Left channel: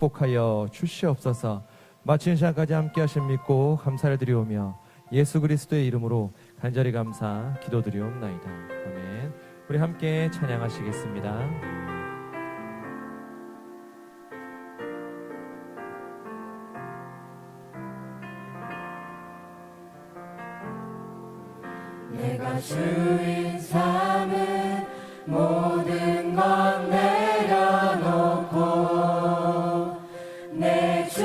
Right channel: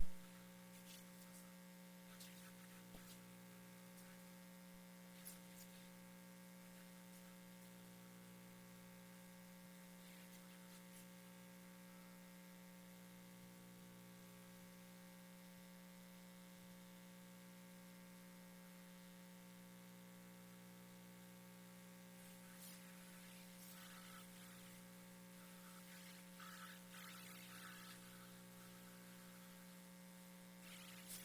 축복하여 주시옵소서. 마치는 시간까지 함께 하심 믿고 감사를 드리오며 예수 그리스도의 이름으로 간절히 감사 기도드리옵나이다. 아멘. 우리 함께 찬양하시겠습니다. 내가 주인 삼은 모든 것 내려놓고 내 주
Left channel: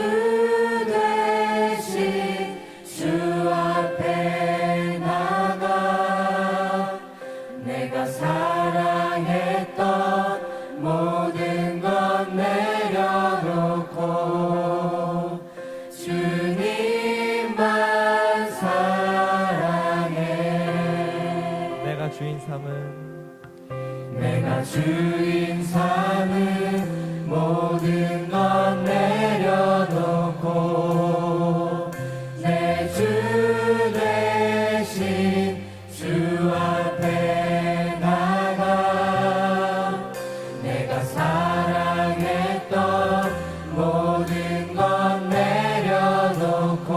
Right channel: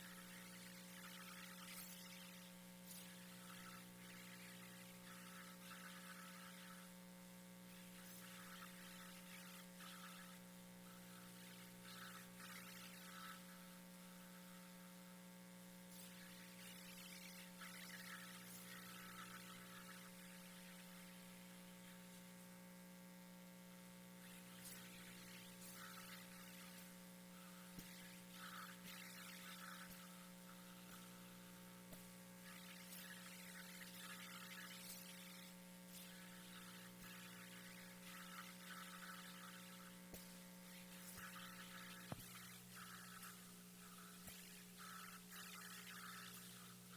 대신 주 앞에 나가 내가 사랑했던 모든 것 내려놓고 주님만 사랑해. 내가 주인 삼은 모든 것 내려놓고 내 주 대신 주 앞에 나가 내가 사랑했던 모든 것 내려놓고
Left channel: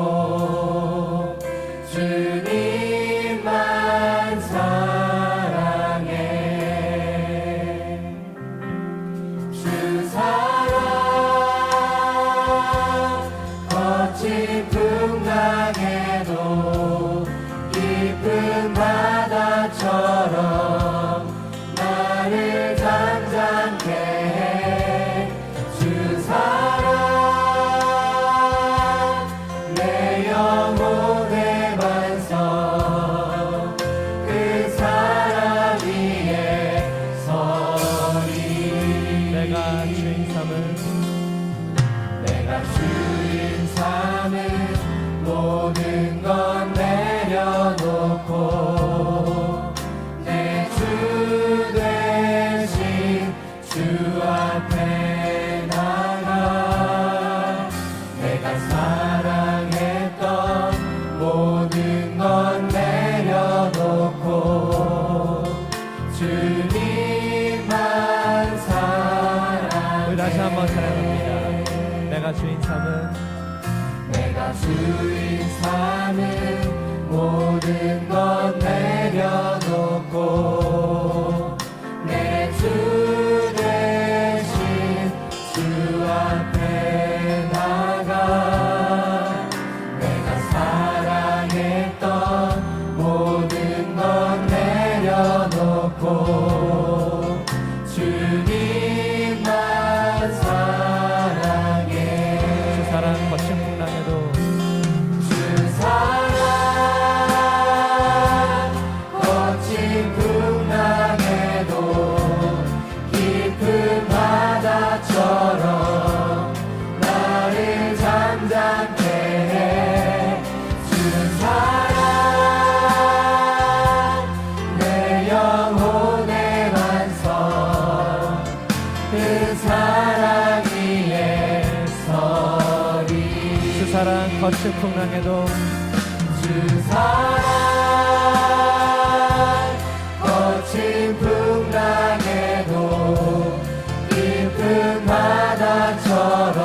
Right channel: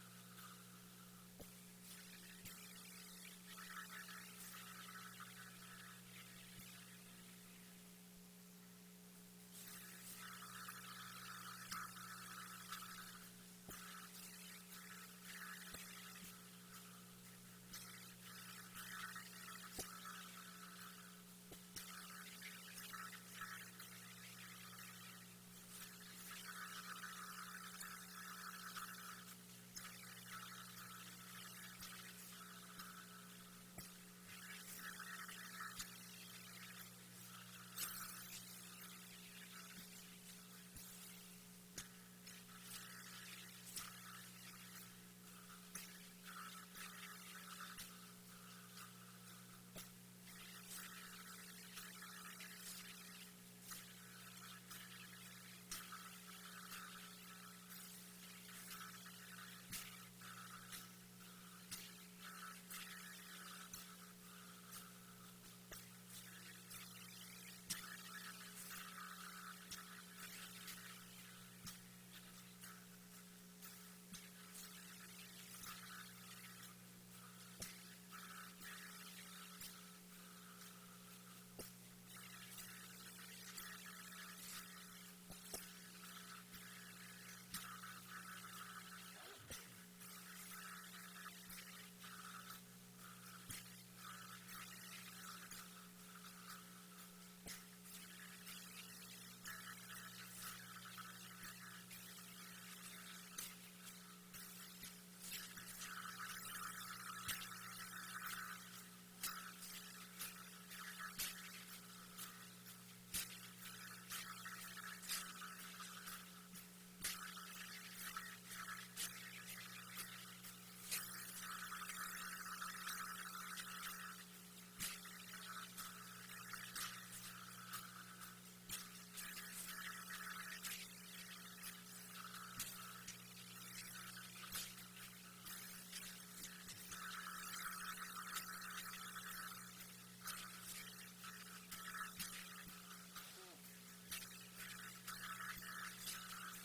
주님만 사랑해. 주 사랑 거친 풍랑에도 깊은 바다처럼 나를 잠잠케 해. 주 사랑 내 영혼의 반석 그 사랑 위에 서리. 내가 주인 삼은 모든 것 내려놓고 내 주 대신 주 앞에 나가 내가 사랑했던 모든 것 내려놓고 주님만 사랑해. 우리 다시 한번 찬양합니다. 내가 주인 삼은 모든 것 내려놓고 내 주 대신 주 앞에 나가 내가 사랑했던 모든 것 내려놓고 주님만 사랑해. 주 사랑 거친 풍랑에도 주 사랑 거친 풍랑에도 깊은 바다처럼 나를 잠잠케 해. 주 사랑 내 영혼의 반석 그 사랑 위에 서리. 주 사랑 거친 풍랑에도 주 사랑 거친 풍랑에도 깊은 바다처럼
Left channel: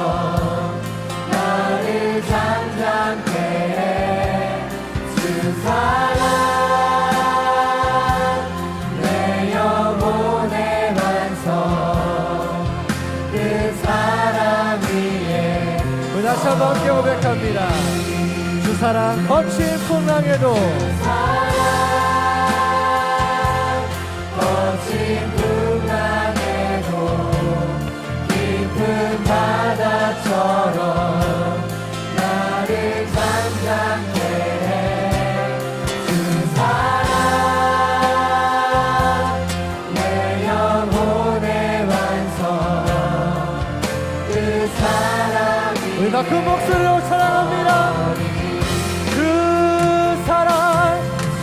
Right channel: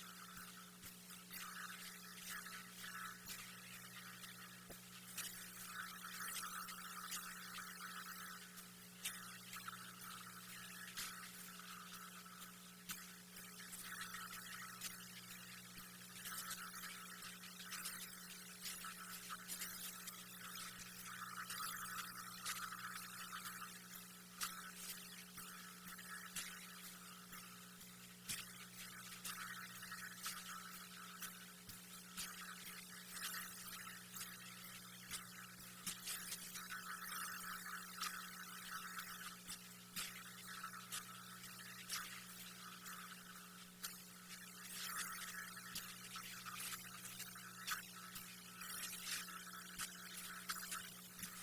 나를 잠잠케 해. 주 사랑 내 영혼의 반석 그 사랑 위에. 우리 다시 한번 함께 고백합니다. 주 사랑 거친 풍랑에도 거친 풍랑에도 깊은 바다처럼 나를 잠잠케 해. 주 사랑 내 영혼의 반석 그 사랑 우리 다 큰 목소리로 찬양합니다. 그 사랑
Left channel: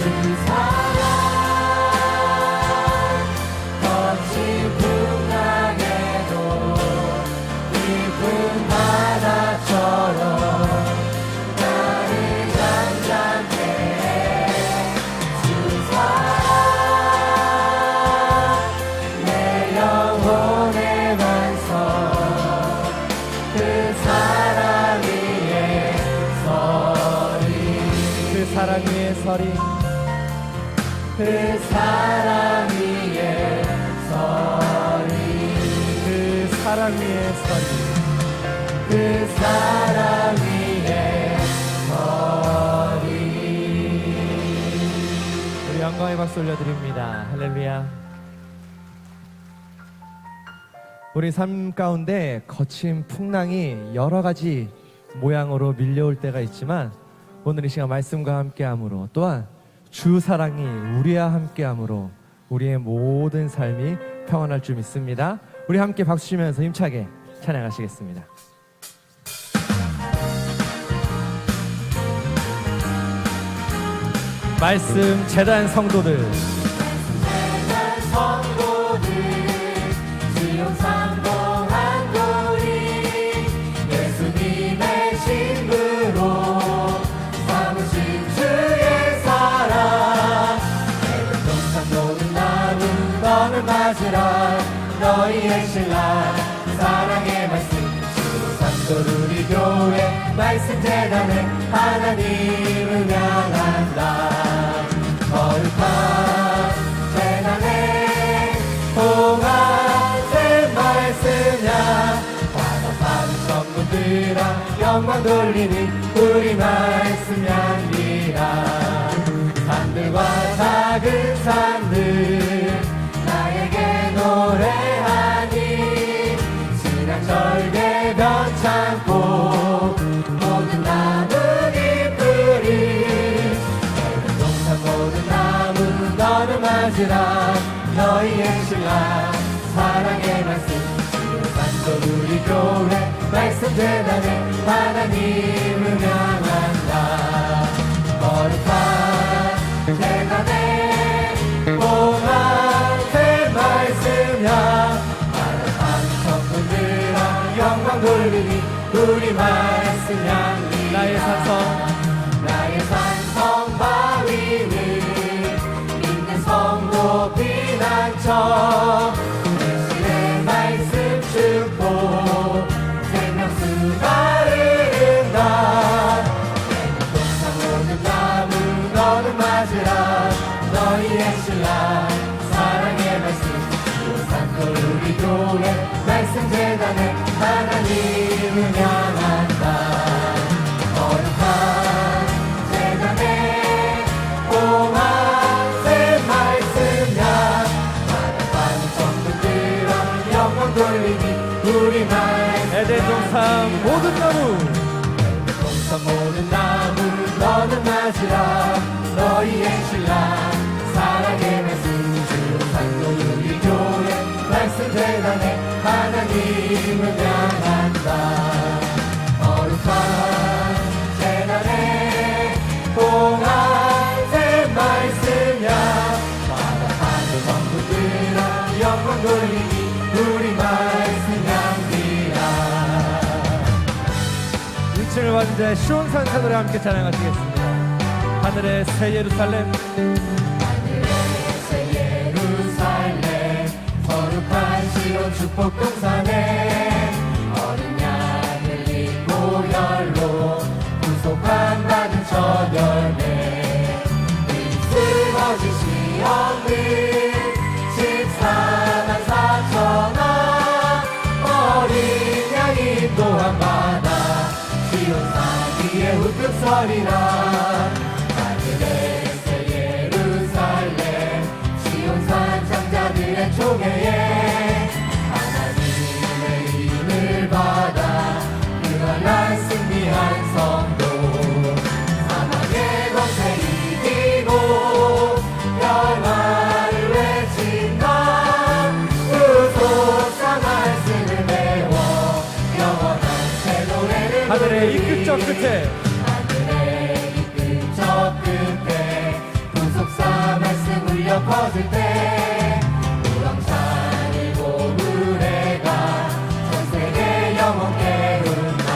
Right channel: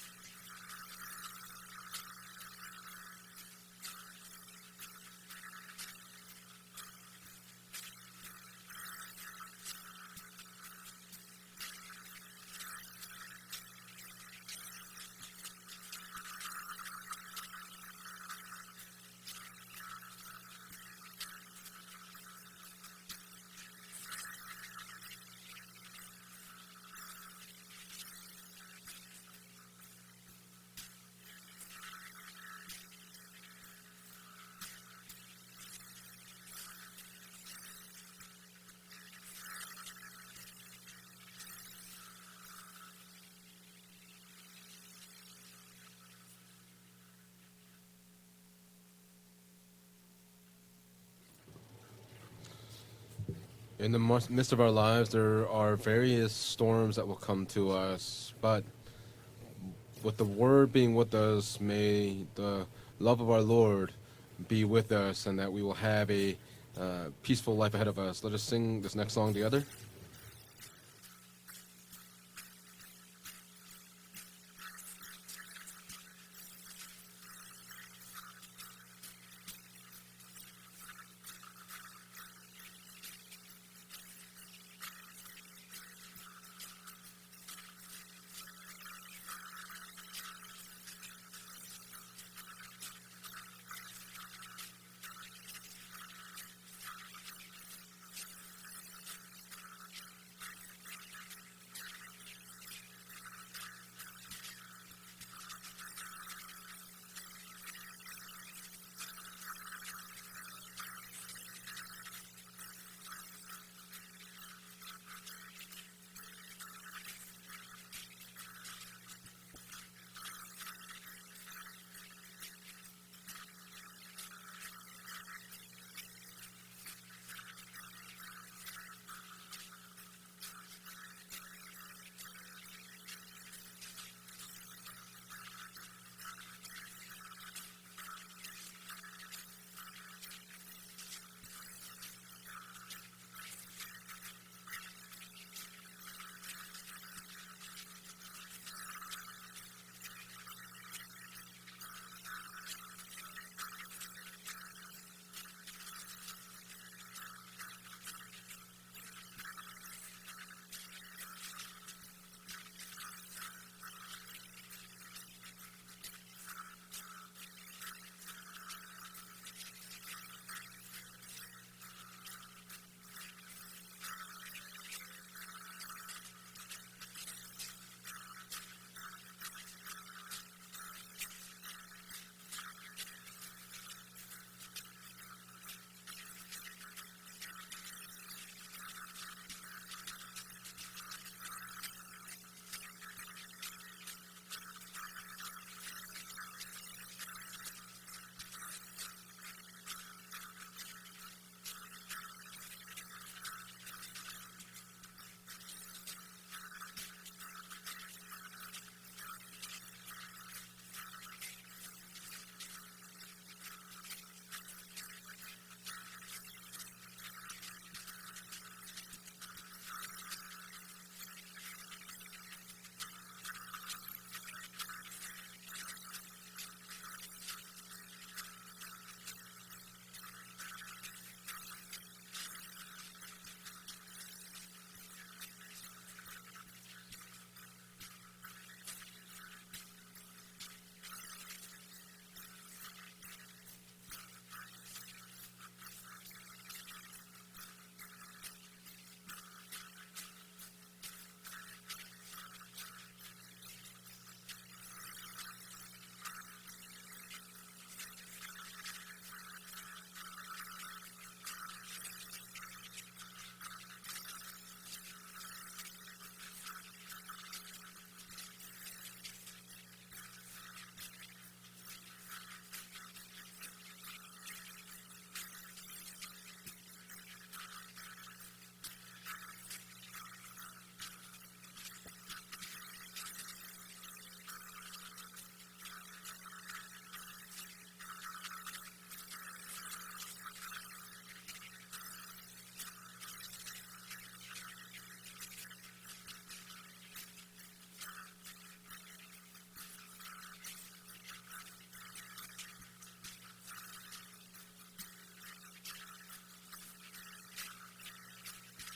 주 사랑 거친 풍랑에도 깊은 바다처럼 나를 잠잠케 해. 주 사랑 내 영혼의 반석 그 사랑 위에 서리 그 사랑 위에 서리 그 사랑 위에 서리 그 사랑 위에 서리 그 사랑 위에 서리. 우리 영광의 박수 올려드립니다. 할렐루야. 우리 삶 가운데 거친 풍랑이 여러 가지 모양으로 밀려올 때가 있지만 오늘 이 시간 말씀과 함께함으로 또한 주 사랑이 우리와 함께함으로 우리의 모든 삶이 평안할 줄 믿습니다. 우리 함께 박수 치면서 힘차게 찬양하시겠습니다. 말씀 재단 성도들 성도들 지옥 상봉한 우리 예수님의 신부로 삼으신 주의 사랑 내는 동산 노는 나무 너를 맞으라 너희의 신랑 사랑의 말씀 지옥 상도 우리 교회 말씀 재단에 하나님을 향한다 거룩한 재단에 동안의 말씀야 바다파는 전문들아 영광 돌리니 우리 말씀 향리라 산들과 작은 산들 나에게 노래하니 신앙 절개 변창고 모든 나무 잎들이 모든 나무 너를 맞으라 너희의 신랑 사랑의 말씀 산도 우리 교회 말씀 재단에 하나님을 향한다 거룩한 재단에 동안의 말씀야 바라파는 천군들아 영광 돌리니 우리 말씀 향리 나의 산성 나의 산성 바위는 믿는 성도 피난처 예수의 말씀 축복 생명수가 흐른다 동상 오는 나무 너를 맞으라 너희의 신랑 사랑의 말씀 산도 우리 교회 말씀 재단에 하나님을 향한다 거룩한 재단에 동안의 말씀야 바다파는 전부들아 영광 돌리니 우리 말씀 에덴 동산 모든 나무 동산 모든 나무 너는 맞으라 너희의 신랑 사랑의 말씀 주 산도 우리 교회 말씀 재단에 하나님을 향한다 거룩한 재단에 동안의 말씀야 바다파는 전부들아 영광 돌리니 우리 말씀 향기라 1층을 완주해 시온산사 노래 함께 찬양하시겠습니다. 하늘의 새 예루살렘 새 예루살렘 거룩한 시온 축복 동산에 어린 양을 입고 열로 구속함 받은 첫 열매 쓰러진 시험을 14만 4천원 어린 양이 또한 받아 시온 사기에 우뚝 서리라 하늘의 새 예루살렘 시온산 장자들의 총회에 하나님의 힘을 받아 유한한 승리한 성도 사망의 권세 이기고 평화를 외친다 구속사 말씀을 배워 영원한 새 노래를 하늘의 이 끝저 끝에 하늘의 이 끝저 끝에 구속사 말씀 울려 퍼질 때 우렁찬 고구레가 전 세계 영원 깨운다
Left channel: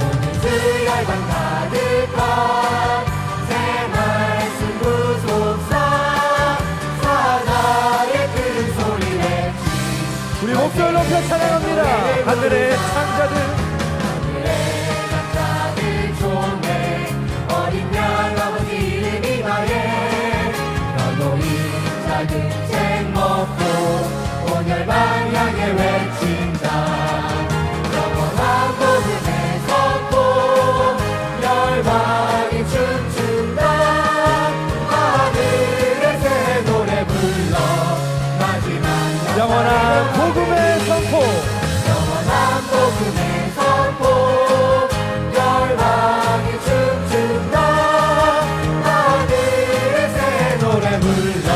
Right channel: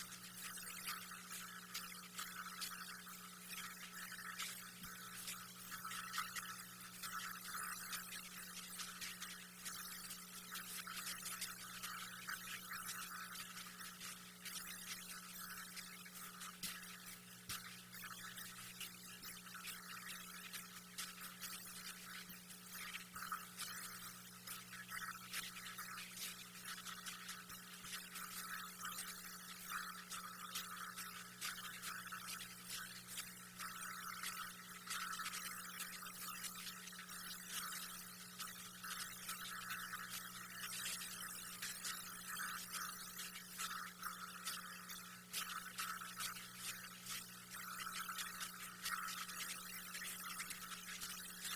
오늘 주 열방 가득한 새 말씀 구속사 사자의 큰 소리 외치 우리 목소리 높여 찬양합니다. 하늘의 창자들 남자들 좋네 어린 양 아버지 이름 이마에 너도 작은 책 먹고 온열만 향해 외친다 영원한 복음의 선포 열방이 춤춘다 하늘의 새 노래 불러 마지막 영원한 복음의 선포 영원한 복음의 선포 열방이 춤춘다 하늘의 새 노래 불러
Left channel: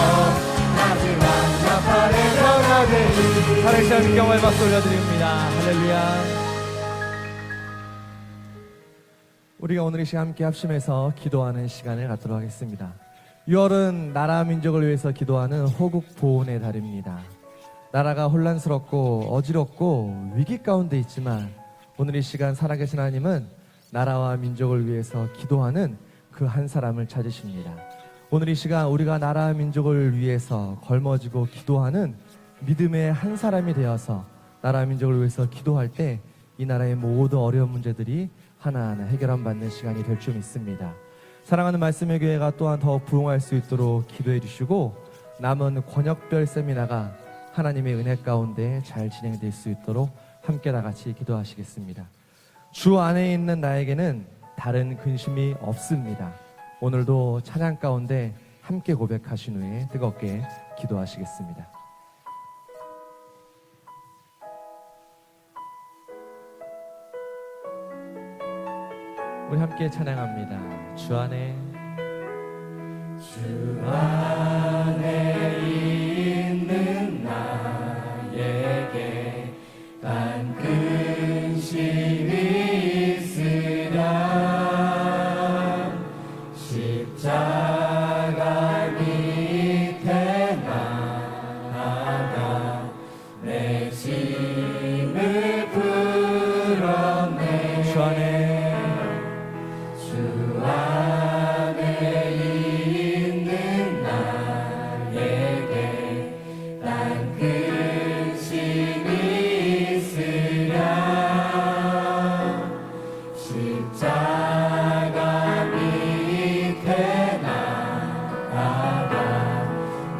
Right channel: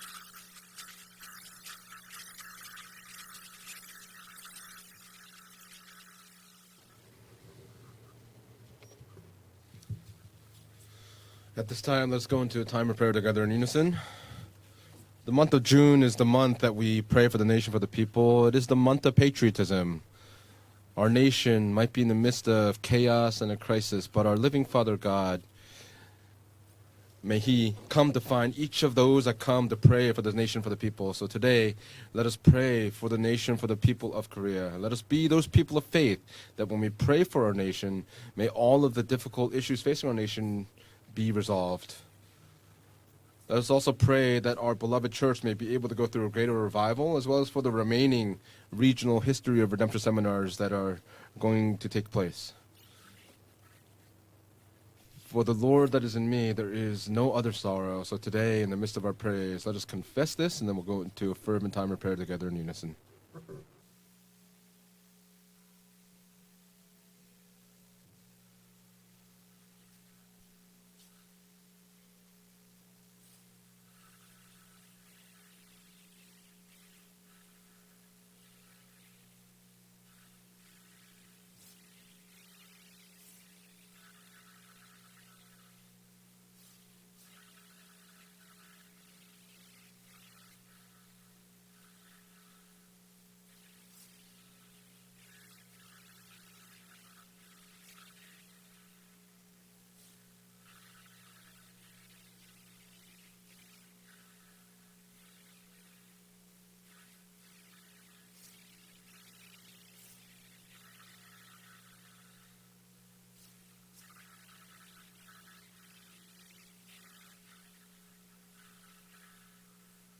마지막 나팔의 변화되리 하나님 시간 경험의 박수 올려드립니다. 할렐루야. 우리가 오늘 이 시간 함께 합심해서 기도하는 At this time, 시간을 let's go 갖도록 into a time 하겠습니다. of prayer together in unison. 6월은 나라 민족을 위해서 The 기도하는 month of June is the month 호국 that we 구호의 pray 달입니다. for the nation, for the 나라가 people. It is the month of 혼란스럽고 patriotism. 어지럽고 위기 가운데 Our 있지만 nation might be in the 오늘 이 midst 시간 of 살아계신 chaos and 하나님은 a crisis, but 나라와 our living 민족을 Father 위해서 God, 기도하는 그 한 사람을 may He 찾으십니다. come to 오늘 find 이 each 시간 of 우리가 those that 나라 come to 민족을 pray for the 위해서 nation, for the people. So 걸머지고 today, 기도하는 let us pray 믿음의 for the 한 nation, for 사람이 the people 되어서 of Korea. 나라 Let us 민족을 be 위해서 those people 기도할 of faith 때 이 that when 나라의 we pray 모든 for our 어려운 nation, 문제들이 may all of the 하나하나 difficult 해결받는 issues 시간이 facing our 될 줄 nation 믿습니다. be 사랑하는 resolved. 말씀의 교회가 또한 더 부흥할 수 Let us also 있도록 pray that our 기도해 주시고 beloved church may be 남은 able to go through a 번역별 greater 세미나가 revival, as well as for the 하나님의 은혜 remaining 가운데 regional 잘 history 진행될 수 of redemption 있도록 seminars 함께 that 다 are 같이 going to take 기도하시겠습니다. place. 주 안에 있는 나에게는 다른 For 근심이 the Lord that is 없습니다. in me, there is 오늘도 no other 찬양 sorrow. So 가운데 today, in the 함께 midst of our prayers, let us 고백하시니 confess 뜨겁게 this, and then we'll go into a 기도하시겠습니다. fervent time of prayer together in unison. 우리 함께 찬양합니다. 주 안에 있는 나에게 단 근심이 있으랴 십자가 밑에 나아가 내 짐을 풀었네 주 안에 주 안에 있는 나에게 난 근심이 있으랴 십자가 밑에 나아가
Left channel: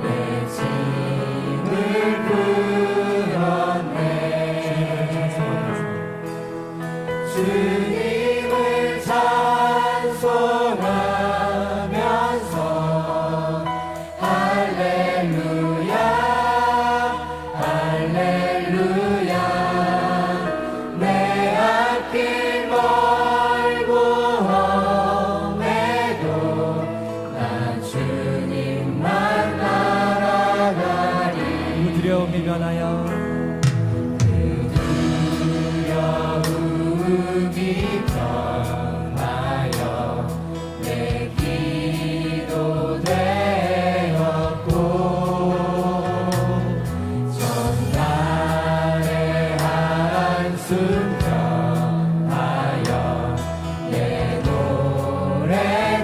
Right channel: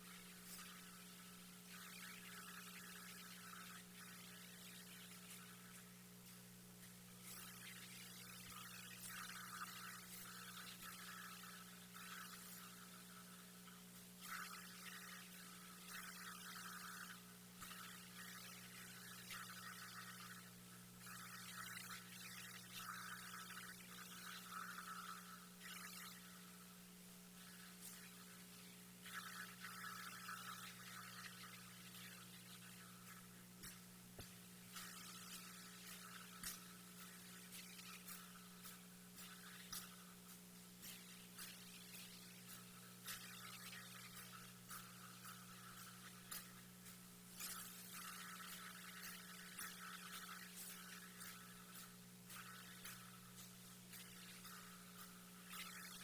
내 짐을 풀었네 주님을 찬송하면서 할렐루야 할렐루야 내 앞길 멀고 험해도 나 주님만 따라가리 그 두려움이 변하여 두려움이 변하여 내 기도 되었고 전날의 한숨 변하여 내 노래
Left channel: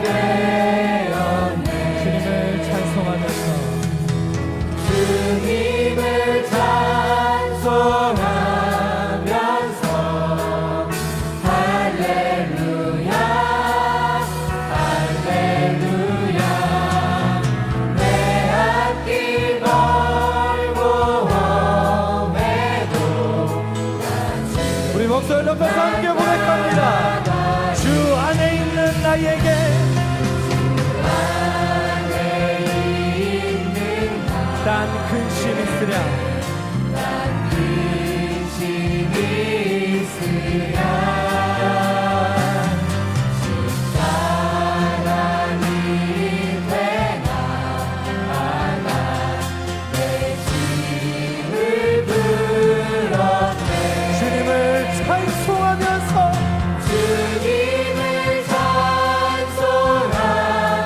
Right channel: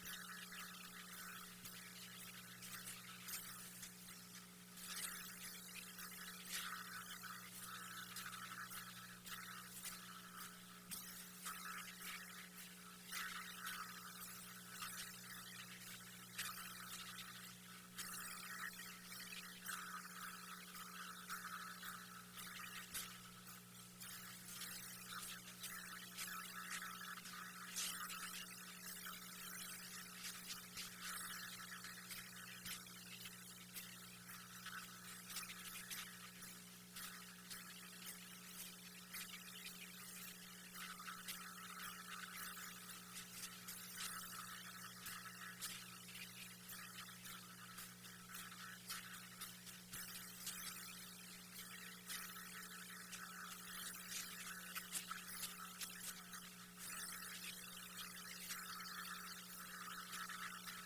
되었네 주님을 찬송하면서 주님을 찬송하면서 할렐루야 할렐루야 내 앞길 멀고 험해도 우리 목소리 높여서 함께 고백합니다. 주 안에 있는 나에게 단 근심 있으랴 근심이 있으랴 십자가 밑에 나아가 내 짐을 풀었네 주님을 찬송하면서 주님을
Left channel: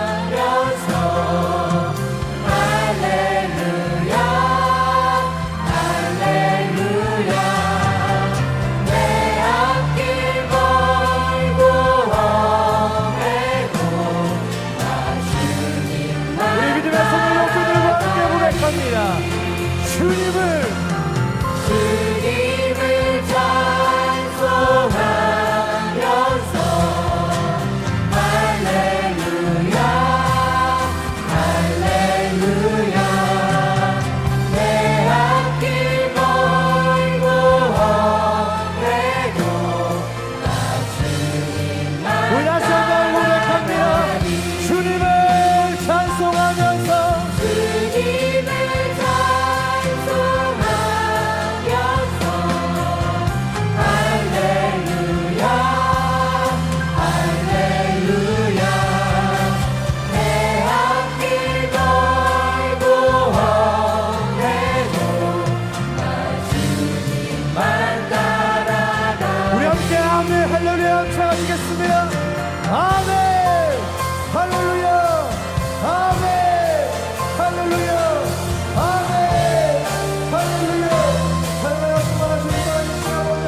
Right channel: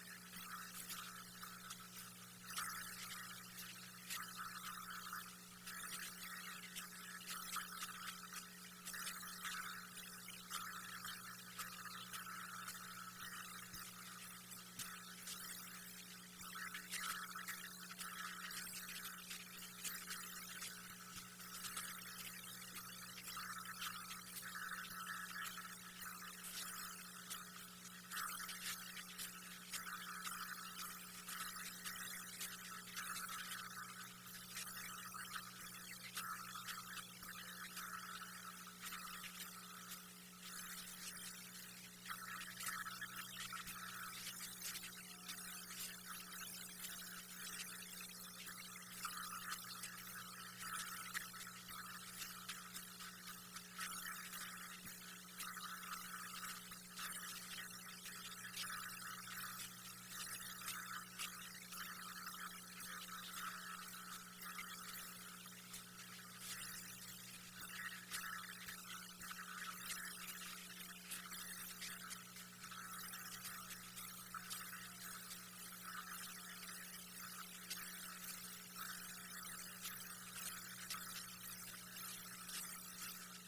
찬송하면서 할렐루야 할렐루야 내 앞길 멀고 험해도 나 주님만 우리 믿음의 손을 높이 들고 함께 고백합니다. 주님을 주님 아멘. 할렐루야. 찬양하시겠습니다. 아멘. 할렐루야. 아멘. 할렐루야. 아멘. 할렐루야. 할렐루야. 충만하신 하나님 아버지.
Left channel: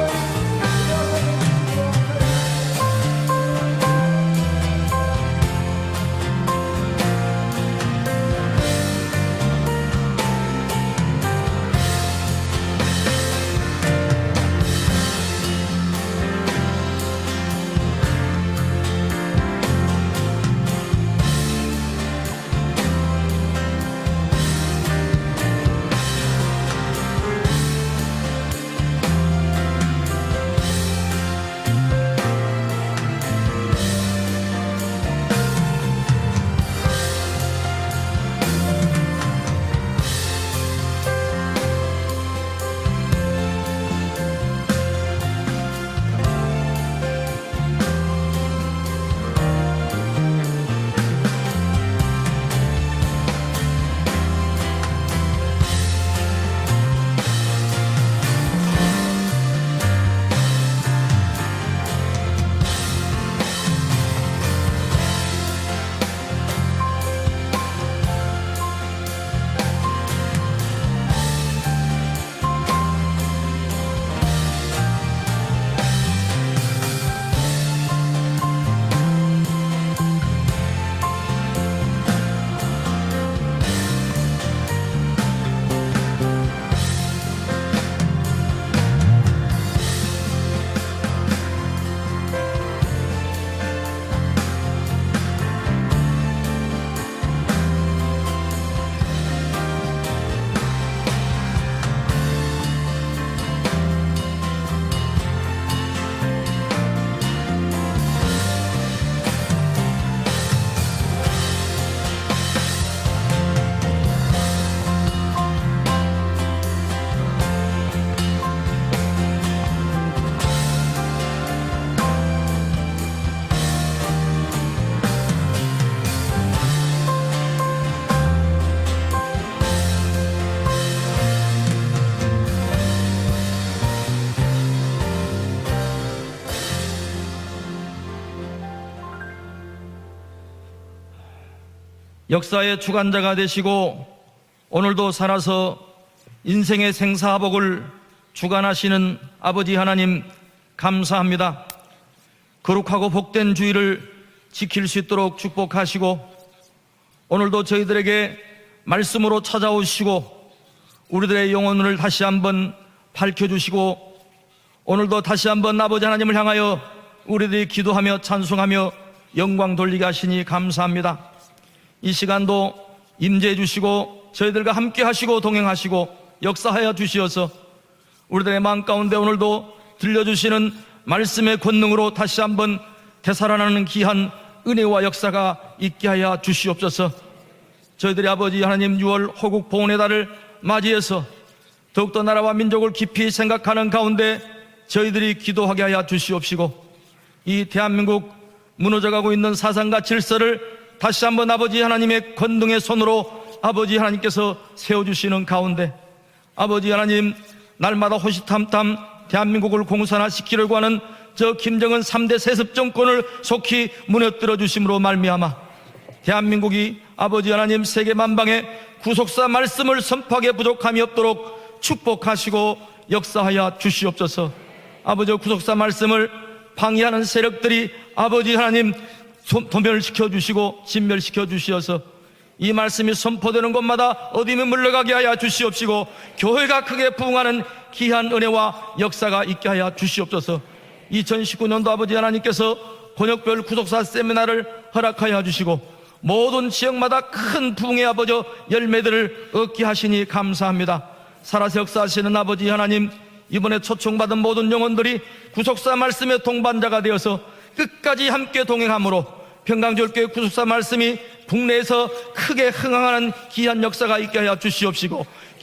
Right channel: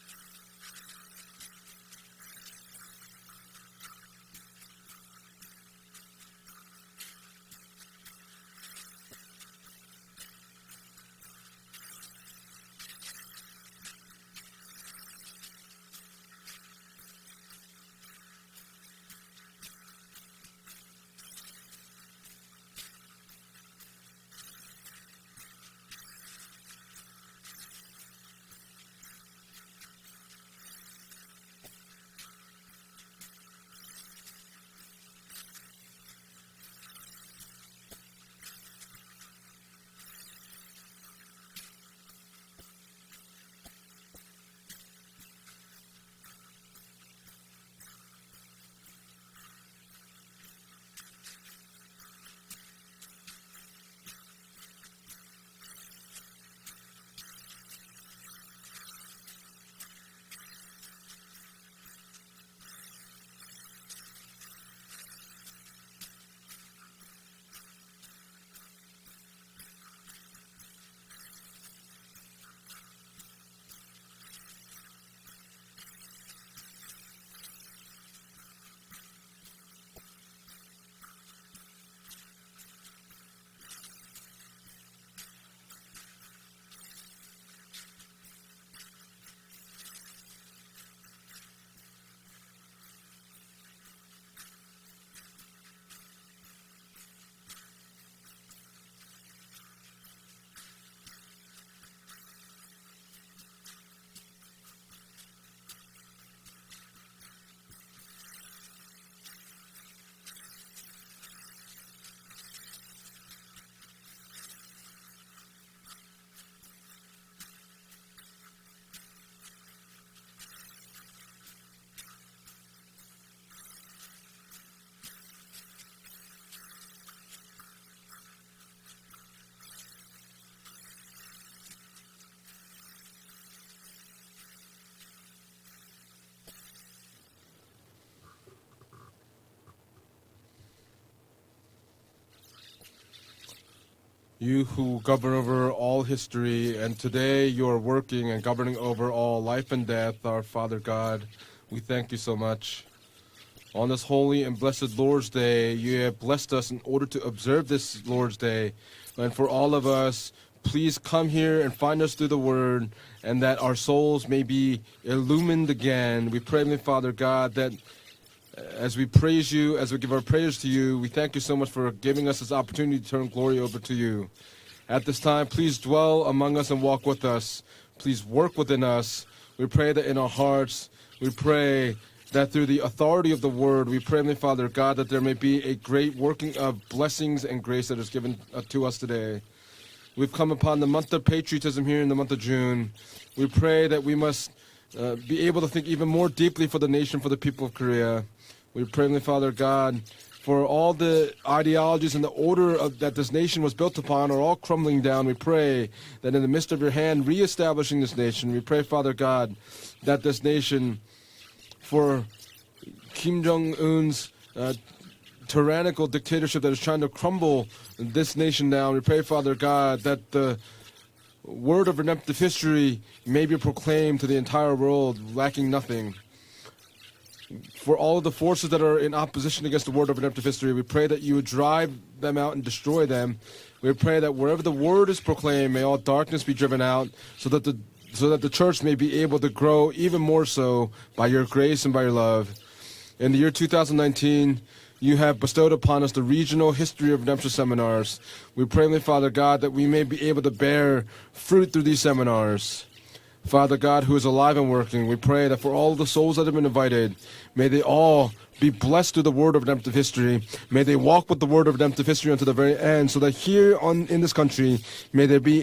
역사의 주관자가 되시고 오늘도 살아서 인생의 생사복을 주관하시는 아버지 하나님 감사합니다. 거룩하고 복된 주일을 지킬 수 있도록 축복하시고 오늘도 저희들에게 말씀으로 찾아오시고 우리들의 영혼을 다시 한번 밝혀주시고 오늘도 다시 한번 아버지 하나님을 향하여 우리들이 기도하며 찬송하며 영광 돌리게 하시니 감사합니다. 이 시간도 임재해 주시고 저희들과 함께 하시고 동행하시고 역사하여 주시어서 우리들의 마음 가운데 오늘도 들려주시는 말씀의 권능으로 다시 한번 되살아나는 귀한 은혜와 역사가 있게 하여 주시옵소서. 저희들이 아버지 하나님 6월 호국 보훈의 달을 맞이해서 더욱더 나라와 민족을 깊이 생각하는 가운데 저희들이 기도하게 하여 주시옵시고 이 대한민국 무너져가고 있는 사상과 질서를 다시 한번 아버지 하나님의 권능의 손으로 아버지 하나님께서 세워주시는 가운데 아버지 하나님 날마다 호시탐탐 대한민국을 공산화시키려고 하는 저 김정은 3대 세습 정권을 속히 무너뜨려 주심으로 말미암아 대한민국이 아버지 하나님 세계 만방에 구속사 말씀을 선포하게 부족함이 없도록 축복하시고 역사하여 주시옵소서. 아버지 구속사 말씀을 방해하는 세력들이 아버지 하나님 소멸시켜 주시고 진멸시켜 주시어서 이 말씀이 선포되는 곳마다 어둠이 물러가게 하여 주시옵시고 교회가 크게 부흥하는 귀한 은혜와 역사가 있게 하여 주시옵소서. 2019년도 아버지 하나님께서 권역별 구속사 세미나를 허락하여 주시고 모든 지역마다 큰 부흥의 아버지 열매들을 얻게 하시니 감사합니다. 살아서 역사하시는 아버지 하나님 이번에 초청받은 모든 영혼들이 구속사 말씀의 동반자가 되어서 끝까지 함께 동행함으로 평강교회 구속사 말씀이 국내에서 크게 흥황하는 귀한 역사가 있게 하여 주시옵시고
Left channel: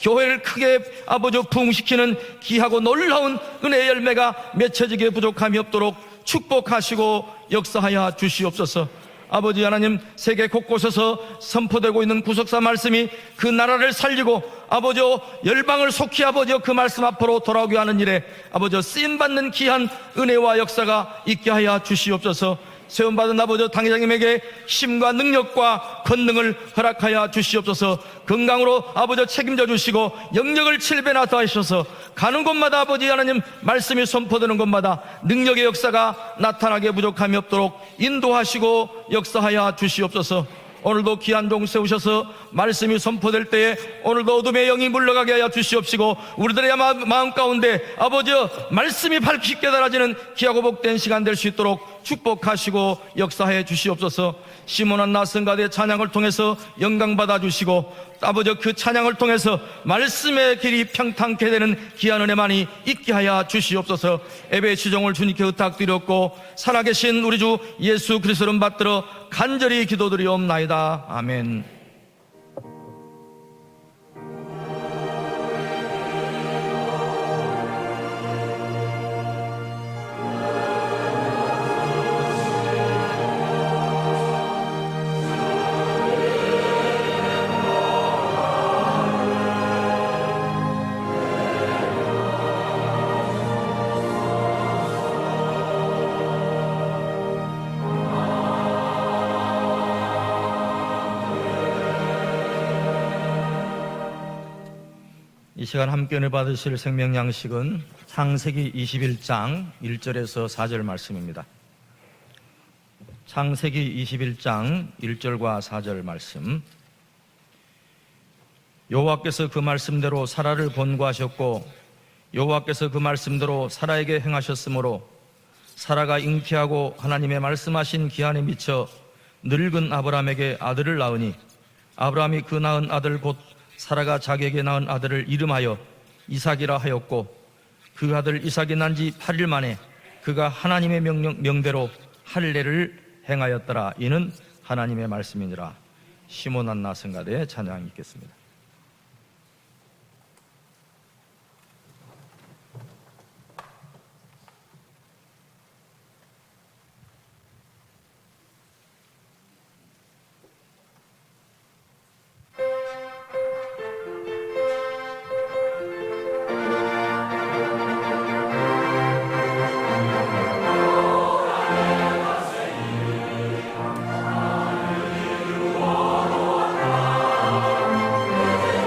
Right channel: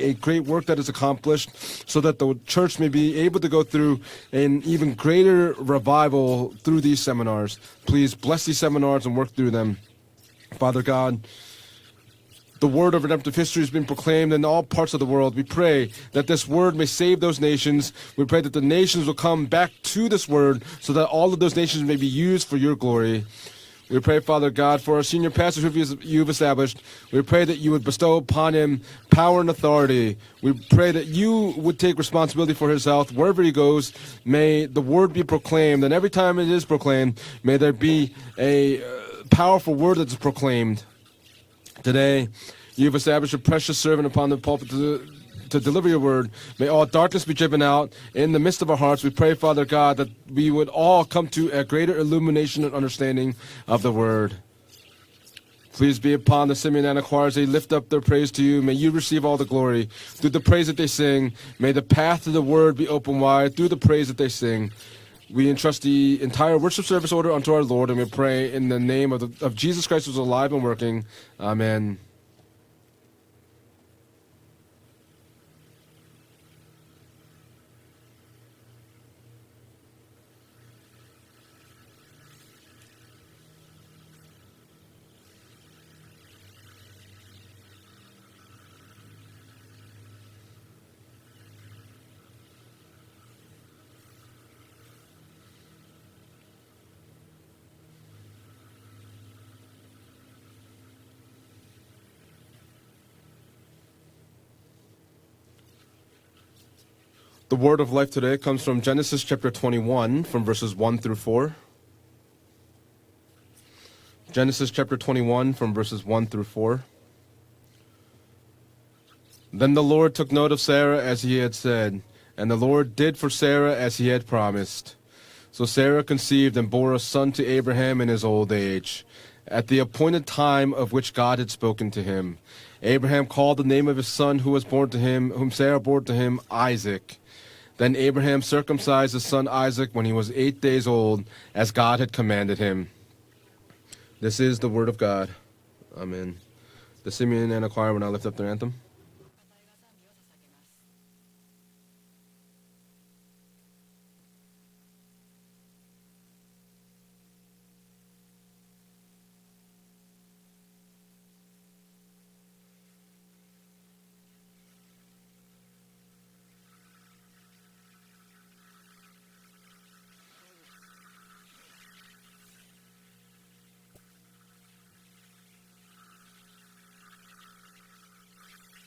교회를 크게 아버지 부흥시키는 귀하고 놀라운 은혜의 열매가 맺혀지게 부족함이 없도록 축복하시고 역사하여 주시옵소서. 아버지 하나님 세계 곳곳에서 선포되고 있는 구속사 말씀이 그 나라를 살리고 아버지 열방을 속히 아버지 그 말씀 앞으로 돌아오게 위하는 일에 We pray that the 아버지 nations will come 쓰임받는 back 귀한 to this 은혜와 word so 역사가 that all of 있게 those 하여 nations may be used 주시옵소서. for your glory. 세움받은 아버지 We pray, 당회장님에게 Father God, for 힘과 our senior 능력과 pastors you've 권능을 established. 허락하여 We pray that you would 주시옵소서. bestow upon 건강으로 him 아버지 power and 책임져 주시고 authority. 영역을 We pray that 7배나 you 더하셔서 would take 가는 responsibility for 곳마다 himself. 아버지 Wherever he 하나님 goes, 말씀이 선포되는 may 곳마다 the word be 능력의 proclaimed, and every 역사가 time it is 나타나게 proclaimed, 부족함이 may there 없도록 be 인도하시고 a 역사하여 powerful word that's 주시옵소서. proclaimed. 오늘도 귀한 종 Today, 세우셔서 말씀이 you've established 선포될 a 때 precious servant upon 오늘도 the 어둠의 영이 pulpit 물러가게 하여 to deliver your 주시옵시고 word. 우리들의 May all darkness 마음 be driven 가운데 out. 아버지 In the midst of our hearts, we 말씀이 pray, 밝히 Father God, 깨달아지는 that we 귀하고 would 복된 all 시간 come 될 to 수 a 있도록 greater illumination of 축복하시고 understanding 역사해 of the 주시옵소서. word. 시몬한 나슨가대 Please 찬양을 be 통해서 upon the Simeon and 영광 받아 Aquarius. They lift 주시고 up their praise to 아버지 you. 그 May you 찬양을 receive all the 통해서 glory. Through the 말씀의 praise that 길이 they sing, 평탄케 may 되는 the path 귀한 of the 은혜만이 word be 있게 open 하여 wide through the praise 주시옵소서. that they sing. 예배의 주종을 주님께 We entrust the 의탁드렸고 entire worship service 살아계신 order 우리 unto 주 our Lord, and we 예수 pray 그리스도를 in the 받들어 name of 간절히 Jesus Christ, who is alive and 기도드리옵나이다. working. 아멘. Amen. 이 시간 함께 은혜 받으실 생명 양식은 The word of life today comes 창세기 from Genesis 21장 chapter 21 from 1절에서 verses 4절 1 through 말씀입니다. 4. 창세기 21장 Genesis chapter 21 1절과 from 4절 verses 1 through 말씀. 4. 여호와께서 그 Then the Lord 말씀대로 took note of 사라를 Sarah as he had 권고하셨고 said, and the 여호와께서 Lord 그 did for Sarah 말씀대로 as he 사라에게 had promised. 행하셨으므로 So Sarah 사라가 conceived and bore 잉태하고 a son 하나님의 to Abraham in 말씀하신 his 기한에 old 미쳐 age, at the 늙은 appointed 아브라함에게 time of 아들을 which God 낳으니 had spoken to 아브라함이 him. 그 낳은 Abraham 아들을 called the name of his 사라가 son who 자기에게 was 낳은 born to 아들을 him, whom Sarah 이름하여 bore to him, 이삭이라 Isaac. 하였고 Then 그 Abraham 아들 이삭이 난지 circumcised his 8일 son 만에 Isaac when he was 그가 8 days 하나님의 old, as 명대로 God had commanded him. 할례를 행하였더라. 이는 This is the word of 하나님의 God. 말씀이니라. Amen. 시몬 한 The Simeon 나스가의 and Aquarius will now 찬양. lift up their anthem. 내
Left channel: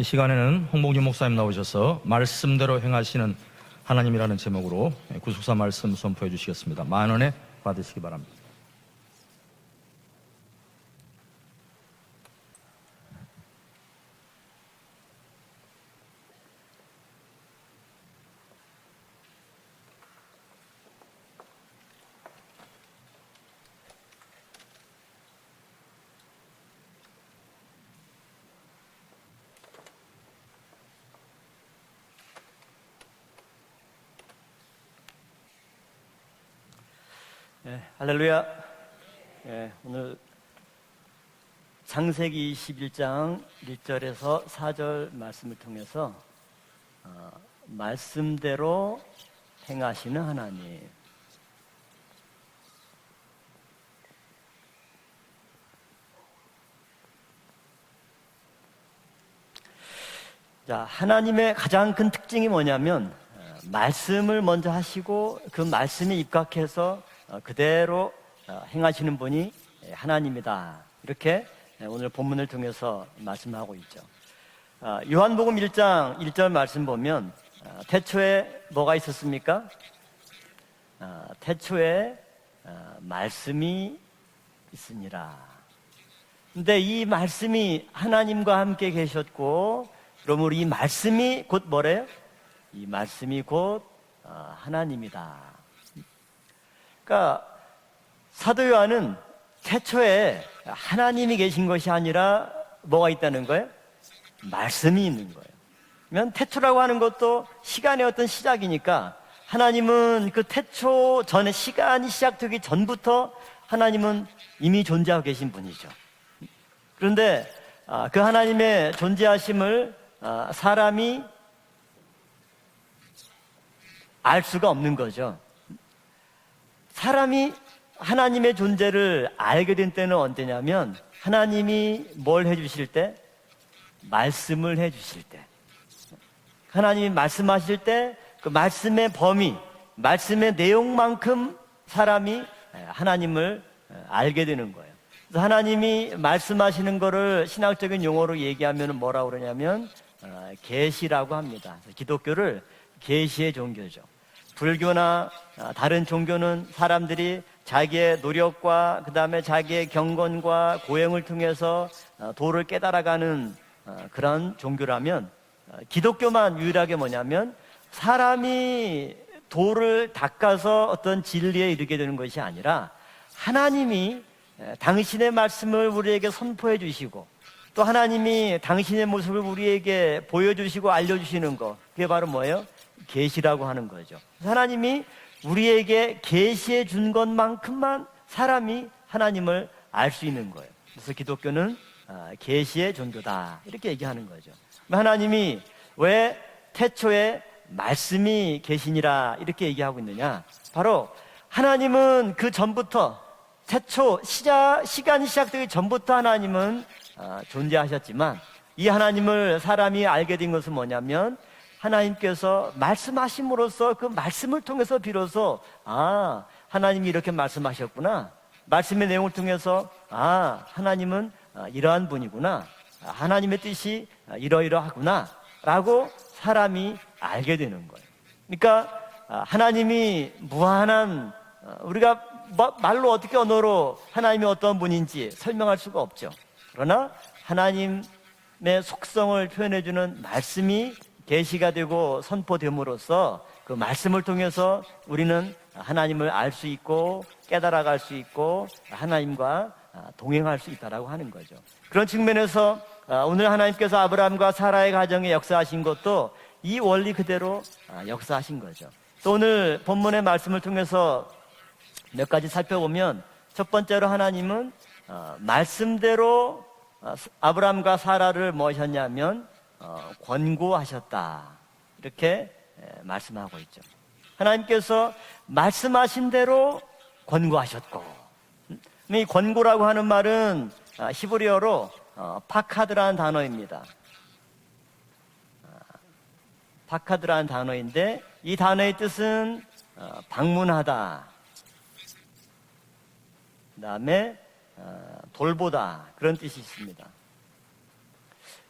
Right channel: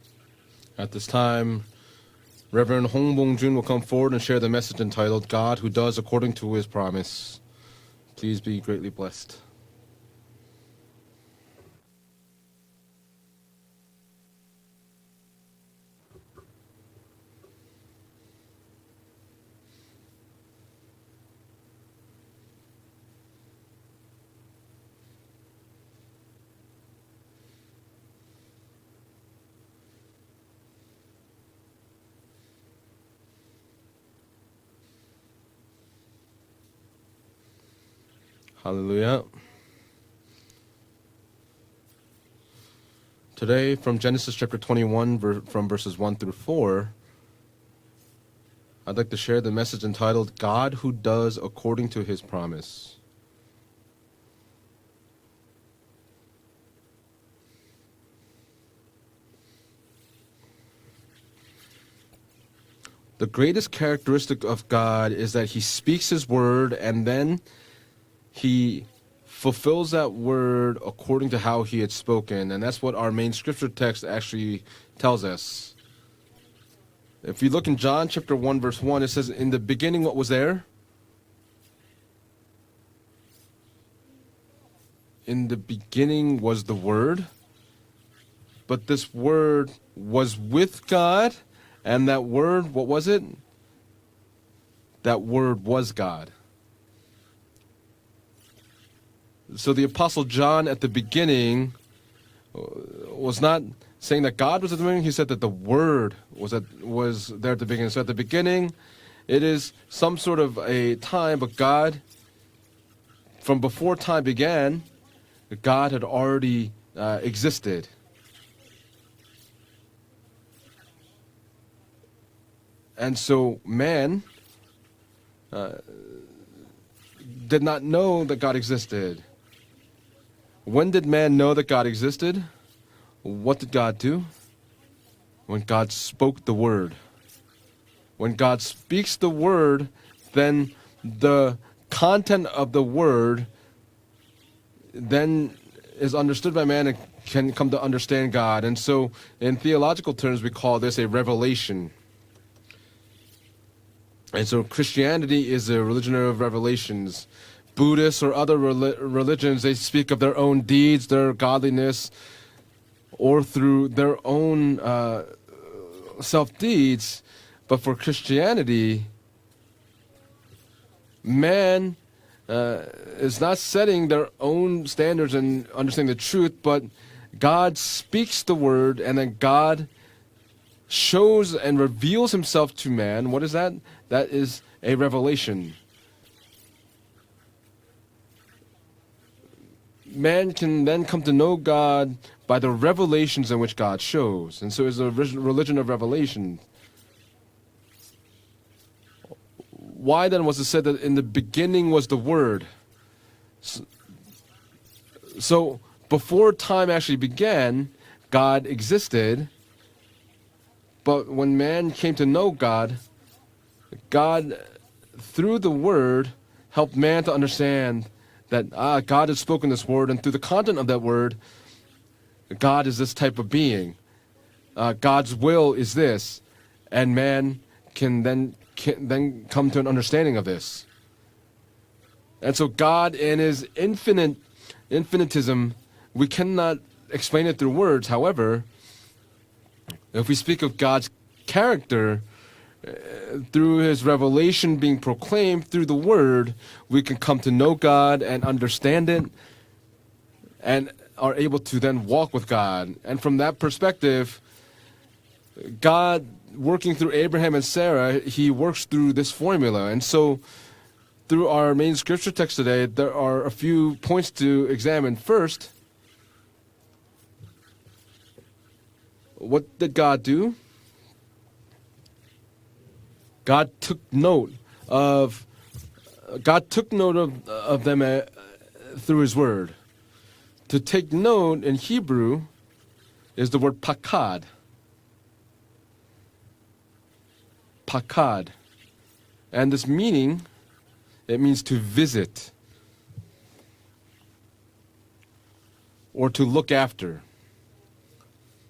이 시간에는 홍봉준 At this 목사님 time, 나오셔서 말씀대로 Reverend Hong 행하시는 Bong-jun will come forward and share the 하나님이라는 message 제목으로 entitled 구속사 God Who 말씀 Does According 선포해 to His 주시겠습니다. 만원에 Promise. 받으시기 바랍니다. Please be greatly blessed. 할렐루야. Hallelujah. 오늘 창세기 21장 Today, from Genesis chapter 21, from verses 1 through 4, 말씀대로 I'd like to share the message entitled God Who Does According to His Promise. 자, 하나님의 가장 큰 특징이 뭐냐면 The greatest 말씀을 characteristic of 먼저 God 하시고 is that He 그 speaks 말씀이 His word 입각해서 and then 그대로 He 행하시는 분이 fulfills that 하나님이다. word according to 이렇게 how He had 오늘 spoken. 본문을 And that's what our main scripture 말씀하고 text 있죠. actually tells 요한복음 us. 1장 1절 말씀 보면 If you look in John chapter 1, verse 뭐가 1, it says, In the 있었습니까? beginning, what was there? 태초에 말씀이 있으니라. In the beginning was 근데 the 이 Word, 말씀이 하나님과 but 함께 this Word 계셨고 was 그럼 우리 with 말씀이 God, 곧 뭐래? and that Word, what was it? 말씀이 곧 하나님이다. That Word was God. 그러니까 사도 요한은 So the 태초에 Apostle John at the 하나님이 계신 beginning 것이 아니라 뭐가 있다는 was not 거예요? saying that God was the He said that the Word 그러면 was 태초라고 하는 was 것도 there at the beginning. 시간의 So at the 어떤 beginning, 시작이니까 it is 하나님은 some sort 그 of a 태초 time 전에 of God. 시간이 시작되기 전부터 From before time 하나님은 began, 이미 존재하고 계신 분이에요. God had already 그런데 existed. 그 하나님의 존재하심을 사람이 And so man 알 수가 없는 거죠. 사람이 did not know that 하나님의 God existed. 존재를 알게 된 때는 언제냐면 When did man know that God 하나님이 existed? 뭘 해주실 때? What did God do? 말씀을 해주실 때. When God spoke the word. 하나님이 말씀하실 때 When 그 God 말씀의 speaks the 범위, word, 말씀의 then 내용만큼 the 사람이 content of the word 하나님을 알게 되는 거예요. then 하나님이 is understood by man 말씀하시는 and 거를 can come to 신학적인 understand 용어로 God. And 얘기하면 so 뭐라고 in 그러냐면 theological terms we call this a 계시라고 revelation. 합니다. 기독교를 계시의 종교죠. And so 불교나 Christianity is the 다른 origin of 종교는 revelations. 사람들이 자기의 Buddhists or other 노력과 그다음에 religions, they 자기의 speak of their own 경건과 deeds, their 고행을 통해서 godliness, 도를 깨달아가는 or through their 그런 own 종교라면 기독교만 유일하게 self-deeds. 뭐냐면 But for Christianity, 사람이 도를 닦아서 어떤 지리에 man 이르게 되는 것이 아니라 is not setting 하나님이 their own 당신의 standards and 말씀을 understanding 우리에게 the truth, 선포해 but 주시고 God 또 speaks 하나님이 the word, 당신의 and then 모습을 God 우리에게 보여주시고 shows 알려주시는 and 거 그게 바로 reveals Himself 뭐예요? to man. What is 계시라고 that? 하는 거죠. That is 하나님이 a revelation. 우리에게 계시해 준 것만큼만 사람이 하나님을 알 수 Man 있는 can then come to 그래서 know 기독교는 God by the 계시의 revelations in which 종교다. God 이렇게 얘기하는 shows. And so it's a 하나님이 religion of 왜 revelation. 태초에 말씀이 계시니라 이렇게 얘기하고 있느냐? Why then was it said 바로 that in the beginning was the 하나님은 그 Word? 전부터 태초 시간이 So 시작되기 전부터 before 하나님은 time actually began, 존재하셨지만 God 이 existed. 하나님을 사람이 알게 된 것은 But 뭐냐면 when man came to know 하나님께서 God, 말씀하심으로써 그 God, 말씀을 통해서 비로소 through the Word, helped 하나님이 man 이렇게 to understand 말씀하셨구나. that 말씀의 God 내용을 has spoken 통해서 this word, and through the content of that 하나님은 word, 이러한 분이구나. God is this type of 하나님의 being. 뜻이 이러이러하구나. God's will is 라고 this. 사람이 And man 알게 되는 거예요. can then 그러니까 come to an 하나님이 understanding of this. 무한한 우리가 And so 말로 God 어떻게 in His 언어로 infinite 하나님이 어떤 분인지 infinitism, 설명할 수가 없죠. we cannot 그러나 explain it through words. However, 하나님의 속성을 표현해주는 if we speak of 말씀이 God's 계시가 되고 character, 선포됨으로써 through 그 His 말씀을 revelation 통해서 being 우리는 proclaimed through the 하나님을 Word, 알 수 있고 we can come to know 깨달아갈 God 수 and 있고 understand Him 하나님과 동행할 수 and 있다라고 하는 are 거예요. able to then 그런 walk with 측면에서 God. And from 오늘 that 하나님께서 perspective, 아브라함과 사라의 가정에 역사하신 God 것도 이 working 원리 through Abraham 그대로 and Sarah, He 역사하신 works 거죠. through this 또 오늘 formula. And 본문의 so 말씀을 통해서 through our main scripture 몇 가지 text today, there are a 첫 few 번째로 points to 하나님은 examine. First, 말씀대로 아브라함과 사라를 뭐 하셨냐면 what did God do? 권고하셨다. 이렇게 말씀하고 God 있죠. took note 하나님께서 of 말씀하신 대로 God took note of them through 이 His word. 권고라고 하는 말은 To take note in 히브리어로 Hebrew 파카드라는 is the word 단어입니다. pakad. 파카드라는 단어인데 pakad. 이 단어의 뜻은 And this meaning, 방문하다. it means to visit 그다음에 돌보다. or 그런 to 뜻이 look 있습니다. after.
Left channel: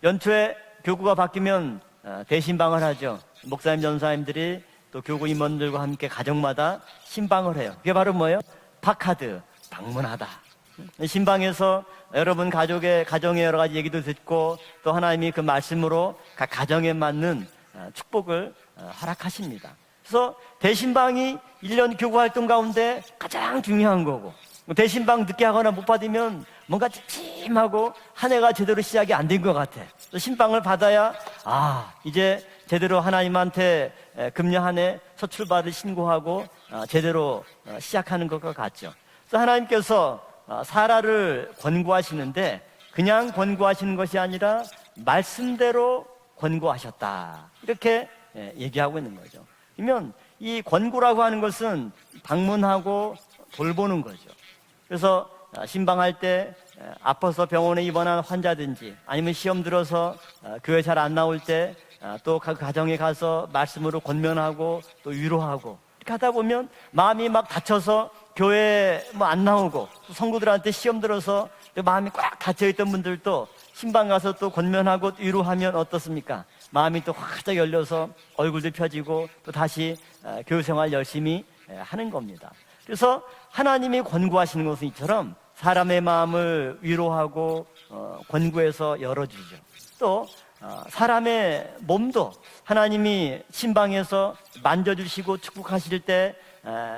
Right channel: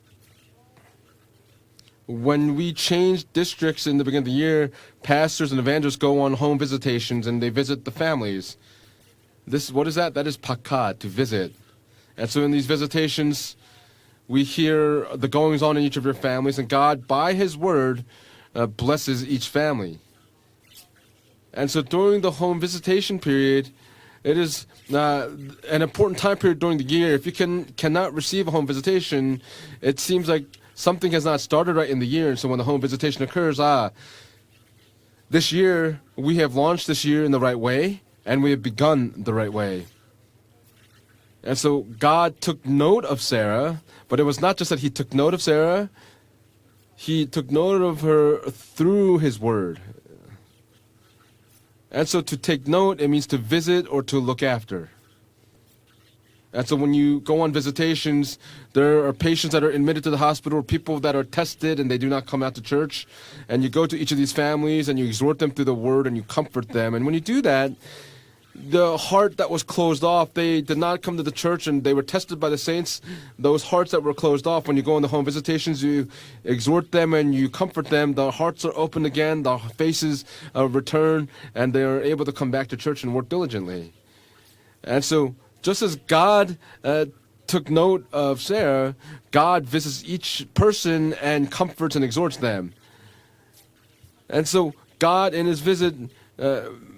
연초에 교구가 바뀌면 When we 대신방을 하죠. change districts in the beginning of the year, pastors and evangelists go on home visitations and they visit the 그게 바로 뭐예요? families. 파카드. What is that? That is pakat, to visit. 신방에서 And so 여러분 in these 가정의 visitations, 여러 가지 얘기도 듣고 We hear 또 the 하나님의 그 goings on in each of 말씀으로 your families, 각 and 가정에 God, by 맞는 His word, 축복을 blesses each 허락하십니다. family. 그래서 대신방이 And so 1년 during 교구 the 활동 home 가운데 visitation 가장 period, 중요한 거고 it is 대신방 듣게 하거나 an 못 important 받으면 time period during 뭔가 the year. If you 심하고 cannot 한 receive 해가 home 제대로 시작이 안 된 visitation, 것 같아. it seems like 신방을 받아야 something has not started right in the year. So when the home 제대로 visitation occurs, 하나님한테 금년 한 해 첫 this 출발을 year 신고하고 we have launched this year in the right way, 시작하는 and we 것과 have 같이. begun the right way. 하나님께서 사라를 And so God 권고하시는데 took note 그냥 of Sarah, 권고하시는 것이 but it was 아니라 not just that He took note of Sarah, 말씀대로 권고하셨다. He took note 이렇게 of her 얘기하고 through 있는 His word. 그러면 이 권고라고 하는 것은 And so to take note, 방문하고 it means to visit 돌보는 or 거예요. to look after. 그래서 신방할 때 And so when you 아파서 go on 병원에 입원한 visitations, 환자든지 there are 아니면 patients 시험 that are admitted to 들어서 the hospital, 교회 people 잘 안 that are 나올 tested 때 and they do not 또 come 그 out to 가정에 church. 가서 And you go to 말씀으로 each of these 권면하고 families and you exhort them through the word and you 하다 보면 comfort them. And when 마음이 you do 막 that, 갇혀서 the 교회에 heart 안 that was 나오고 closed off, they 성도들한테 did 시험 not come to the 들어서 church and 그 they were 마음이 tested 꽉 by the 갇혀있던 saints. 분들도 Those hearts that 신방 were 가서 closed 또 off, when you go on the 권면하고 home 위로하면 visitations, you 어떻습니까? exhort 마음이 them 또 and you 활짝 comfort 열려서 them. The hearts 얼굴도 are open 펴지고 again, the 다시 faces 교회 생활 return, 열심히 and they are 하는 able to 겁니다. come back to church 그래서 and work diligently. 하나님이 권고하시는 것은 And so, 이처럼 just as 사람의 God 마음을 위로하고 took note of Sarah, 권고해서 열어주고 God visits 또 each person and 사람의 comforts and 몸도 exhorts them. 하나님이 신방에서 And so God in 만져주시고 His visit 축복하실 때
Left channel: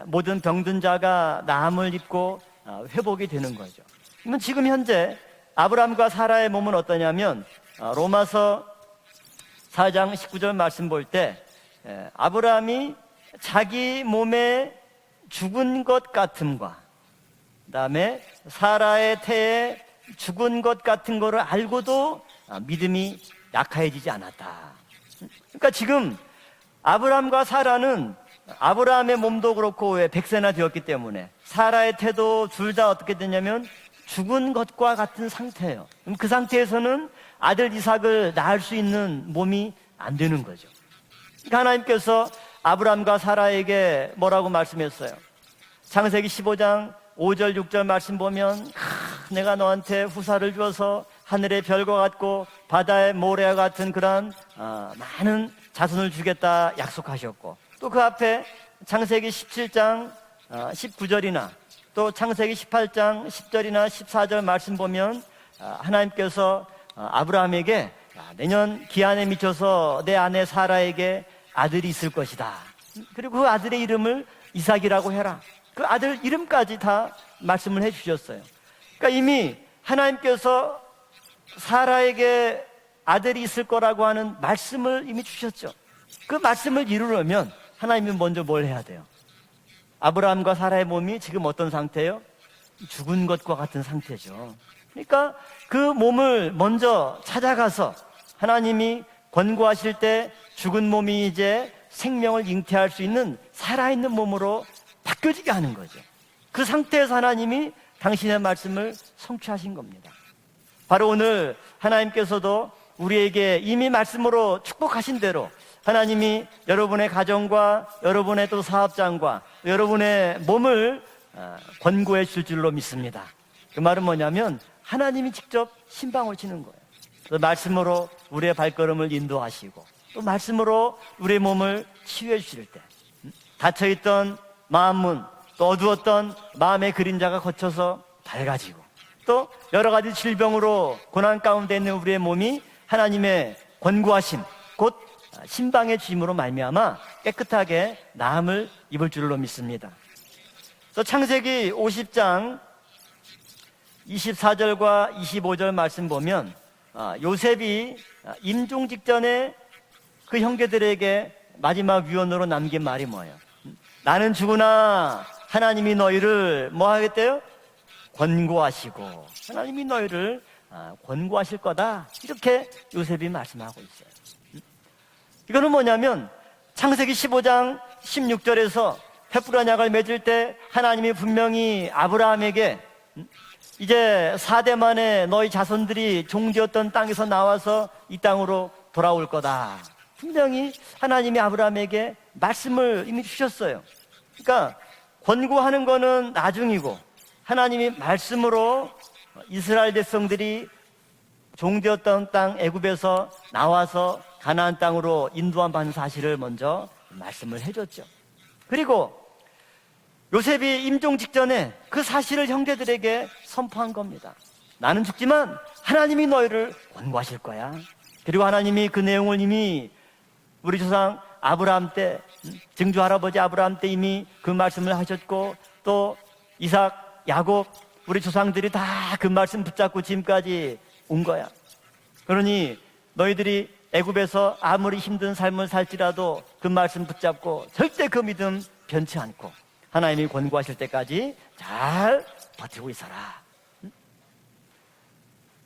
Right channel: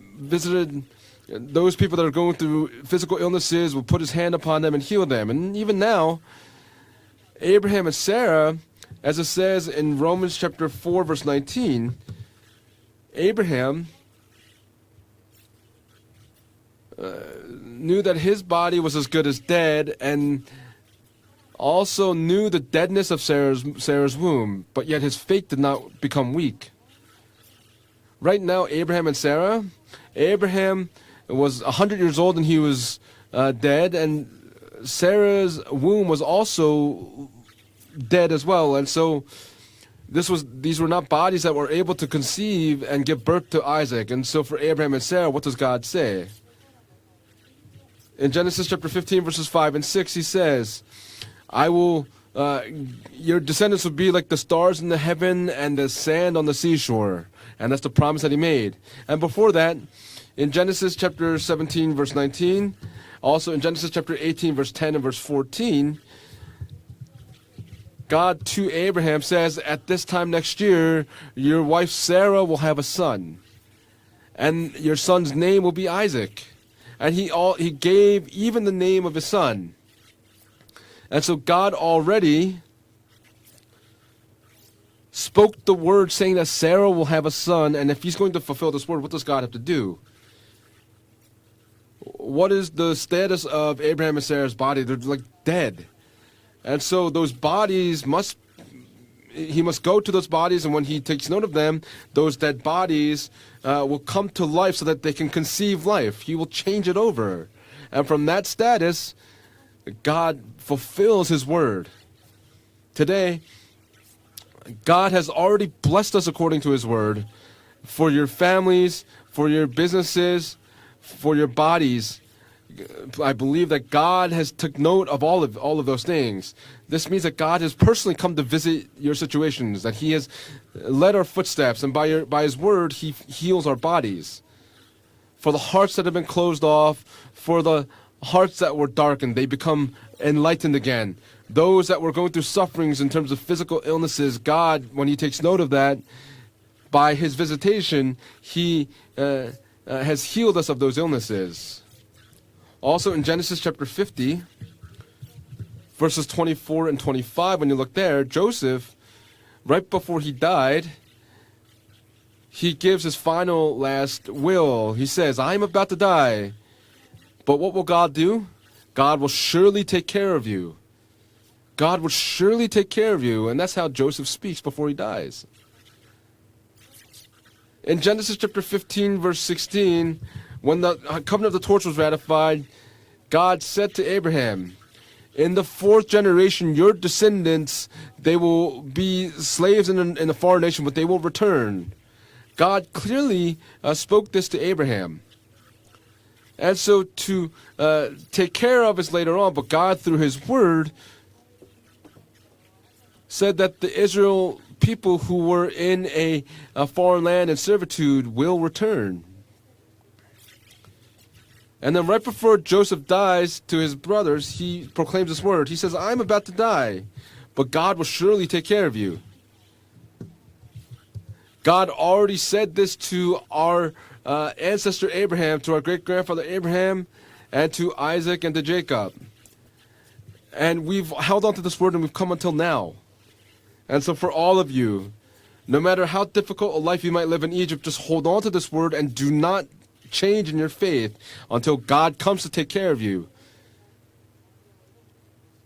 모든 visited 병든 자가 those 나음을 people that are going 입고 through physical 회복이 되는 illnesses will put His hand 거예요. upon 지금 them and heal 현재 them. And even 아브라함과 now, 사라의 몸은 어떠냐면 Abraham and Sarah, 로마서 as it says in 4장 Romans 19절 chapter 말씀 4, 볼 verse 때 19, 아브라함이 Abraham 자기 몸에 죽은 것 같음과 knew that his body was as good as dead and 죽은 것 같은 거를 also 알고도 knew the deadness 믿음이 of Sarah's womb, 약해지지 않았다. but yet his faith did 그러니까 not 지금 become weak. 아브라함과 사라는 Right now, Abraham 아브라함의 and 몸도 Sarah, 그렇고 왜 100세나 Abraham 되었기 때문에 was 사라의 100 years old 태도 and he 둘 was 다 어떻게 되냐면 dead, and 죽은 것과 같은 Sarah's 상태예요. womb was 그 also 상태에서는 아들 이삭을 dead as 낳을 well, 수 and so 있는 몸이 안 This 되는 was, 거죠. these were not bodies that were able to 하나님께서 conceive and 아브라함과 give birth to 사라에게 Isaac. And so 뭐라고 for Abraham and 말씀했어요? Sarah, what does God 창세기 say? 15장 5절 6절 말씀 In 보면 Genesis chapter 15, verses 내가 5 and 너한테 6, he 후사를 says, 줘서 하늘의 I 별과 will, 같고 바다의 your 모래와 descendants 같은 will be like 그런 the stars in the heaven and the 자손을 sand on the 주겠다 seashore. 약속하셨고 And that's the 또 그 promise that he 앞에 made. And 창세기 before that, 17장 in Genesis chapter 17, 또 verse 창세기 19, 18장 also in 10절이나 Genesis chapter 14절 18, verse 말씀 10 and 보면 verse 14, 하나님께서 아브라함에게 God to 내년 Abraham 기한에 says, at 미쳐서 this 내 time 아내 next year, 사라에게 your 아들이 wife 있을 Sarah 것이다. will have a son. 그리고 그 아들의 이름을 And your 이삭이라고 son's 해라. name will be 그 아들 Isaac. 이름까지 다 And he 말씀을 gave 해주셨어요. even the name of 그러니까 the 이미 son. 하나님께서 And so God already 사라에게 아들이 있을 거라고 하는 말씀을 이미 spoke the 주셨죠. word saying 그 that Sarah 말씀을 will have a 이루려면 son, and if he's 하나님은 going to 먼저 뭘 fulfill 해야 this word, what does God have to do? 아브라함과 사라의 몸이 지금 어떤 상태예요? What is the 죽은 status 것과 of 같은 Abraham and 상태죠. Sarah's body? They're 그러니까 like dead. 그 몸을 And so 먼저 those 찾아가서 bodies must, 하나님이 he must go 권고하실 to 때 those bodies, and when 죽은 he 몸이 takes note of 이제 them, those 생명을 dead 잉태할 수 bodies 있는 살아있는 will come to 몸으로 life so that they can 바뀌게 하는 conceive 거예요. life. He will 그 change it 상태에서 over. 하나님이 And from 당신의 that 말씀을 status, 성취하신 겁니다. God 바로 오늘 fulfills his word. 하나님께서도 Today, 우리에게 이미 말씀으로 God 축복하신 has 대로 already blessed us 하나님이 according to his 여러분의 word. 가정과 For your 여러분의 또 families, 사업장과 for your 여러분의 businesses, 몸을 For your bodies, 권고해 줄 줄로 믿습니다. I believe that 그 말은 God has 뭐냐면 took note of 하나님이 직접 all of those 신방을 things. 치는 거예요. This means that 그 God has 말씀으로 personally come to 우리의 visit 발걸음을 your 인도하시고 situations, that He has 그 말씀으로 led our 우리의 footsteps, and by 치유해 His word, He heals our 닫혀있던 bodies. 마음문 For the 또 hearts that have 어두웠던 been closed 마음의 off, 그림자가 for the 거쳐서 hearts that were darkened, they become 여러 가지 enlightened 질병으로 again. 고난 가운데 Those 있는 that were 우리의 going through 몸이 sufferings in terms of 하나님의 physical illnesses, 권고하심 God, 곧 when He takes note of 신방의 that, 짐으로 말미암아 by His 깨끗하게 visitation, 나음을 He 입을 줄로 믿습니다. has healed us of those 또 창세기 illnesses. 50장 Also in Genesis chapter 50, 24절과 25절 말씀 verses 보면 24 and 25, when you look there, 요셉이 Joseph, 임종 직전에 right before he 그 died, 형제들에게 마지막 유언으로 he 남긴 말이 gives his 뭐예요? final 나는 last will. 죽으나 He says, I am about 하나님이 to die. 너희를 뭐 하겠대요? But what will God do? 권고하시고 God will surely 하나님이 take care 너희를, of you. 권고하실 거다. God will surely 이렇게 take care of 요셉이 you. And 말씀합니다. that's how Joseph speaks before he dies. 이거는 뭐냐면 창세기 15장 In Genesis chapter 16절에서 15, verse 횃불 언약을 16, 맺을 때 when 하나님이 the covenant of the 분명히 torch was ratified, 아브라함에게 God said to 이제 Abraham, 4대 만에 너희 in the fourth 자손들이 generation, 종지었던 your 땅에서 descendants, 나와서 이 they will 땅으로 돌아올 be 거다. slaves in a foreign nation, but they will 하나님이 return. 아브라함에게 God 말씀을 clearly 주셨어요. spoke this to 그러니까 Abraham. 권고하는 거는 And so 나중이고 to 하나님이 take 말씀으로 care of us later on, but 이스라엘 God through His 백성들이 word 종되었던 땅 애굽에서 said that the 나와서 Israel 가나안 people 땅으로 who were 인도한 in 사실을 먼저 a foreign land in 말씀을 servitude will return. 요셉이 임종 직전에 And 그 then right 사실을 before Joseph 형제들에게 dies to 선포한 his 겁니다. brothers, he 나는 proclaimed his 죽지만 word. He says, I'm 하나님이 about to 너희를 die, 권고하실 거야. but God will surely 그리고 take care 하나님이 of 그 you. 내용을 이미 우리 조상 God 아브라함 때 already said this 증조 to 할아버지 아브라함 our 때 이미 그 말씀을 ancestor Abraham, to our 하셨고 또 great-grandfather Abraham, 이삭, 야곱 and to 우리 Isaac and to 조상들이 Jacob. 다 그 말씀 붙잡고 지금까지 And we've 온 held 거야. on to this word and we've come until 그러니 now. 너희들이 And so for all 애굽에서 of 아무리 you, 힘든 삶을 No matter how 살지라도 그 difficult a life 말씀 you might live in 붙잡고 Egypt, just 절대 그 hold on to 믿음 this word and 변치 do 않고 not 하나님이 change in your 권고하실 faith 때까지 until 잘 God comes to take care of you.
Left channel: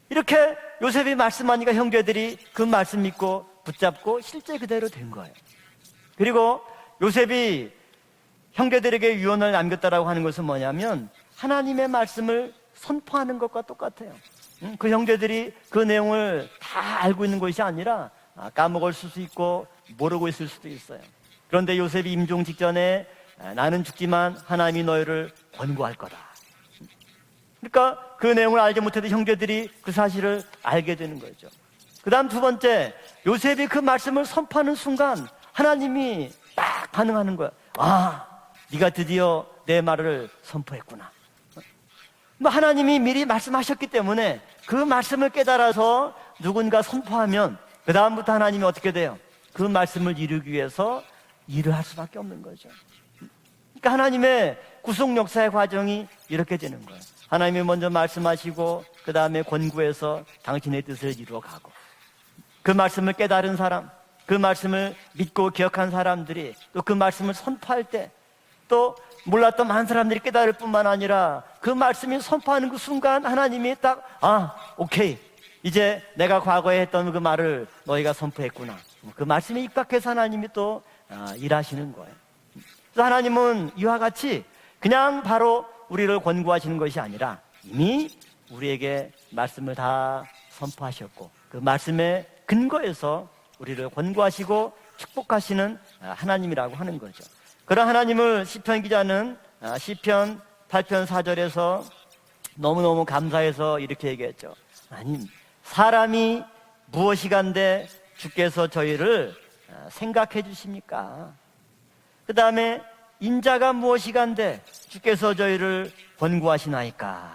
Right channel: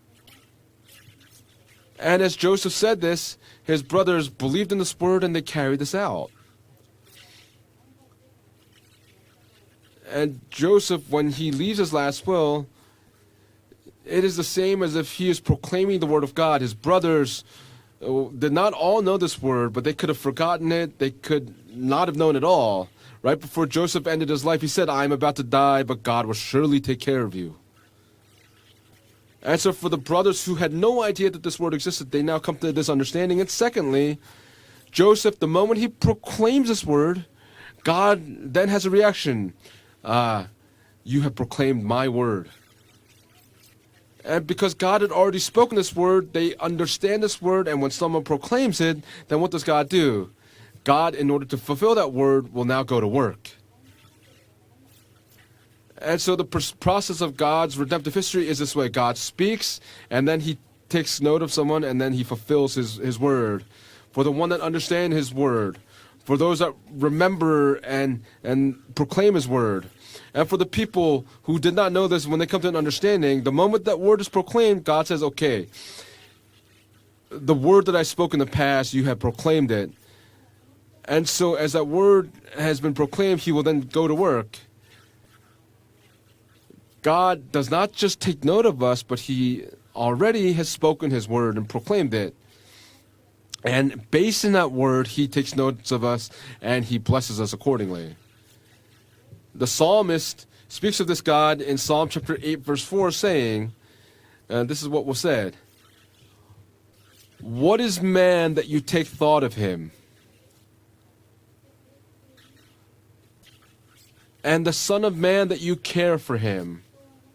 이렇게 요셉이 말씀하니까 And 형제들이 as 그 Joseph said 말씀 this, 믿고 his 붙잡고 brothers 실제 believed in 그대로 this word and they carried this out. 그리고 요셉이 형제들에게 유언을 남겼다라고 하는 And 것은 Joseph, 뭐냐면 when he leaves 하나님의 his last 말씀을 will, 선포하는 것과 똑같아요. it is the same 그 as if he is 형제들이 그 proclaiming the word of 내용을 God. His 다 알고 brothers 있는 것이 아니라 did not 까먹을 all 수도 know this 있고 word, but they could have 모르고 있을 forgotten 수도 it. 있어요. They could 그런데 not 요셉이 have known 임종 it all. 직전에 Right before 나는 Joseph ended his life, he 죽지만 said, I am 하나님이 about to die, 너희를 but God will surely take care of you. 그러니까 그 내용을 알지 못했던 형제들이 And so for 그 the brothers who 사실을 had 알게 no 된 idea 거죠. that this word existed, they 그다음 now 두 come to 번째 this understanding. And 요셉이 그 secondly, 말씀을 선포하는 순간 Joseph, the moment he 하나님이 proclaimed this word, 반응하는 거야. God then has a 네가 드디어 reaction. 내 말을 Ah, 선포했구나. You have proclaimed my word. 뭐 하나님이 미리 말씀하셨기 때문에 And because 그 God had 말씀을 already spoken this 깨달아서 word, they 누군가 understand this word, and when someone 그다음부터 하나님이 proclaims 어떻게 it, 돼요? then what does 그 God 말씀을 do? 이루기 위해서 God, in order to 일을 fulfill 할 that 수밖에 word, 없는 will now go to work. 그러니까 하나님의 구속 역사의 과정이 And so the 이렇게 되는 거예요. process of 하나님이 God's 먼저 redemptive history is this way. 말씀하시고 God 그다음에 speaks, 권고해서 and then he 당신의 뜻을 takes note of 이루고 someone, and then he fulfills 그 his 말씀을 깨달은 word. 사람, For the 그 one that 말씀을 understand his 믿고 word, 기억한 for 사람들이 those that 또 그 말씀을 remember 선포할 때 and 또 proclaim his 몰랐던 word, 많은 사람들이 and 깨달을 for the 뿐만 people 아니라 who 그 did not know 말씀을 this, when they come to 선포하는 an 그 순간 understanding, the 하나님이 moment that word is 아, proclaimed, God 오케이. says, okay, 이제 내가 과거에 했던 그 말을 the word that I 너희가 spoke in the 선포했구나. past, you have 그 말씀이 proclaimed it. 입각해서 하나님이 또 And so as that 일하시는 word has been 또 proclaimed, he will 하나님은 then 이와 go to 같이 work. 그냥 바로 우리를 권고하시는 것이 아니라 God does not 이미 just take note of 우리에게 us, but he 말씀을 다 already has spoken his 선포하시고 word 그 and proclaimed 말씀에 it. 근거해서 And based on that word, he takes notes of us 하나님이라고 and 하는 he 거예요. blesses us 그런 accordingly. 하나님을 시편 기자는 The 시편 psalmist speaks of this God in 8편 4절에서 Psalm chapter 8, verse 너무너무 4, saying, 감사해서 이렇게 얘기했죠. and this is what was said, 사람이 무엇이간데 what is man 주께서 that you take 저희를 thought of him? 생각해 주십니까? 그 다음에 인자가 무엇이간데 And the Son of 주께서 Man that you 저희를 care for him. 권고하시나이까?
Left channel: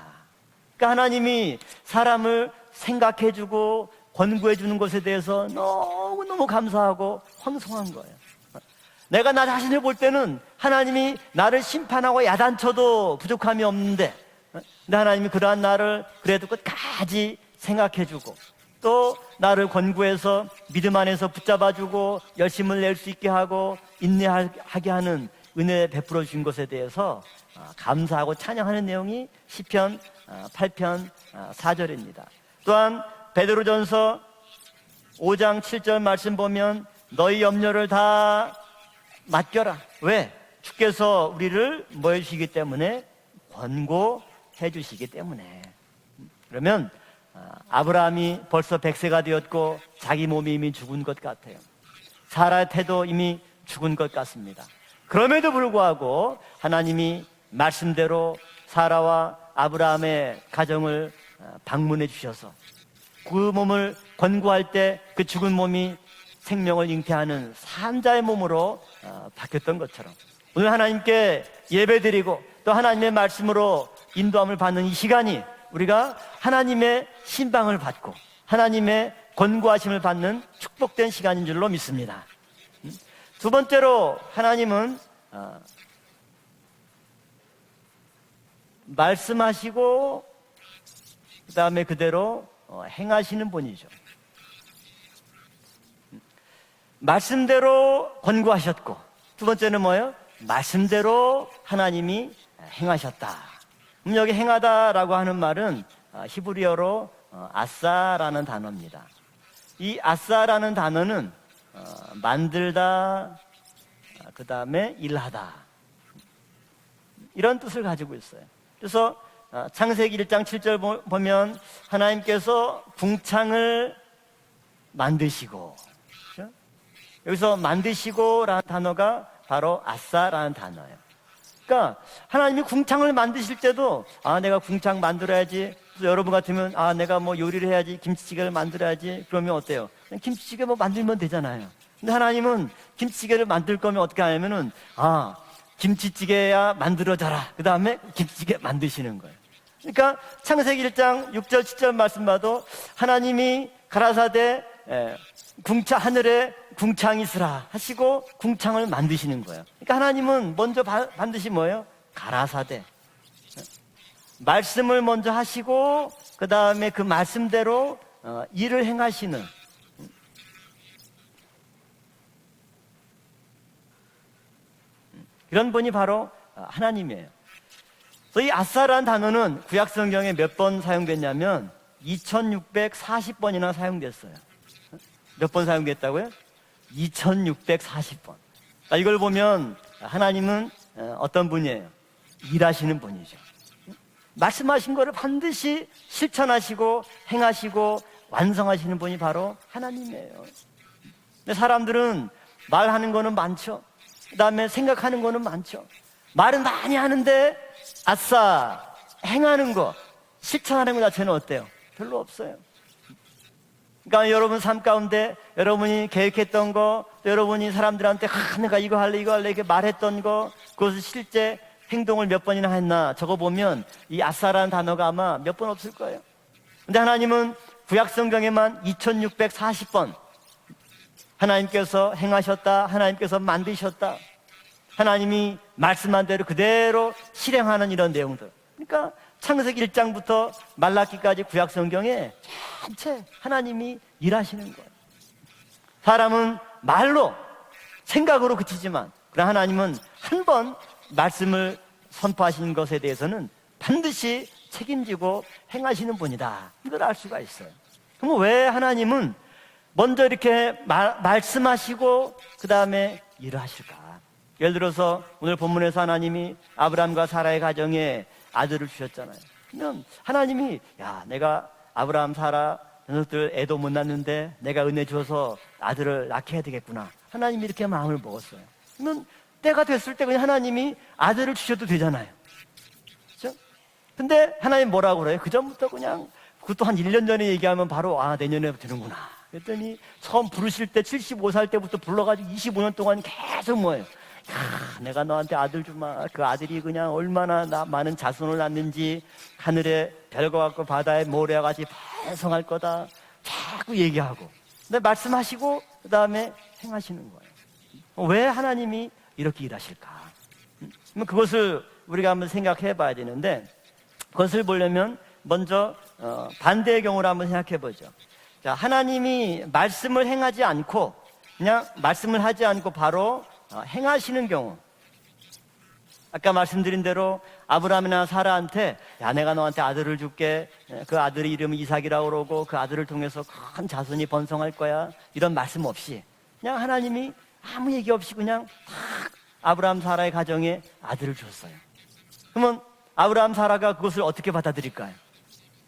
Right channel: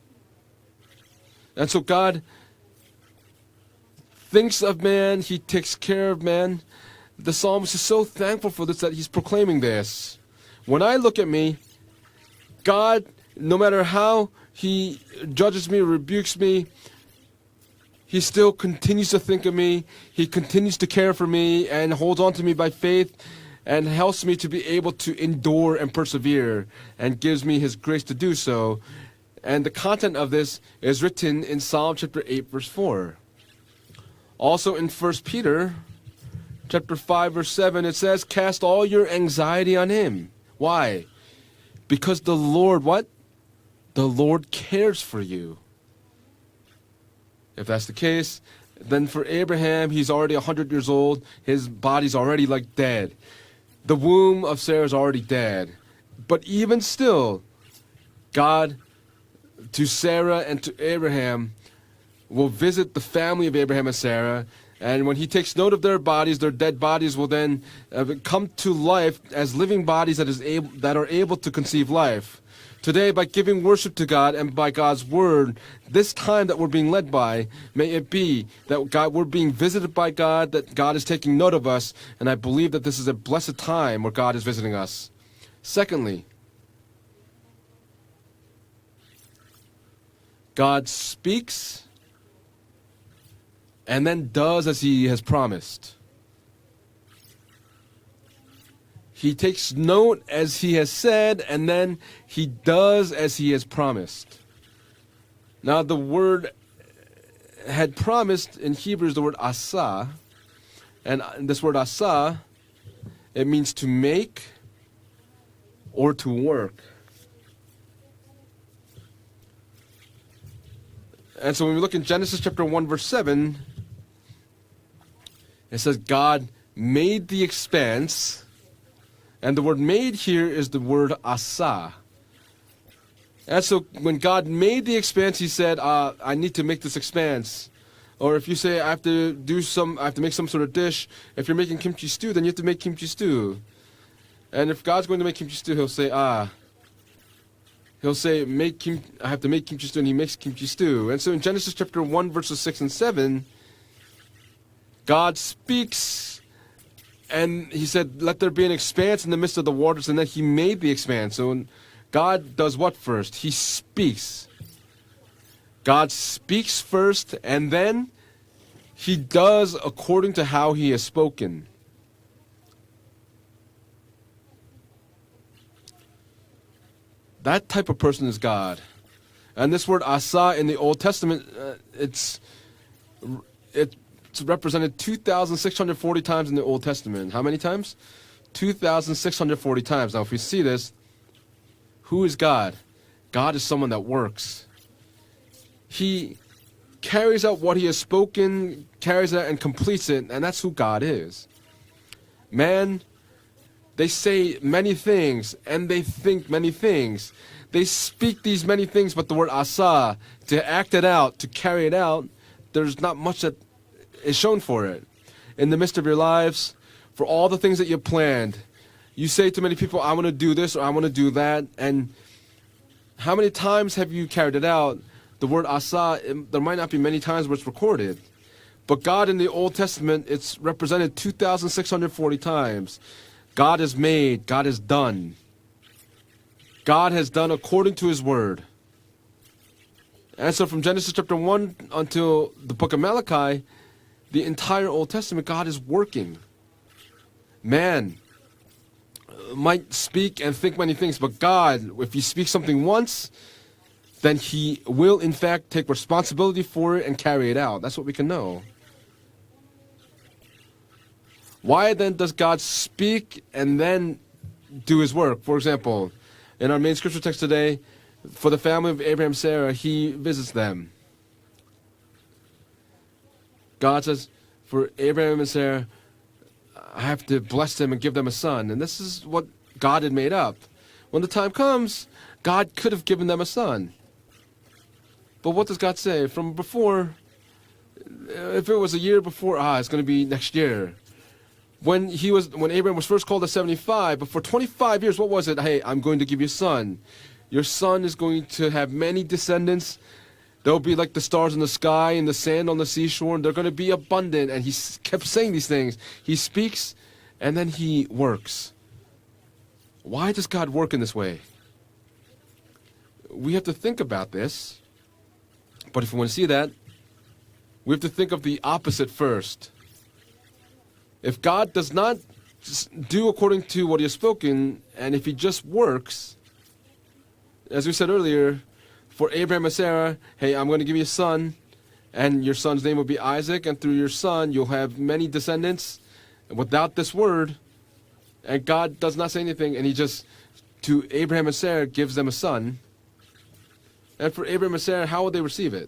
그러니까 하나님이 And so God 사람을 생각해주고 권고해 thinks 주는 of 것에 man, 대해서 he takes care of 너무너무 man. 감사하고 The psalmist is so thankful for this that he's 내가 나 proclaiming 자신을 볼 this. 때는 When I look 하나님이 at me, 나를 심판하고 야단쳐도 God, no 부족함이 matter 없는데 how he 하나님이 그러한 judges me or 나를 rebukes 그래도 me, 끝까지 생각해주고 he still continues to 또 think of 나를 me. He 권고해서 continues to 믿음 care 안에서 for me and holds 붙잡아주고 on to me by 열심을 낼 수 faith 있게 하고 and helps me to be able to 인내하게 endure 하는 and persevere and gives me his grace to do 감사하고 so. 찬양하는 내용이 And the 시편 content of this 8편 is written in Psalm 4절입니다. chapter 8, verse 또한 4. 베드로전서 Also in 1 5장 Peter 7절 말씀 보면 chapter 5, 너희 verse 7, 염려를 it says, 다 cast all your anxiety 맡겨라. on him. 왜? Why? 주께서 우리를 Because the 너희시기 Lord, 때문에 what? The Lord cares 권고해 for 주시기 you. 때문에. 그러면 If that's the 아브라함이 case, 벌써 then 100세가 for Abraham, 되었고 he's 자기 already 몸이 100 이미 years 죽은 old. 것 같고 His body's already 사라의 like 태도 dead. 이미 죽은 The 것 womb 같습니다. of Sarah is already 그럼에도 dead. 불구하고 But even 하나님이 still, 말씀대로 God 사라와 to Sarah 아브라함의 and to Abraham 가정을 방문해 주셔서 will visit the family of 그 Abraham 몸을 and Sarah, 권고할 때 and when he 그 takes 죽은 note of 몸이 their bodies, their dead 생명을 bodies will 잉태하는 then 산자의 come 몸으로 to life as living 바뀌었던 bodies 거죠. that 오늘 are able 하나님께 to conceive life. 예배드리고 또 Today, 하나님의 by giving 말씀으로 worship to God and 인도함을 by 받는 God's 시간이 word, 우리가 this time that we're being led 하나님의 by, 신방을 may it 받고 be that 하나님의 God, we're being visited 권고하심을 by God, 받는 that God is 축복된 taking 시간인 note of 줄로 us, 믿습니다. and I believe that this is a blessed 두 time 번째로 where God is visiting 하나님은 us. Secondly, 말씀하시고 God speaks 그다음에 그대로 행하시는 분이죠. and then does as He has promised. 말씀대로 권고하셨고 He 두 takes 번째는 뭐예요? note as He has 말씀대로 said, and then 하나님이 He does 행하셨다. as He has promised. 여기 행하다라고 하는 말은 Now the word 히브리어로 Had 아싸라는 promised in 단어입니다. Hebrew is the word 이 asa, 아싸라는 단어는 and this word asa, 만들다 it means to make 그다음에 일하다 or to work. 이런 뜻을 가지고 있어요. 그래서 창세기 1장 7절 보면 And so when we look at Genesis 하나님께서 chapter 1 verse 7, 동창을 만드시고 It says God made the 여기서 expanse, 만드시고라는 단어가 and the 바로 word made here 아사라는 is the 단어예요. word asa. 그러니까 하나님이 궁창을 만드실 And so 때도 when God 내가 made 궁창 the expanse, He 만들어야지. said, 여러분 I need to 같으면 make this 내가 뭐 expanse. 요리를 해야지 Or 김치찌개를 if you say I have 만들어야지. to 그러면 do 어때요? some, I have to make some sort of 김치찌개만 dish. 만들면 If 되잖아요. you're making kimchi 근데 stew, then you have to 하나님은 make kimchi 김치찌개를 stew. 만들 거면 어떻게 하냐면은 And if God's going to make kimchi stew, He'll say, 김치찌개야 만들어져라. 그 다음에 He'll say, 김치찌개 make 만드시는 I 거예요. have to make kimchi stew, and He 그러니까 makes kimchi 창세기 stew. 1장 And so in 6절 Genesis 10절 chapter 1 말씀 봐도 verses 6 and 7, 하나님이 가라사대 God speaks 하늘에 궁창이 있으라 and He said, 하시고 let there be an 궁창을 expanse in the 만드시는 midst of the 거예요. waters, and then He 하나님은 made 먼저 the expanse. 반드시 So 뭐예요? God does 가라사대. what first? He speaks. 말씀을 먼저 하시고 God 그 speaks 다음에 그 first, 말씀대로 and then 일을 He 행하시는 does according to how He has spoken. 이런 분이 바로 하나님이에요. That type of person is 이 God. 아사라는 단어는 And this 구약 word 성경에 asa 몇 in 번 the Old Testament, 사용됐냐면 it's 2640번이나 사용됐어요. It's represented 2,640 times in the Old Testament. How many times? 2640번. 2,640 times. Now, if you see 하나님은 this, 어떤 분이에요? who is God? 일하시는 분이죠. God is someone that works. 말씀하신 거를 반드시 He 실천하시고 carries out what He has 행하시고 spoken, 완성하시는 분이 carries 바로 out and completes it, 하나님이에요. and that's who God is. 근데 사람들은 Man, 말하는 거는 많죠. They say 그다음에 many 생각하는 거는 things, 많죠. and they think 말은 many 많이 things. 하는데 They speak 아싸, these many things, but the word 행하는 거, asa, to 실천하는 act it 것 자체는 out, to 어때요? carry it 별로 out, 없어요. there's not much that 그러니까 is 여러분 shown 삶 for it. 가운데 In the midst 여러분이 of your 계획했던 lives, 거 for all the 여러분이 things that you 사람들한테 planned, 내가 이거 할래 you 이거 say 할래 to 이렇게 many people, 말했던 I'm going to 거 do this or I'm going to do 실제 that, and 행동을 몇 번이나 했나 how many 적어보면 times have 이 you carried it 아사라는 단어가 out? 아마 The 몇 word 번 없을 asa, 거예요. there might not 근데 be many times 하나님은 where it's 구약 recorded. 성경에만 But God in the Old 2640번 Testament, it's represented 하나님께서 2,640 행하셨다 times. 하나님께서 God has 만드셨다 made, God has done. 하나님이 말씀한 대로 그대로 God has done 실행하는 according to 이런 His 내용. word. 그러니까 창세기 1장부터 And so from Genesis chapter 말라기까지 1 구약 성경에 until the book of Malachi, 하나님이 the 일하시는 entire Old Testament, God is working. 사람은 말로 Man 생각으로 그치지만 하나님은 might speak and 한번 think many things, but God, 말씀을 if you speak 선포하시는 something 것에 once, 대해서는 반드시 then He will in 책임지고 fact take 행하시는 responsibility 분이다. for it 그걸 알 and 수가 carry it 있어요. out. That's what we can 그럼 know. 왜 하나님은 먼저 이렇게 Why then 말씀하시고 does God 그다음에 speak and then 예를 do His 들어서 work? 오늘 For example, 본문에서 하나님이 in our main 아브라함과 scripture text 사라의 today, 가정에 for the 아들을 family of 주셨잖아요. Abraham, Sarah, He visits 하나님이 them. 야 내가 아브라함 사라 녀석들 애도 못 God says, 낳는데 내가 for 은혜 Abraham and 줘서 Sarah, 아들을 낳게 해야 되겠구나. I have to 하나님이 bless 이렇게 them and give them 마음을 a son. And this is what 때가 God 됐을 때 had made up. 하나님이 When the 아들을 time 주셔도 comes, 되잖아요. God could have given them a son. 근데 하나님 뭐라고 그래요? But what does God say? From 그것도 한 before, 1년 전에 얘기하면 바로 아 내년에 if it was a year before, it's going to be 처음 next year. 부르실 때 75살 때부터 When 불러가지고 Abraham was first called at 계속 뭐예요? 75, but for 25 years, what was it? Hey, I'm going to give you a son. Your son is going to have many descendants. They'll be like the stars in the sky and the sand on the seashore, and they're going to be abundant. And he kept saying these things. He speaks, and then he 왜 works. 하나님이 이렇게 일하실까? Why does God work in this way? 그것을 우리가 한번 생각해 봐야 We 되는데 have to think about 그것을 this. 보려면 먼저 But if we want to see that, 반대의 경우를 한번 생각해 we have 보죠. to think of the opposite 하나님이 first. 말씀을 행하지 않고 If God 그냥 does not 말씀을 하지 않고 do 바로 according to what He has 행하시는 경우 spoken, and if He just works, 아까 말씀드린 대로 As we said 아브라함이나 earlier, 사라한테 for 내가 Abraham and 너한테 아들을 Sarah, 줄게. hey, I'm going to give you a 그 son, 아들 이름이 이삭이라고 and 그러고 your 그 son's name 아들을 will be 통해서 Isaac, and 큰 through your 자손이 son you'll 번성할 have 거야. many 이런 말씀 descendants. 없이 And 그냥 without this 하나님이 word, 아무 얘기 없이 그냥 and God does not say anything, and He 아브라함 just, 사라의 가정에 to 아들을 Abraham and Sarah, gives them a son. 그러면 아브라함 사라가 그것을 And for 어떻게 Abraham and Sarah, 받아들일까? how will they receive it?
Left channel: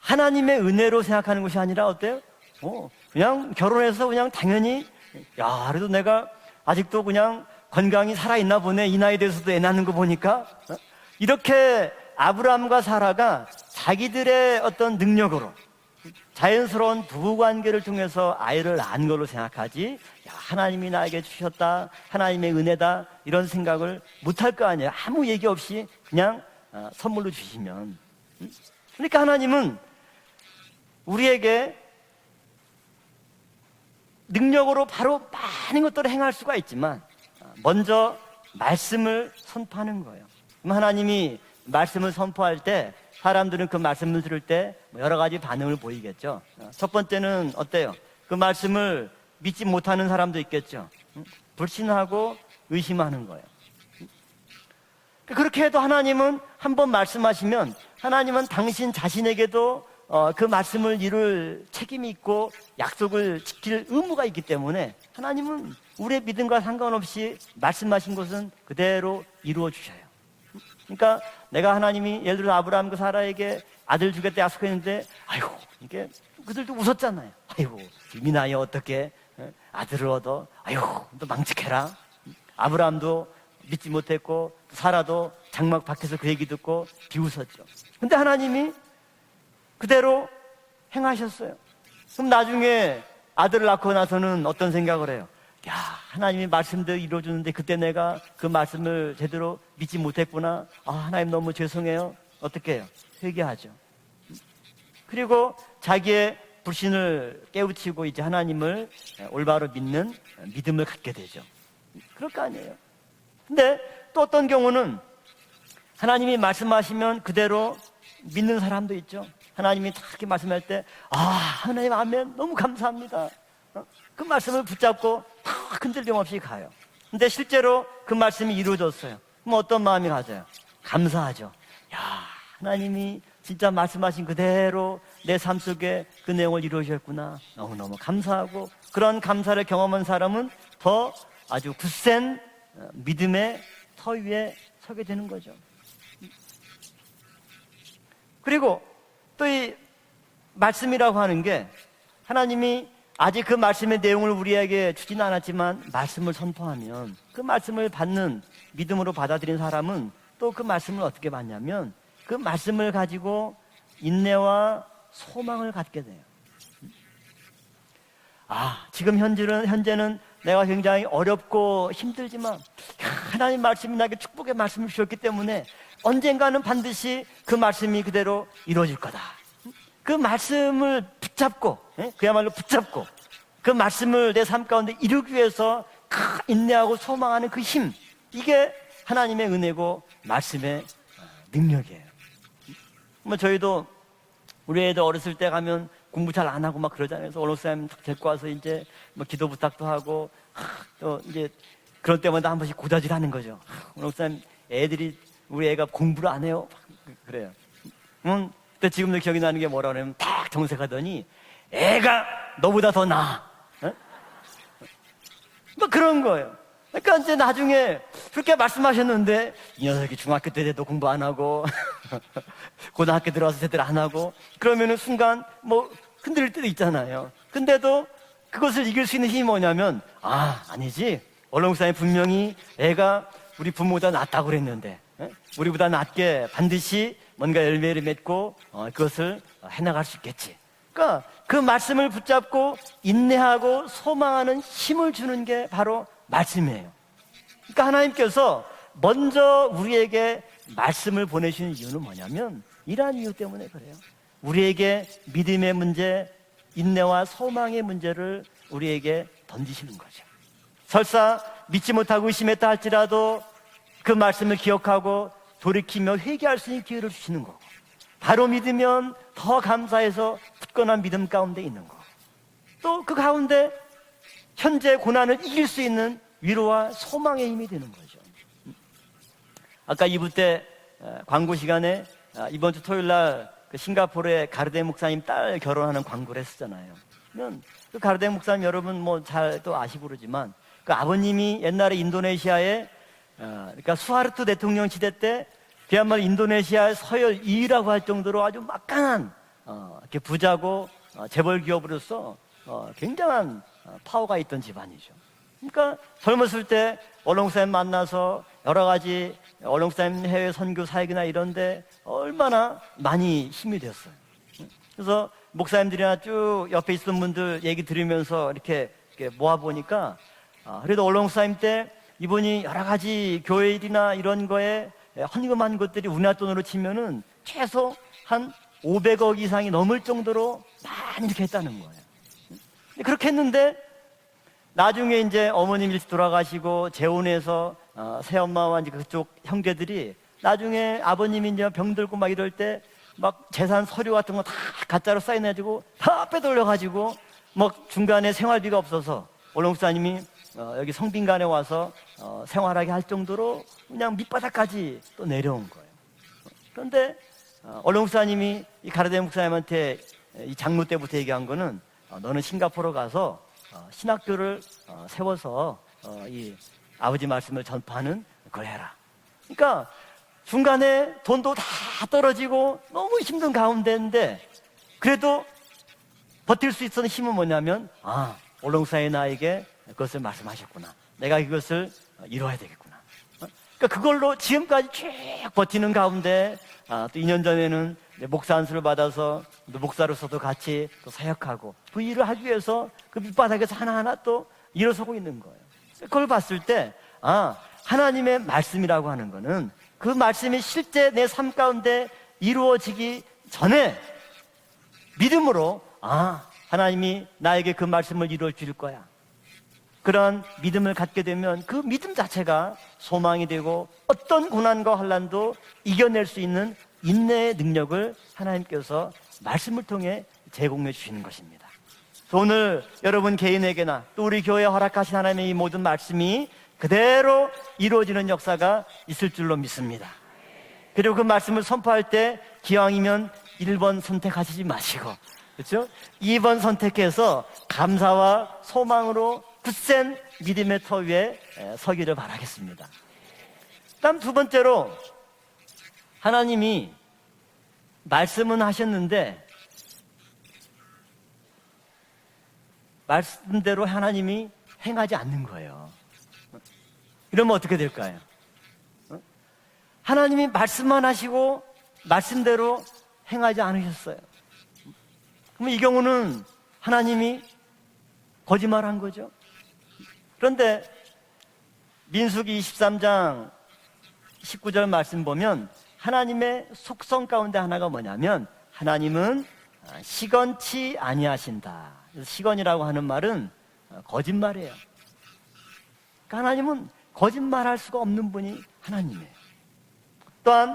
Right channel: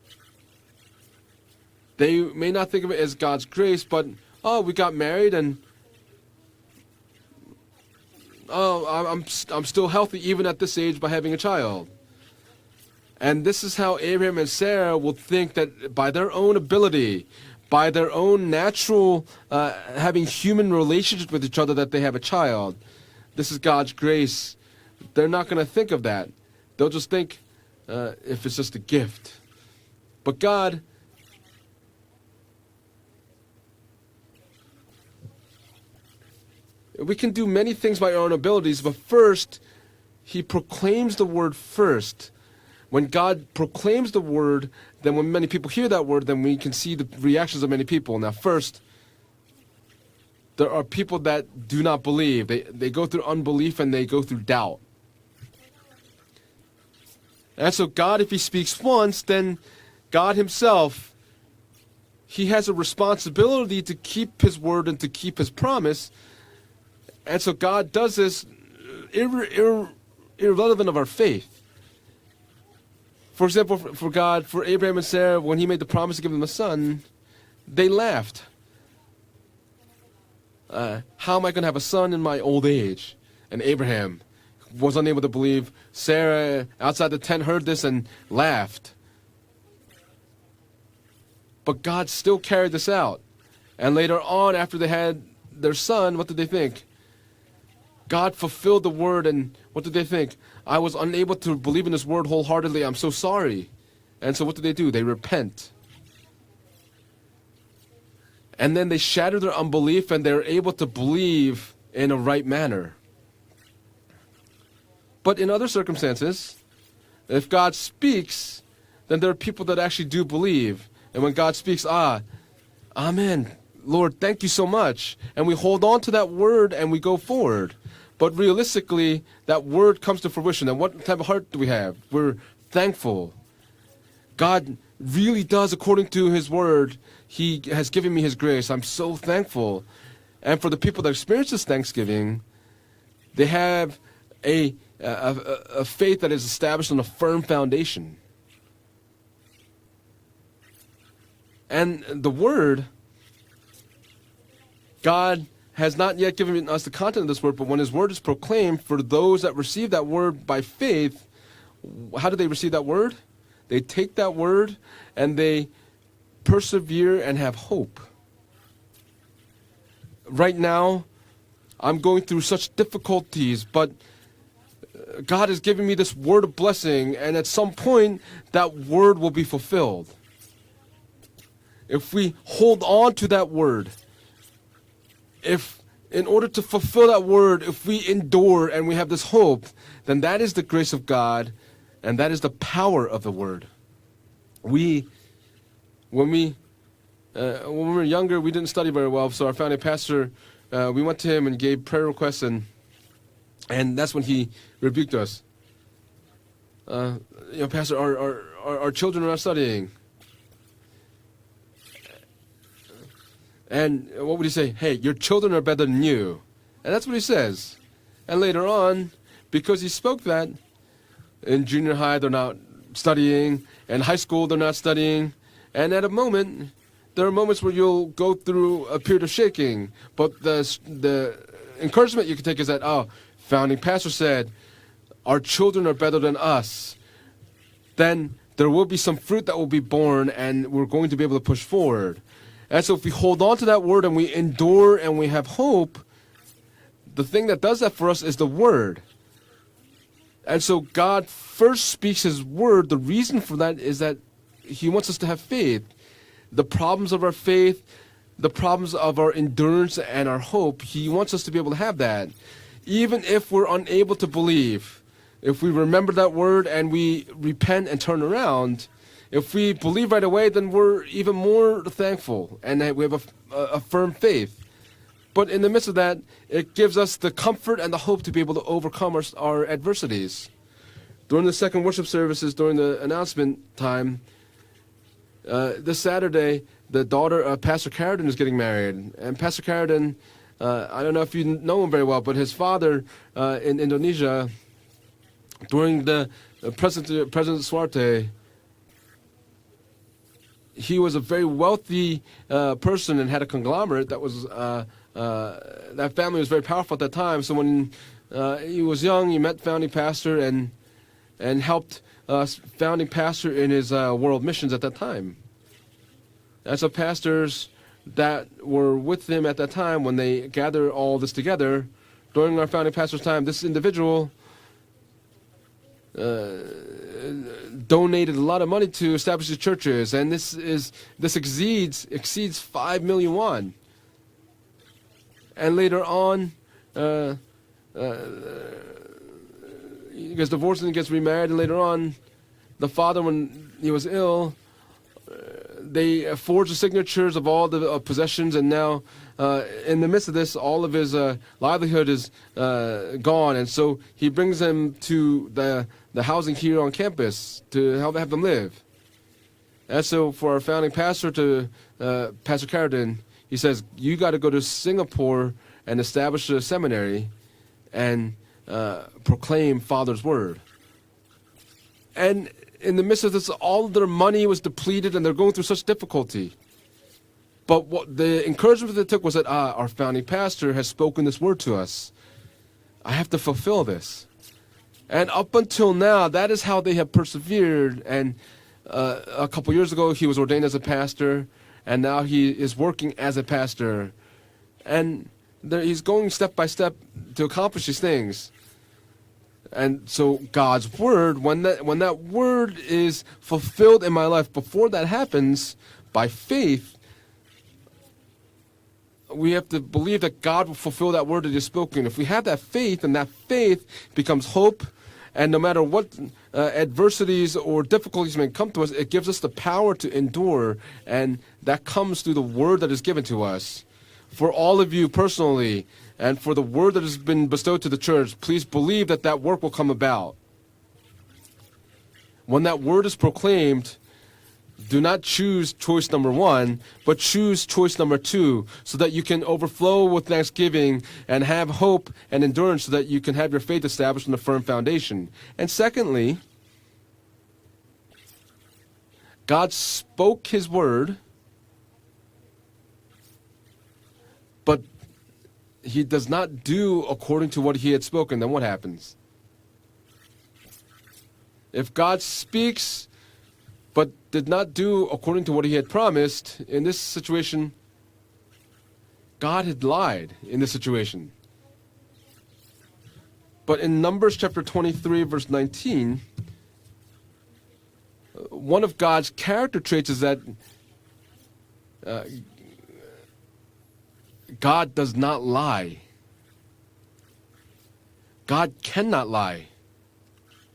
하나님의 은혜로 생각하는 것이 아니라 They 어때? may not think of it as 그냥 God's grace, 결혼해서 but 그냥 oh, 당연히 we got married, and 야, 그래도 내가 아직도 그냥 건강이 살아있나 oh, 보네. 이 나이 돼서도 애 I'm 낳는 still 거 healthy 보니까 even at this age by having a child. 이렇게 아브라함과 사라가 And this is how Abraham and 자기들의 Sarah 어떤 would 능력으로 think that by their own 자연스러운 ability, 부부관계를 by their 통해서 own 아이를 낳는 natural 거로 생각하지 having human 하나님이 relationships with each other, that they have a 하나님의 child. 은혜다 이런 This is God's 생각을 grace. 못할 거 아니에요. 아무 They're 얘기 not going to 없이 think of that. 그냥 They'll just 선물로 think 주시면 if it's just a gift. 그러니까 하나님은 But God, 우리에게 능력으로 바로 많은 것들을 행할 수가 있지만 we can do many things by our own 먼저 abilities, but 말씀을 first, 선포하는 거예요. He 그럼 proclaims the 하나님이 word 말씀을 first. 선포할 때 When God 사람들은 그 proclaims 말씀을 the 들을 word, 때 then 여러 when 가지 many people 반응을 hear that word, 보이겠죠. then we can 첫 see the 번째는 reactions of many 어때요? people. Now, 그 first, 말씀을 믿지 못하는 사람도 there 있겠죠. are people that do not 불신하고 believe. They go through 의심하는 unbelief and they go through doubt. 그렇게 해도 하나님은 한 번 말씀하시면 And so God, if 하나님은 He speaks 당신 once, 자신에게도 God 그 himself, 말씀을 이룰 책임이 있고 He has a responsibility to 의무가 keep 있기 His 때문에 word and to keep His 하나님은 promise. 우리의 믿음과 상관없이 And so God does 말씀하신 this 것은 그대로 irre- 이루어주셔요. irrelevant of our 그러니까 faith. 내가 하나님이 예를 들어 아브라함과 사라에게 For example, for 아들 줄 때 God, for Abraham and Sarah, 약속했는데 when He made the promise to give them a son, 웃었잖아요. 아이고, they laughed. 이 나이에 어떻게 아들을 얻어? 아이고, How am I going to have a son in my old age? 아브라함도 And 믿지 Abraham 못했고 was unable to 사라도 believe. 장막 밖에서 그 얘기 Sarah, 듣고 outside the tent, 비웃었죠. heard this and 근데 하나님이 laughed. 그대로 행하셨어요. But God 그럼 still carried this 나중에 out. 아들을 낳고 And later 나서는 on, 어떤 after they 생각을 had 해요? their son, what 하나님이 did they think? 말씀대로 이루어주는데 그때 내가 God 그 fulfilled the 말씀을 word, and 제대로 what did 믿지 they think? 못했구나. I was 하나님 unable 너무 to believe in this 죄송해요. word wholeheartedly. 어떻게 I'm so sorry. 얘기하죠. And so what do? They 그리고 repent. 자기의 불신을 깨우치고 이제 하나님을 And then they shatter their 올바로 unbelief 믿는 and they're able to 믿음을 갖게 believe in a right manner. 근데 또 어떤 경우는 But in other 하나님이 circumstances, 말씀하시면 if 그대로 God speaks, 믿는 사람도 있죠. then there are people that 하나님이 actually do 그렇게 말씀할 believe. 때, And when God speaks, 하나님, 아멘, 너무 감사합니다. Amen. Lord, 그 thank you so 말씀을 much. 붙잡고 And we hold on to that 흔들림 없이 word 가요. and we go 근데 forward. 실제로 그 But 말씀이 realistically, 이루어졌어요. that 어떤 word 마음이 comes to 하세요? fruition. And what type of heart 감사하죠. do we have? We're 하나님이 thankful. 진짜 말씀하신 God 그대로 really 내 삶 does 속에 according to His 은혜를 word. 이루셨구나. He 너무너무 has given me His 감사하고 grace. I'm so 그런 감사를 thankful. 경험한 사람은 And for the people 더 that experience this 아주 Thanksgiving, 굳센 믿음의 they have 터 위에 a, 서게 되는 거죠. a faith that is established on a firm foundation. 그리고 또 이 말씀이라고 하는 게 And the 하나님이 word, 아직 그 말씀의 내용을 우리에게 주진 God 않았지만 has not 말씀을 yet given us the content of this word, but when His word is proclaimed, for 믿음으로 those that 받아들인 receive that 사람은 word 또 by 그 말씀을 faith, 어떻게 받냐면 how do 그 they receive that 말씀을 word? 가지고 They take that word 인내와 and they 소망을 갖게 돼요. persevere and have hope. 지금 현재는 Right 내가 now, 굉장히 어렵고 I'm going through 힘들지만 such difficulties, 하나님 말씀이 but 나에게 축복의 말씀을 주셨기 God 때문에 is giving me this word of 언젠가는 blessing, 반드시 and at 그 some 말씀이 point, 그대로 that 이루어질 word 거다. will be fulfilled. 그 말씀을 붙잡고 If we 그야말로 hold 붙잡고 on to that 그 word, 말씀을 내 삶 가운데 이루기 if 위해서 in order to 인내하고 fulfill that 소망하는 word, 그 if 힘, we endure 이게 and we have this 하나님의 hope, 은혜고 then that is the 말씀의 grace of God, 능력이에요. and that is the power of the word. 저희도 우리 애들 어렸을 때 가면 공부 잘 안 하고 막 그러잖아요. When we were younger, we didn't study very well, so our family pastor, we went to him and gave prayer 그럴 requests, 때마다 한 번씩 고다질하는 거죠. and that's when he 애들이 rebuked us. 우리 애가 공부를 안 해요. 그래요. Pastor, our 근데 지금도 children are 기억이 나는 게 studying. 뭐라 그러면 딱 정색하더니 애가 너보다 더 나아. And what would he say? Hey, your children are better than 그런 you. 거예요. And that's 그러니까 what he 이제 says. 나중에 And 그렇게 later on, 말씀하셨는데 because he spoke 중학교 that, 때도 공부 안 하고 in junior high, they're not 고등학교 studying. 들어갔을 때도 안 In high 하고 school, they're not 그러면 studying. 순간 뭐 And at a moment, 흔들 때도 있잖아요. there are moments where you'll 근데도 go through 그것을 a 이길 수 period 있는 of 힘이 뭐냐면 shaking. But 아니지. the 원로목사님 encouragement you 분명히 can take is that, 애가 founding 우리 부모보다 pastor said, 낫다고 그랬는데 our children are better than us. 반드시 뭔가 열매를 Then 맺고 there will be some 그것을 fruit that will be 해나갈 수 born, 있겠지. and we're going to be able to 그 push 말씀을 forward. 붙잡고 And so if we hold on to that 인내하고 word and we 소망하는 endure 힘을 and we 주는 have 게 hope, 바로 말씀이에요. the thing that does 그러니까 that for us is the 하나님께서 word. 먼저 우리에게 And so 말씀을 God 보내시는 first 이유는 speaks His 뭐냐면 word. The 이러한 reason 이유 for 때문에 that is that He 우리에게 wants us to have 믿음의 faith. 문제, The problems of 인내와 our 소망의 faith, 문제를 the problems of our endurance and our hope, He 설사 wants us to be able to 믿지 have 못하고 that. 의심했다 Even 할지라도 if we're 그 unable to 말씀을 believe, 기억하고 if we remember 돌이키며 that 회개할 word 수 and 있기를 we 주시는 거예요. repent and turn 바로 around, 믿으면 if 더 we believe right away, 감사해서 then we're 굳건한 믿음 even 가운데 more 있고 thankful and 또 we 그 have 가운데 a firm faith. 현재 고난을 But in 이길 the 수 midst of that, 있는 it 위로와 gives us the 소망의 comfort 힘이 and the hope to be able to overcome our 아까 2부 adversities. 때 During 광고 the second 시간에 worship services, 이번 during the 토요일 날 announcement 그 time, 싱가포르의 가르데 목사님 딸 결혼하는 this 광고를 Saturday, 했잖아요. the daughter of Pastor 가르데 Carradine was getting 목사님 married. 여러분 뭐 And 잘 Pastor 아시고 Carradine, 모르지만 I 그 don't know if 아버님이 you know 옛날에 very well, but his 인도네시아에 father in 그러니까 수하르토 Indonesia, 대통령 시대 때 during 그야말로 the 인도네시아 서열 President 2위라고 할 Suharto, 정도로 아주 막강한 이렇게 부자고 he was a very 재벌 wealthy 기업으로서 person and had a 굉장한 conglomerate that 파워가 was 있던 집안이죠. that family was 젊었을 very 때 powerful at that time. So 원롱쌤 when 만나서 he 여러 was 가지 young, he met founding pastor 원롱쌤 and 선교 사역이나 and 이런데 helped 얼마나 founding 많이 pastor in his 힘들었어요. world missions at that 그래서 time. 목사님들이나 쭉 And so 옆에 있던 분들 pastors 얘기 들으면서 that 이렇게 were with him at that time, when 모아보니까 they gathered 그래도 all this 원롱쌤 together, 때 이분이 during our founding 여러 pastor's 가지 time, this 교회나 individual 이런 거에 헌금한 것들이 우리나라 돈으로 치면은 최소 donated a 한 lot of money to 500억 establish the 이상이 넘을 churches, and 정도로 this 많이 exceeds 5 그렇게 million won. 했는데 나중에 이제 어머님이 later on, 돌아가시고 재혼해서 새엄마와 이제 그쪽 형제들이 because divorced and 나중에 gets remarried 아버님이 이제 later on, 병들고 막 이럴 때 the father, 막 when 재산 he was 서류 같은 거 ill, 다 가짜로 사인해가지고 they 다 forged the 빼돌려가지고 signatures of all 뭐 the 중간에 possessions, and 생활비가 now 없어서 in the 원롱사님이 midst of this, all of his 성균관에 와서 livelihood is 생활하게 할 정도로 gone, and so 그냥 he brings him 밑바닥까지 to 내려온 the the housing here on 근데 campus to 원로 help them 목사님이 live. 이 가르데 목사님한테 And so for our 장로 founding 때부터 pastor 얘기한 to 거는 너는 Pastor 싱가포르 Carradine, 가서 he says you got to go to 신학교를 Singapore 세워서 and establish a seminary 아버지 말씀을 전파하는 and 거야. proclaim 그러니까 Father's word. 중간에 돈도 다 And 떨어지고 in the 너무 midst of this, 힘든 all their money 가운데인데 was depleted and they're 그래도 going through such difficulty. 버틸 수 있었던 힘은 뭐냐면 But what the encouragement they took was that 나에게 our founding 그것을 pastor has spoken 내가 this word to 이것을 us. 이루어야 되겠구나. I have to fulfill 그러니까 this. 그걸로 지금까지 쭉 And up 버티는 until now, 가운데 that is how they have 2년 persevered. 전에는 And 목사 안수를 받아서 a couple years ago, he was ordained as a pastor, and now he is working as a pastor. 하나하나 또 일어서고 And 있는 거예요. he's 그걸 going step 봤을 by 때 step to accomplish these 하나님의 things. 말씀이라고 하는 거는 And 그 so 말씀이 God's 실제 내 word, 삶 when 가운데 that word 이루어지기 is 전에 fulfilled in my life, before that happens, 믿음으로 by faith, 하나님이 나에게 그 말씀을 이루어 줄 거야. we have to believe 그런 that God will 믿음을 fulfill 갖게 that word that 되면 is 그 spoken. 믿음 If we have 자체가 that faith, then that 소망이 faith 되고 어떤 becomes hope. 고난과 환란도 And no matter what 이겨낼 수 있는 adversities 인내의 or 능력을 difficulties may come to us, it gives us the power to endure. And that comes through the word 오늘 that is given 여러분 to us. 개인에게나 또 우리 For 교회에 all of you 허락하신 하나님의 personally, 모든 말씀이 and for the word that has been 그대로 bestowed to the 이루어지는 church, please 역사가 believe that 있을 that 줄로 work will come 믿습니다. about. 그리고 그 말씀을 선포할 때 When that word is 기왕이면 proclaimed, 1번 선택하시지 Do 마시고 not choose 그렇죠? choice number 2번 one, 선택해서 but choose choice number 감사와 two, so that you can 소망으로 overflow with 굳센 thanksgiving 믿음의 터 위에 and have hope 서기를 and 바라겠습니다. endurance, so that you can have your faith established 두 on a firm 번째로, foundation. And secondly, 하나님이 말씀은 하셨는데 God spoke His word, 말씀대로 하나님이 But 행하지 않는 거예요. He does not do according 이러면 to what 어떻게 He had 될까요? spoken. Then what happens? 하나님이 말씀만 하시고 If God 말씀대로 speaks 행하지 않으셨어요. but did not do according to what He 이 had 경우는 promised, in this 하나님이 situation, 거짓말한 거죠. God had lied in 그런데 this situation. 민수기 23장 But in Numbers chapter 19절 말씀 23, verse 보면 19, 하나님의 속성 가운데 하나가 뭐냐면 one of God's 하나님은 character traits is that 시건치 아니하신다. 시건이라고 하는 말은 거짓말이에요. God does not lie. 그러니까 하나님은 거짓말할 수가 없는 분이. God cannot lie. 또한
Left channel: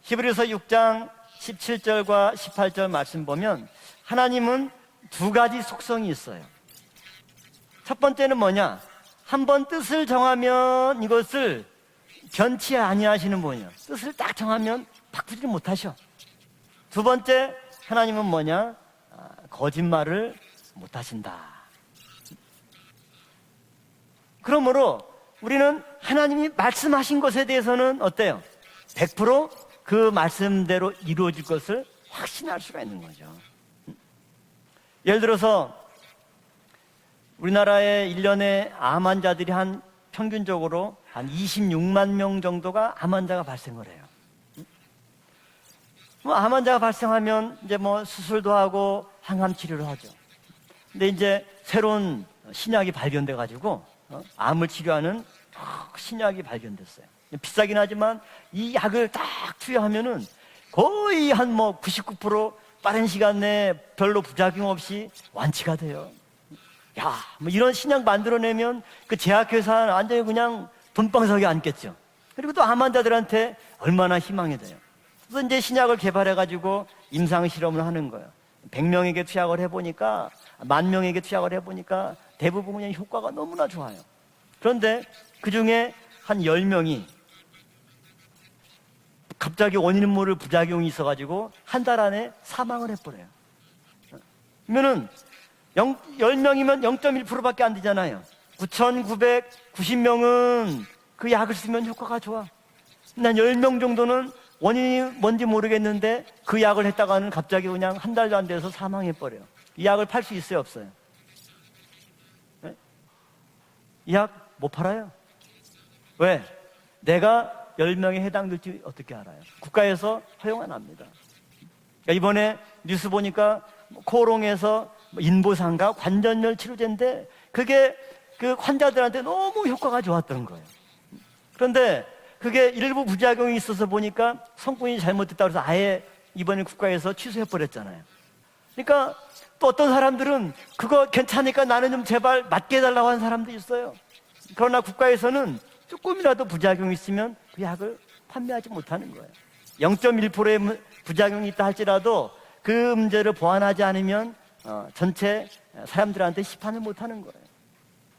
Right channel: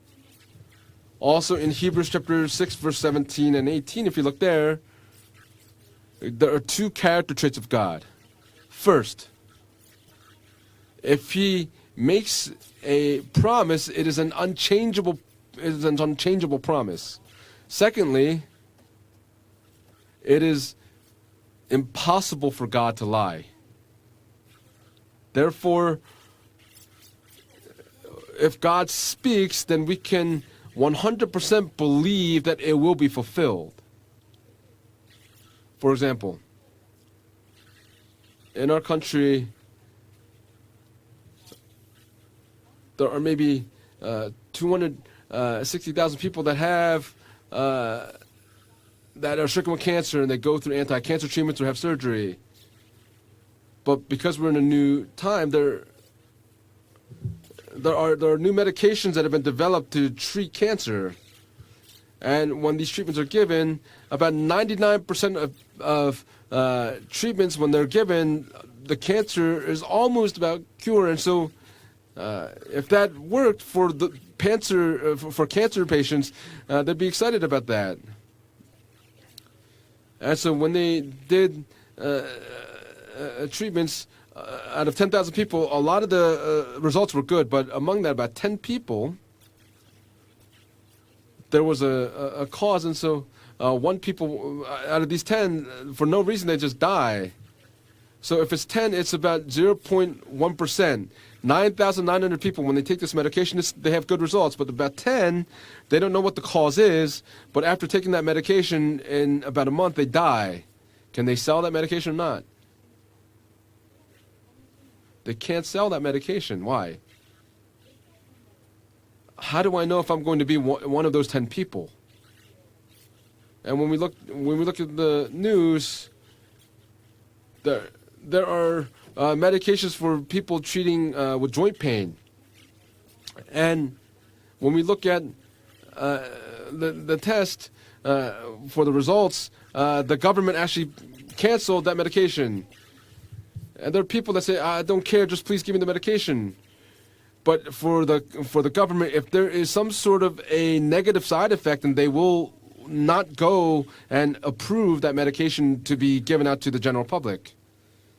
히브리서 6장 Also in Hebrews 17절과 chapter 6, 18절 verse 말씀 17 and 보면 18, if you look there, 하나님은 두 가지 속성이 있어요. there are two character traits of 첫 God. 번째는 뭐냐? First, 한 번 뜻을 정하면 if 이것을 He makes 변치 a 아니하시는 promise, 분이에요. it is an 뜻을 딱 정하면 unchangeable, 바꾸지 it is 못하셔. an unchangeable promise. 두 번째 Secondly, 하나님은 뭐냐? 거짓말을 It is 못하신다. impossible for God to lie. 그러므로 Therefore, 우리는 하나님이 말씀하신 것에 대해서는 어때요? if God 100% speaks, then we 그 can 말씀대로 100% 이루어질 believe that it will be fulfilled. 예를 들어서 For example, 우리나라의 1년에 In our 암 country, 환자들이 한 평균적으로 한 26만 명 정도가 there 암 are 환자가 maybe 발생을 해요. 260,000 people 암 that 환자가 have 발생하면 이제 뭐 수술도 하고 that are stricken with 항암치료를 하고. cancer and they go through 근데 anti-cancer 이제 treatments or have 새로운 surgery. 신약이 발견돼 가지고 But because we're in 암을 a new 치료하는 time, there 신약이 발견됐어요. 비싸긴 are 하지만 new 이 medications that have been 약을 developed to 투여하면은 treat cancer. 거의 한 뭐 99% And when these 빠른 treatments 시간 are 내에 given, 별로 about 부작용 없이 99% 완치가 돼요. of 야, treatments 이런 when they're 신약 given, 만들어내면 the 그 cancer is 제약회사 완전 almost 그냥 about cured. And 돈방석에 so, 앉겠죠. 그리고 또 암 if that 환자들한테 worked for 얼마나 the 희망이 for 이제 cancer 신약을 patients, 개발해가지고 they'd be excited 임상 about 실험을 that. 하는 거예요. 100명에게 투약을 해보니까 And so when 10,000명에게 they 투약을 did, 해보니까 대부분 그냥 효과가 너무나 좋아요. treatments out 그런데 of 10,000 people, 그중에 a lot of the 한 10명이 results were good, but among that, about 10 people, 갑자기 원인 모를 부작용이 있어가지고 there was 한 달 안에 a cause, 사망을 and so 했어요. one people 그러면은 out of these 10, for no reason, they 10명이면 just die. 0.1%밖에 안 되잖아요. So if it's 10, it's about 9,990명은 0.1%. 그 약을 쓰면 9,900 효과가 people, when they take this 한 medication, 10명 they have good 정도는 results. But about 원인이 뭔지 10, 모르겠는데 they don't know what the 그 cause 약을 is. 했다가는 갑자기 But after 그냥 taking 한 that 달도 안 돼서 medication, in 사망해버려요. about a 이 month, 약을 they 팔 수 die. 있어요, 없어요? Can they sell that medication or not? 이 약 못 팔아요. They can't sell that medication. Why? 내가 10명에 해당될지 어떻게 알아요? How do I know if 국가에서 I'm going to be 허용을 one of those 10 people? 그러니까 이번에 뉴스 보니까 And when we look 코롱에서 at the 인부상과 news, 관절염 치료제인데 그게 there 그 are 환자들한테 너무 medications 효과가 for 좋았던 people 거예요. treating with joint pain. 그런데 그게 일부 부작용이 있어서 And 보니까 when we 성분이 look at, 잘못됐다 그래서 아예 이번에 국가에서 the test 취소해버렸잖아요. for the 그러니까 results, 또 어떤 the government 사람들은 actually 그거 괜찮으니까 canceled 나는 that 좀 제발 medication. 맞게 해달라고 하는 사람도 있어요. And there are people that say, 그러나 I don't care, just 국가에서는 please give me the 조금이라도 medication. 부작용이 있으면 But 그 약을 for the 판매하지 government, 못하죠. if there is some sort of a negative side effect, then they will 그 문제를 not go 보완하지 않으면 and approve that 전체 medication to be given 사람들한테 out to the general 시판을 못하는 public.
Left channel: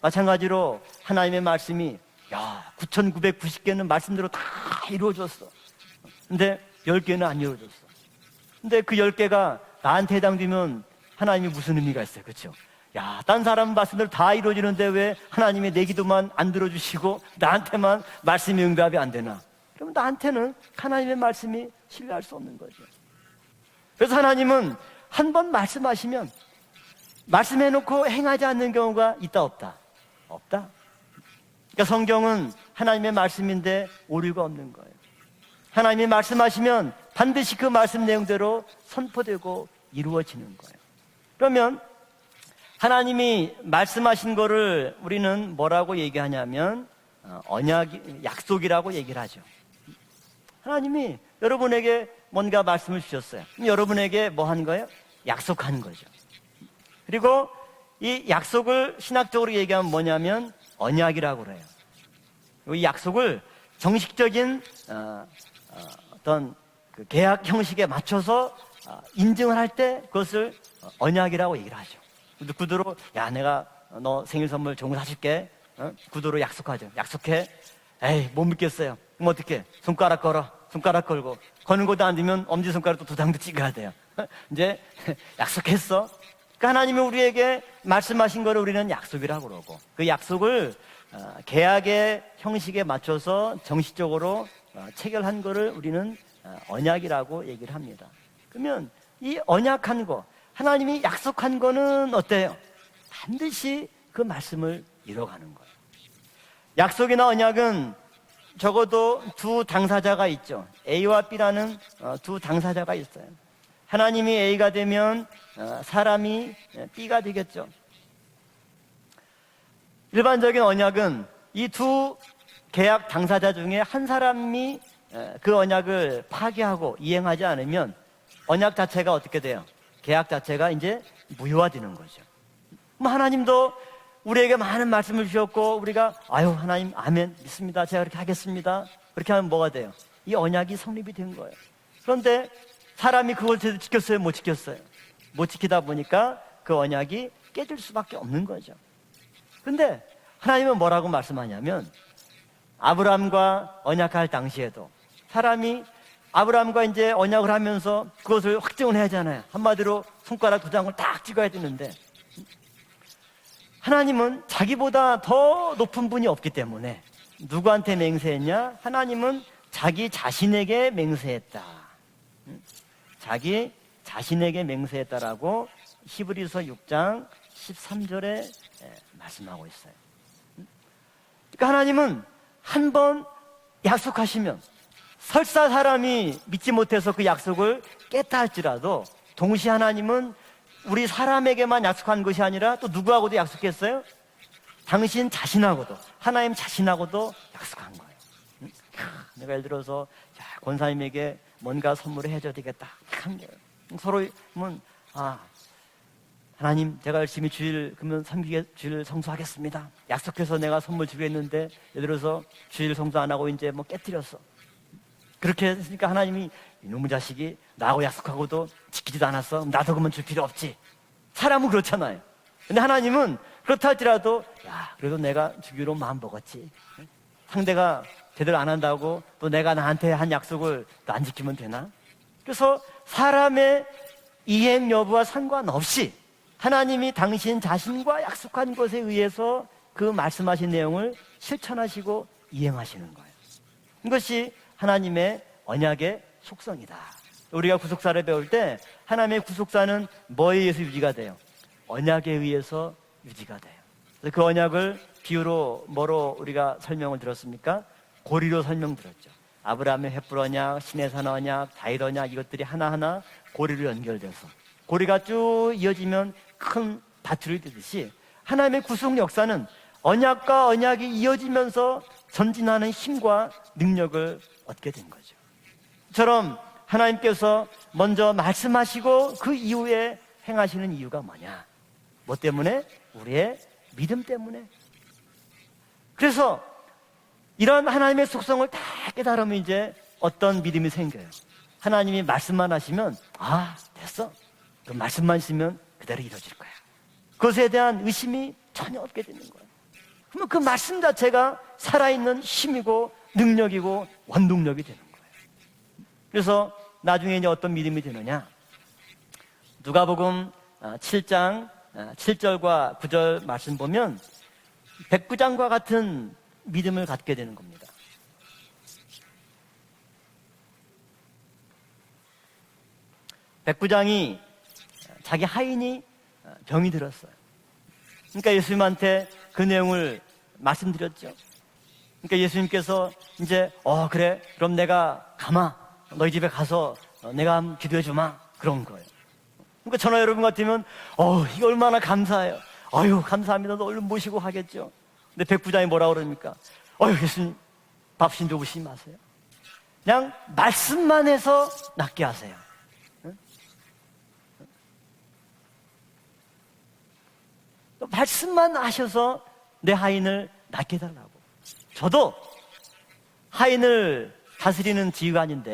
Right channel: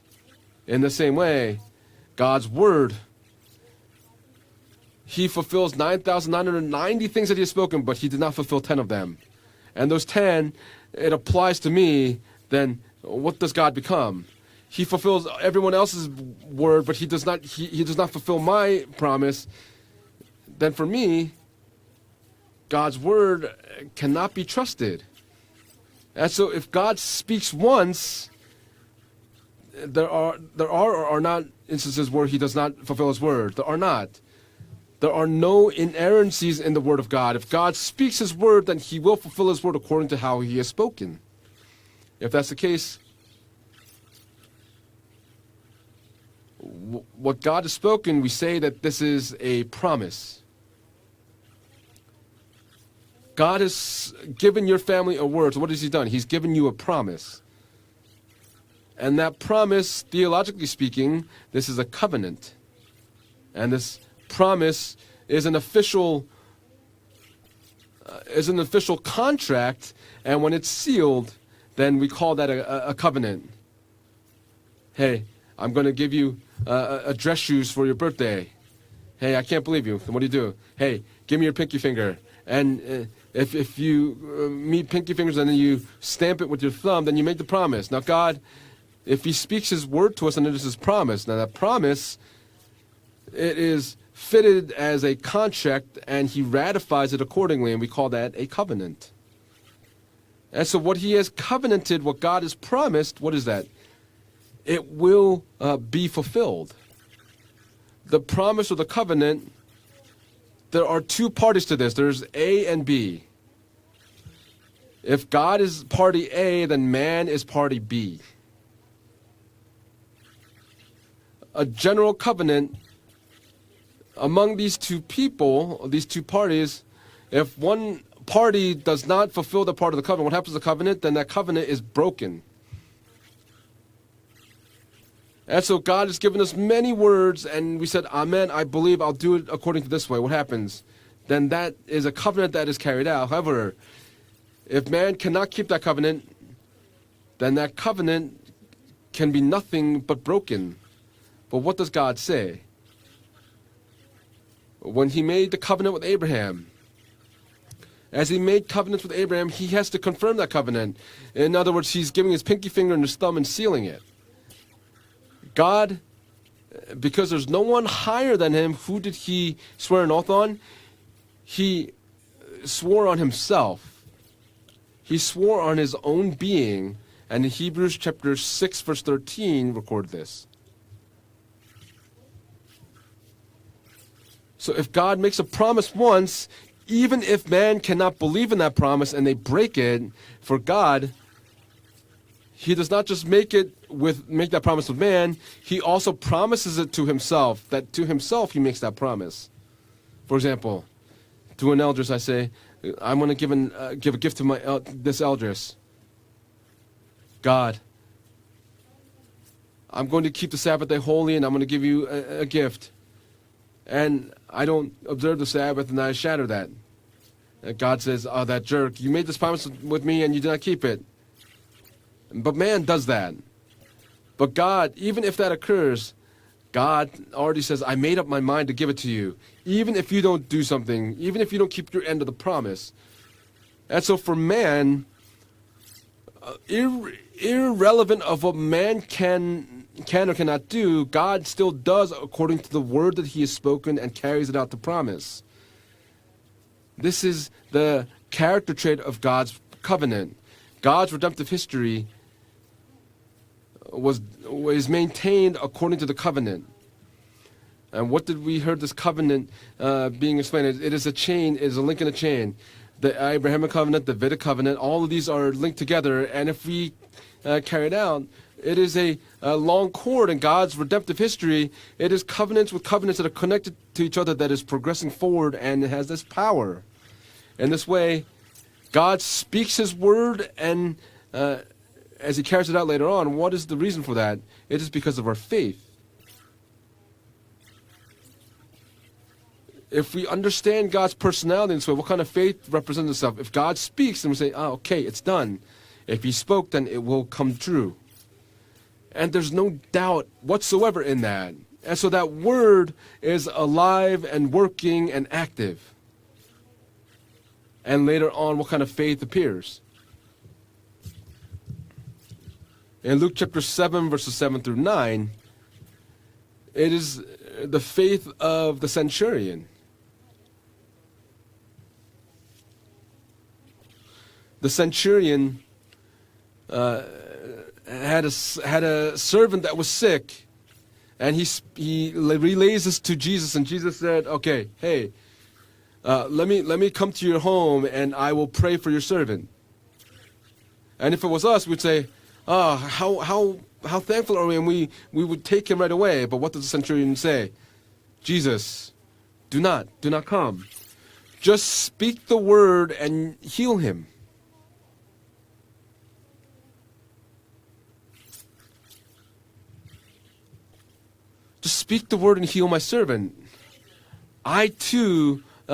마찬가지로 In the same 하나님의 way, 말씀이 God's word, 9,990개는 말씀대로 다 he 이루어졌어. fulfills 9,990 things that he has spoken, but he did not fulfill 10 근데 of 그 them. 10개가 And those 나한테 10, 담기면 it 하나님 applies to 무슨 의미가 me, 있어요? 그렇죠? then 야, what 딴 does 사람 God 말씀은 become? 다 이루어지는데 He 왜 fulfills 하나님이 everyone 내 else's 기도만 안 word, but he 들어주시고 does not 나한테만 fulfill 말씀이 my 응답이 안 되나? promise. 그럼 나한테는 Then for 하나님의 me, 말씀이 신뢰할 수 없는 거예요. God's word 그래서 cannot be 하나님은 trusted. 한 번 말씀하시면 And so if God speaks 말씀해놓고 once, 행하지 않는 경우가 있다 없다. there are or are not 그러니까 instances where he 성경은 does not fulfill 하나님의 his word. There 말씀인데 are not. 오류가 없는 거예요. There are no 하나님이 inerrancies in the 말씀하시면 word of God. If 반드시 그 God 말씀 speaks his 내용대로 word, then he will fulfill his 선포되고 word according to how 이루어지고. he has spoken. 그러면 If that's the case, 하나님이 말씀하신 거를 우리는 뭐라고 얘기하냐면 what God has 언약, spoken, we say that 약속이라고 this 얘기를 is 하죠. a promise. 하나님이 여러분에게 뭔가 말씀을 주셨어요. God has 여러분에게 뭐 given 하는 your 거예요? family a word. So what 약속하는 has he 거예요. done? He's given you a promise. 그리고 이 약속을 And that 신학적으로 얘기하면 promise, 뭐냐면 theologically speaking, 언약이라고 그래요. this is a covenant. 이 약속을 And this 정식적인 promise is an official 어떤 그 계약 형식에 맞춰서 is an official 인증할 contract, 때 그것을 and when it's sealed, 언약이라고 얘기를 하죠. then we call that 구두로 a covenant. 내가 너 생일 선물 좋은 거 Hey, 사줄게. I'm going to give you 구두로 약속하자. a dress shoes for your birthday. 못 믿겠어요. Hey, I can't believe you. 손가락 What do you 걸어. do? 손가락 Hey, 걸고. give me your pinky 거는 것도 finger. 안 되면 엄지 손가락 두당 if 찍어야 돼. you meet pinky fingers and then you 약속했어. stamp it with your 그러니까 thumb, 하나님은 then you make the 우리에게 promise. Now God, 말씀하신 거를 우리는 if He 약속이라고 speaks His 그러고. word to us, then 약속을 this is promise. Now that promise, 계약의 형식에 맞춰서 it is 정식적으로 fitted as a 체결한 거를 contract, 우리는 and He ratifies it 언약이라고 accordingly, and we call that a 그러면 covenant. 이 언약한 거 And so what 하나님이 He has 약속한 covenanted, 거는 what God 어때요? has promised, what is that? 반드시 그 말씀을 It will 이루어가는 거예요. be fulfilled. 약속이나 언약은 The promise of the 적어도 covenant, 두 당사자가 있죠. there are A와 two parties to B라는 this. There's 두 A and 당사자가 B. 있어요. 하나님이 A가 되면 If God is party 사람이 A, then man B가 is 되겠죠. party B. 일반적인 언약은 A 이 general 두 covenant 계약 당사자 중에 한 among 사람이 these two 그 people, 언약을 these two parties, 파기하고 이행하지 if 않으면 one party 언약 does 자체가 not 어떻게 fulfill 돼요? the part of the 계약 covenant, what happens to the 자체가 covenant? 이제 Then that covenant is 무효화되는 거죠. broken. 그럼 하나님도 우리에게 많은 말씀을 주셨고 And so God 우리가 has given us 아유, many 하나님, words, 아멘, and 믿습니다. we said, 제가 Amen, I 하겠습니다. believe I'll 그렇게 do it 하면 뭐가 according to 돼요? this way. What 우리 언약이 happens? 성립이 된 Then 거예요. that is a 그런데 covenant that is carried out. 사람이 However, 그것을 지켰어요, 못 지켰어요? if man 못 cannot keep 지키다 that covenant, 보니까 그 언약이 then that 깨질 수밖에 covenant 없는 거죠. can be nothing 근데 but 하나님은 broken. 뭐라고 But what does 말씀하냐면 God say? 아브라함과 언약할 당시에도 When he made the 사람이 covenant with Abraham, 아브라함과 이제 언약을 하면서 as he 그것을 made 확정을 covenant with 해야 Abraham, 되잖아요. he has to 한마디로 confirm that 손가락 두 covenant. 장을 딱 찍어야 In other words, 되는데 he's giving his pinky finger and his thumb and sealing it. 하나님은 자기보다 더 God, 높은 분이 없기 때문에 Because there's no one 누구한테 higher than him, 맹세했냐? who did 하나님은 he 자기 swear an oath on? 자신에게 맹세했다. He swore on 자기 himself. 자신에게 He swore on 맹세했다라고 his own 히브리서 being. 6장 And in Hebrews 13절에 chapter 6, verse 13, recorded this. 그러니까 하나님은 한 번 약속하시면 So if God makes a 설사 promise 사람이 once, 믿지 못해서 even 그 if man 약속을 cannot 깼다 believe in that 할지라도 promise and they 동시에 break it, 하나님은 for 우리 God, 사람에게만 약속한 것이 아니라 He 또 does not just 누구하고도 make it 약속했어요? make that promise to man, 당신 자신하고 He also 하나님 promises it to 자신하고도 himself, that to himself He makes that promise. 내가 예를 들어서 For example, 권사님에게 to an 뭔가 elders I 선물을 say, 해줘야 되겠다. I'm going to give a gift to my this elders. 하나님 제가 열심히 God, 주일 그러면 주일 성수하겠습니다. I'm going to keep the Sabbath day holy and I'm going to give you a gift. 주일 성수 안 하고 이제 뭐 And 깨뜨렸어. I don't observe the 그렇게 Sabbath and I shadow 하나님이 that. 이놈의 자식이 And 나하고 God says, oh, that 약속하고도 jerk, you made 지키지 this promise 않았어. 나도 with 그러면 me and you 필요 did not 없지. keep it. 사람은 그렇잖아요. But 근데 man does that. 하나님은 그렇다 할지라도 But God, even if that occurs, 마음 먹었지. God already says, I made up my mind to give it to you. Even if you don't do something, even if you don't keep your end of the 그래서 promise. 사람의 And so for 이행 man, 여부와 상관없이 하나님이 당신 irrelevant 자신과 of what 약속한 man 것에 의해서 그 can or cannot 말씀하신 do, 내용을 God still does 실천하시고 according to the 이행하시고 word that He has spoken and carries 이것이 it out to 하나님의 promise. 언약의 속성이다. This is 우리가 the 구속사를 배울 character 때 trait of 하나님의 God's 구속사는 covenant. 뭐에 의해서 God's 유지가 돼요? redemptive history 언약에 의해서 유지가 돼요. was 그 언약을 maintained 비유로 according to the 뭐로 covenant. 우리가 설명을 들었습니까? And what did we 고리로 heard this 설명- covenant 아브라함의 being 헷불어냐, explained? It is a 시내산하냐, chain, is a link in a 다이로냐, chain. 이것들이 하나하나 The Abrahamic 고리로 covenant, the 연결돼요. Vedic covenant, all of 우리가 these are 쭉 linked together. 이어지면 And if we 큰 다툼이 carry it out, it 하나님의 is 구속 a 역사는 long cord in 언약과 God's 언약이 redemptive history. 이어지면서 It is covenants with 전진하는 covenants that are 힘과 connected to each other 능력을 that is progressing forward and it has this 처럼 power. 하나님께서 In this way, 먼저 말씀하시고 God 그 speaks His 이후에 word 행하시는 and 이유가 뭐냐? as He 뭐 carries it 때문에? out later on, 예, what is the reason for 믿음 that? 때문에. It is because of our faith. 그래서 이런 하나님의 속성을 다 깨달으면 이제 If we 어떤 understand 믿음이 God's 생겨요. personality and so what kind 하나님이 of faith 말씀만 represents 하시면 itself. If God speaks, then we say, okay, it's done. 말씀하시면 If He spoke, then it will come 그것에 true. 대한 의심이 전혀 없어요. And there's no doubt 그러면 그 whatsoever 말씀 in that. 자체가 And so that 살아있는 word 힘이고 is 능력이고 alive and 원동력이고. working and active. 그래서 나중에 이제 어떤 믿음이 And later 있느냐? on, what kind of faith appears? 누가복음 7장 7절과 In Luke 9절 chapter 말씀 7, 보면 verses 7 through 9, 백부장과 같은 it 믿음을 is 갖게 되는 거예요. the faith of the centurion. 백부장이 The 자기 centurion 하인이 병이 들었어요. had 그러니까 a 예수님한테 servant 그 that was 내용을 sick, 말씀드렸죠. and he 그러니까 relays this 예수님께서 to Jesus, 이제 and Jesus said, 그래, "Okay, 그럼 hey, 내가 가마 너희 집에 let 가서 me come to your 내가 home, 기도해 and 주마. I will pray for your servant." 그러니까 저나 여러분 같으면 And if it was us, we'd 얼마나 say, 감사해요. how 감사합니다. 너무 how 모시고 thankful are we? And 가겠죠. we would 근데 take him 백부장이 right 뭐라고 away. But 그럽니까? what does the centurion say? 밥좀 Jesus, 주시 마세요. Do not 그냥 come. 말씀만 해서 Just speak 낫게 the 하세요. word and heal him. 말씀만 하셔서 내 하인을 낫게 해달라고. Just speak the 저도 word and heal my servant. 하인을 I 다스리는 too 지휘가 아닌데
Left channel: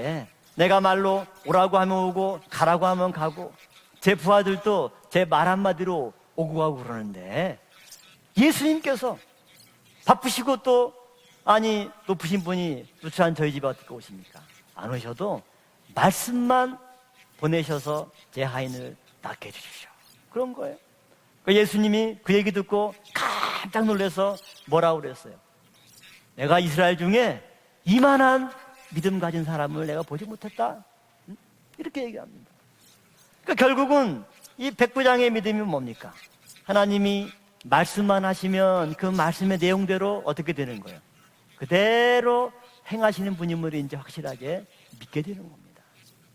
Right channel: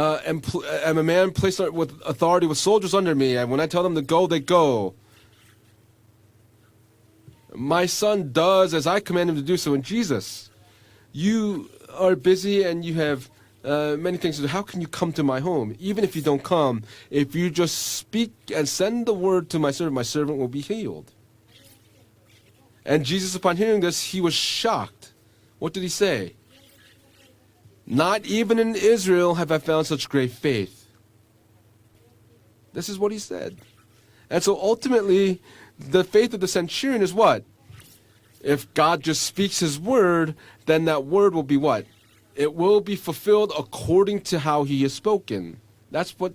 내가 am a 말로 man placed 오라고 with 하면 authority 오고 with 가라고 soldiers under 하면 me, and when I tell them to 제 go, they go. 부하들도 제 말 한마디로 오고 가고 그러는데 My son does as I 예수님께서 command him to do so. And Jesus, 바쁘시고 또 you 아니 are 높으신 busy 분이 and you have 부산 저희 집 앞에 many things to do. How can you come to 오셔도 my home? Even if you don't come, if you just 보내셔서 speak 제 and send the word to 하인을 my servant will be 그런 거예요. healed. 그러니까 예수님이 그 얘기 듣고 And Jesus, upon hearing 깜짝 this, he 놀라서 was 뭐라고 shocked. 그랬어요? What did he say? 내가 이스라엘 중에 Not 이만한 even in 믿음 Israel 가진 have I 사람을 found 내가 such 보지 great faith. 못했다. 이렇게 얘기합니다. This is what he said. 그러니까 결국은 And so 이 백부장의 ultimately, 믿음이 the 뭡니까? faith of the centurion is 하나님이 what? 말씀만 If 하시면 God 그 just 말씀의 speaks His 내용대로 word, 어떻게 되는 then that word will be what? 그대로 It will be 행하시는 fulfilled 분임을 according to 인정하시라고 how He has 믿게 spoken. 됩니다. That's what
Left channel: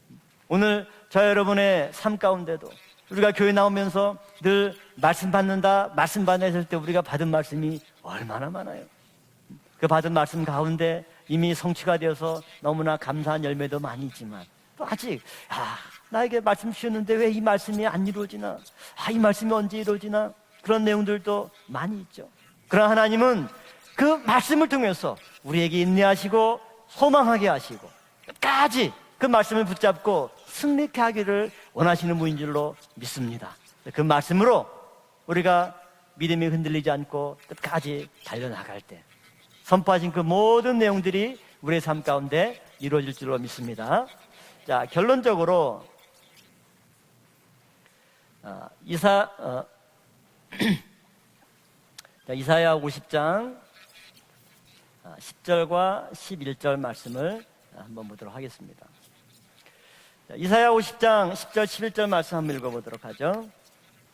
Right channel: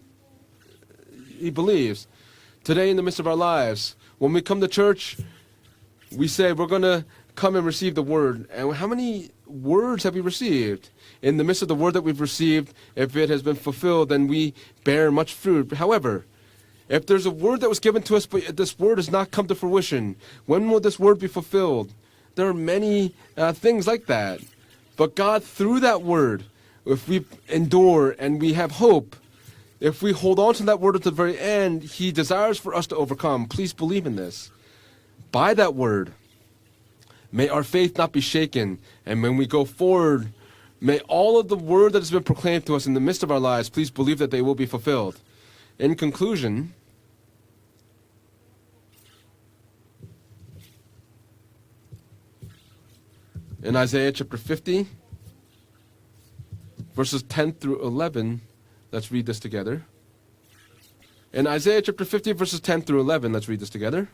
오늘 저 여러분의 believe. 삶 가운데도 Today in the midst of 우리가 our 교회 lives, 나오면서 when we come to 늘 church, 말씀 받는다 말씀 we say 받는 we're going to 우리가 받은 come and 말씀이 receive the word. 얼마나 And 많아요. how many 그 words 받은 have we 말씀 received? 가운데 In the 이미 midst of the word that we've 성취가 received, 되어서 너무나 if it has been 감사한 열매도 fulfilled, then 많이 we 있지만 bear 또 much fruit. However, 나에게 말씀 if 주셨는데 there's 왜 a 이 word that was 말씀이 given 안 to us, but 이루어지나? this word has 이 not come to 말씀이 언제 fruition, 이루어지나? when 그런 will this word be 내용들도 fulfilled? 많이 있죠. There are 그러나 하나님은 many things like 그 that. 말씀을 통해서 But God, 우리에게 through that 인내하시고 word, if we 소망하게 하시고 endure and we have 끝까지 hope, 그 말씀을 if we 붙잡고 hold on to that word at the 승리케 very 하기를 end, He 원하시는 desires 분들로 for us to overcome. 믿습니다. Please 그 believe in this. 말씀으로 By that 우리가 word, 믿음이 흔들리지 않고 may our faith 끝까지 not be shaken. 달려나갈 때 And when we go 선포하신 그 forward, 모든 may 내용들이 all of the 우리의 word 삶 that has been 가운데 proclaimed to us in the midst of our lives, please 이루어질 believe that they will be 자, fulfilled. 결론적으로 In conclusion, 이사야 50장 in Isaiah chapter 50, 10절과 11절 verses 말씀을 10 through 11, 하겠습니다. let's read this together. 자, 이사야 50장 In 10절 Isaiah 11절 chapter 50, 말씀 verses 10 through 11, let's 읽어보도록 하죠. read this together.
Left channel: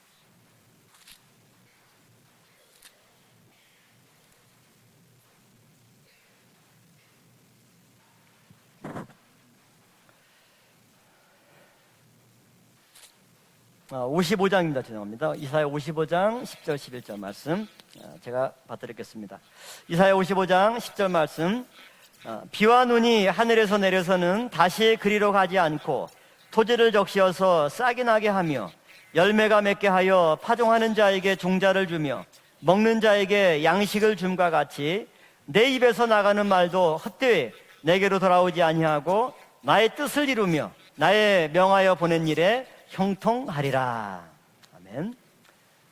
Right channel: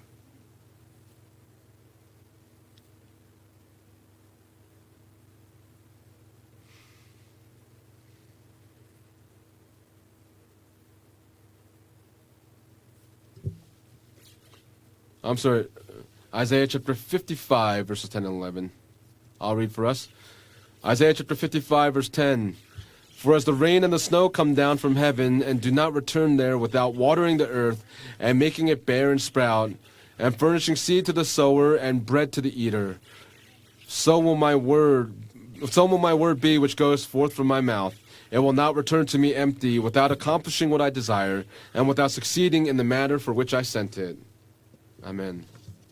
아, 55장입니다. 죄송합니다. I'm sorry. 이사야 55장 Isaiah 10절, chapter 11절 말씀. 55, verses 10 and 제가 11. 받드리겠습니다. I'll read for us. 이사야 55장 10절 Isaiah chapter 말씀. 55, verse 10. 비와 눈이 For as the 하늘에서 rain and the snow 내려서는 come down 다시 from 그리로 heaven 가지 and do not 않고 return there 토지를 without watering the 적셔서 earth 싹이 나게 and 하며 making it bear and 열매가 sprout 맺게 하여 and furnishing 파종하는 seed to the 자에게 sower 종자를 and 주며 bread to the eater. 먹는 자에게 양식을 So will 줌과 my 같이 word, 내 so will 입에서 my word 나가는 be which 말도 goes forth 헛되이 from my mouth. 내게로 It will 돌아오지 not return to 아니하고 me empty 나의 without 뜻을 accomplishing what I 이루며 desire 나의 and 명하여 without 보낸 succeeding 일에 in the manner for which I sent it. 형통하리라. 아멘. Amen.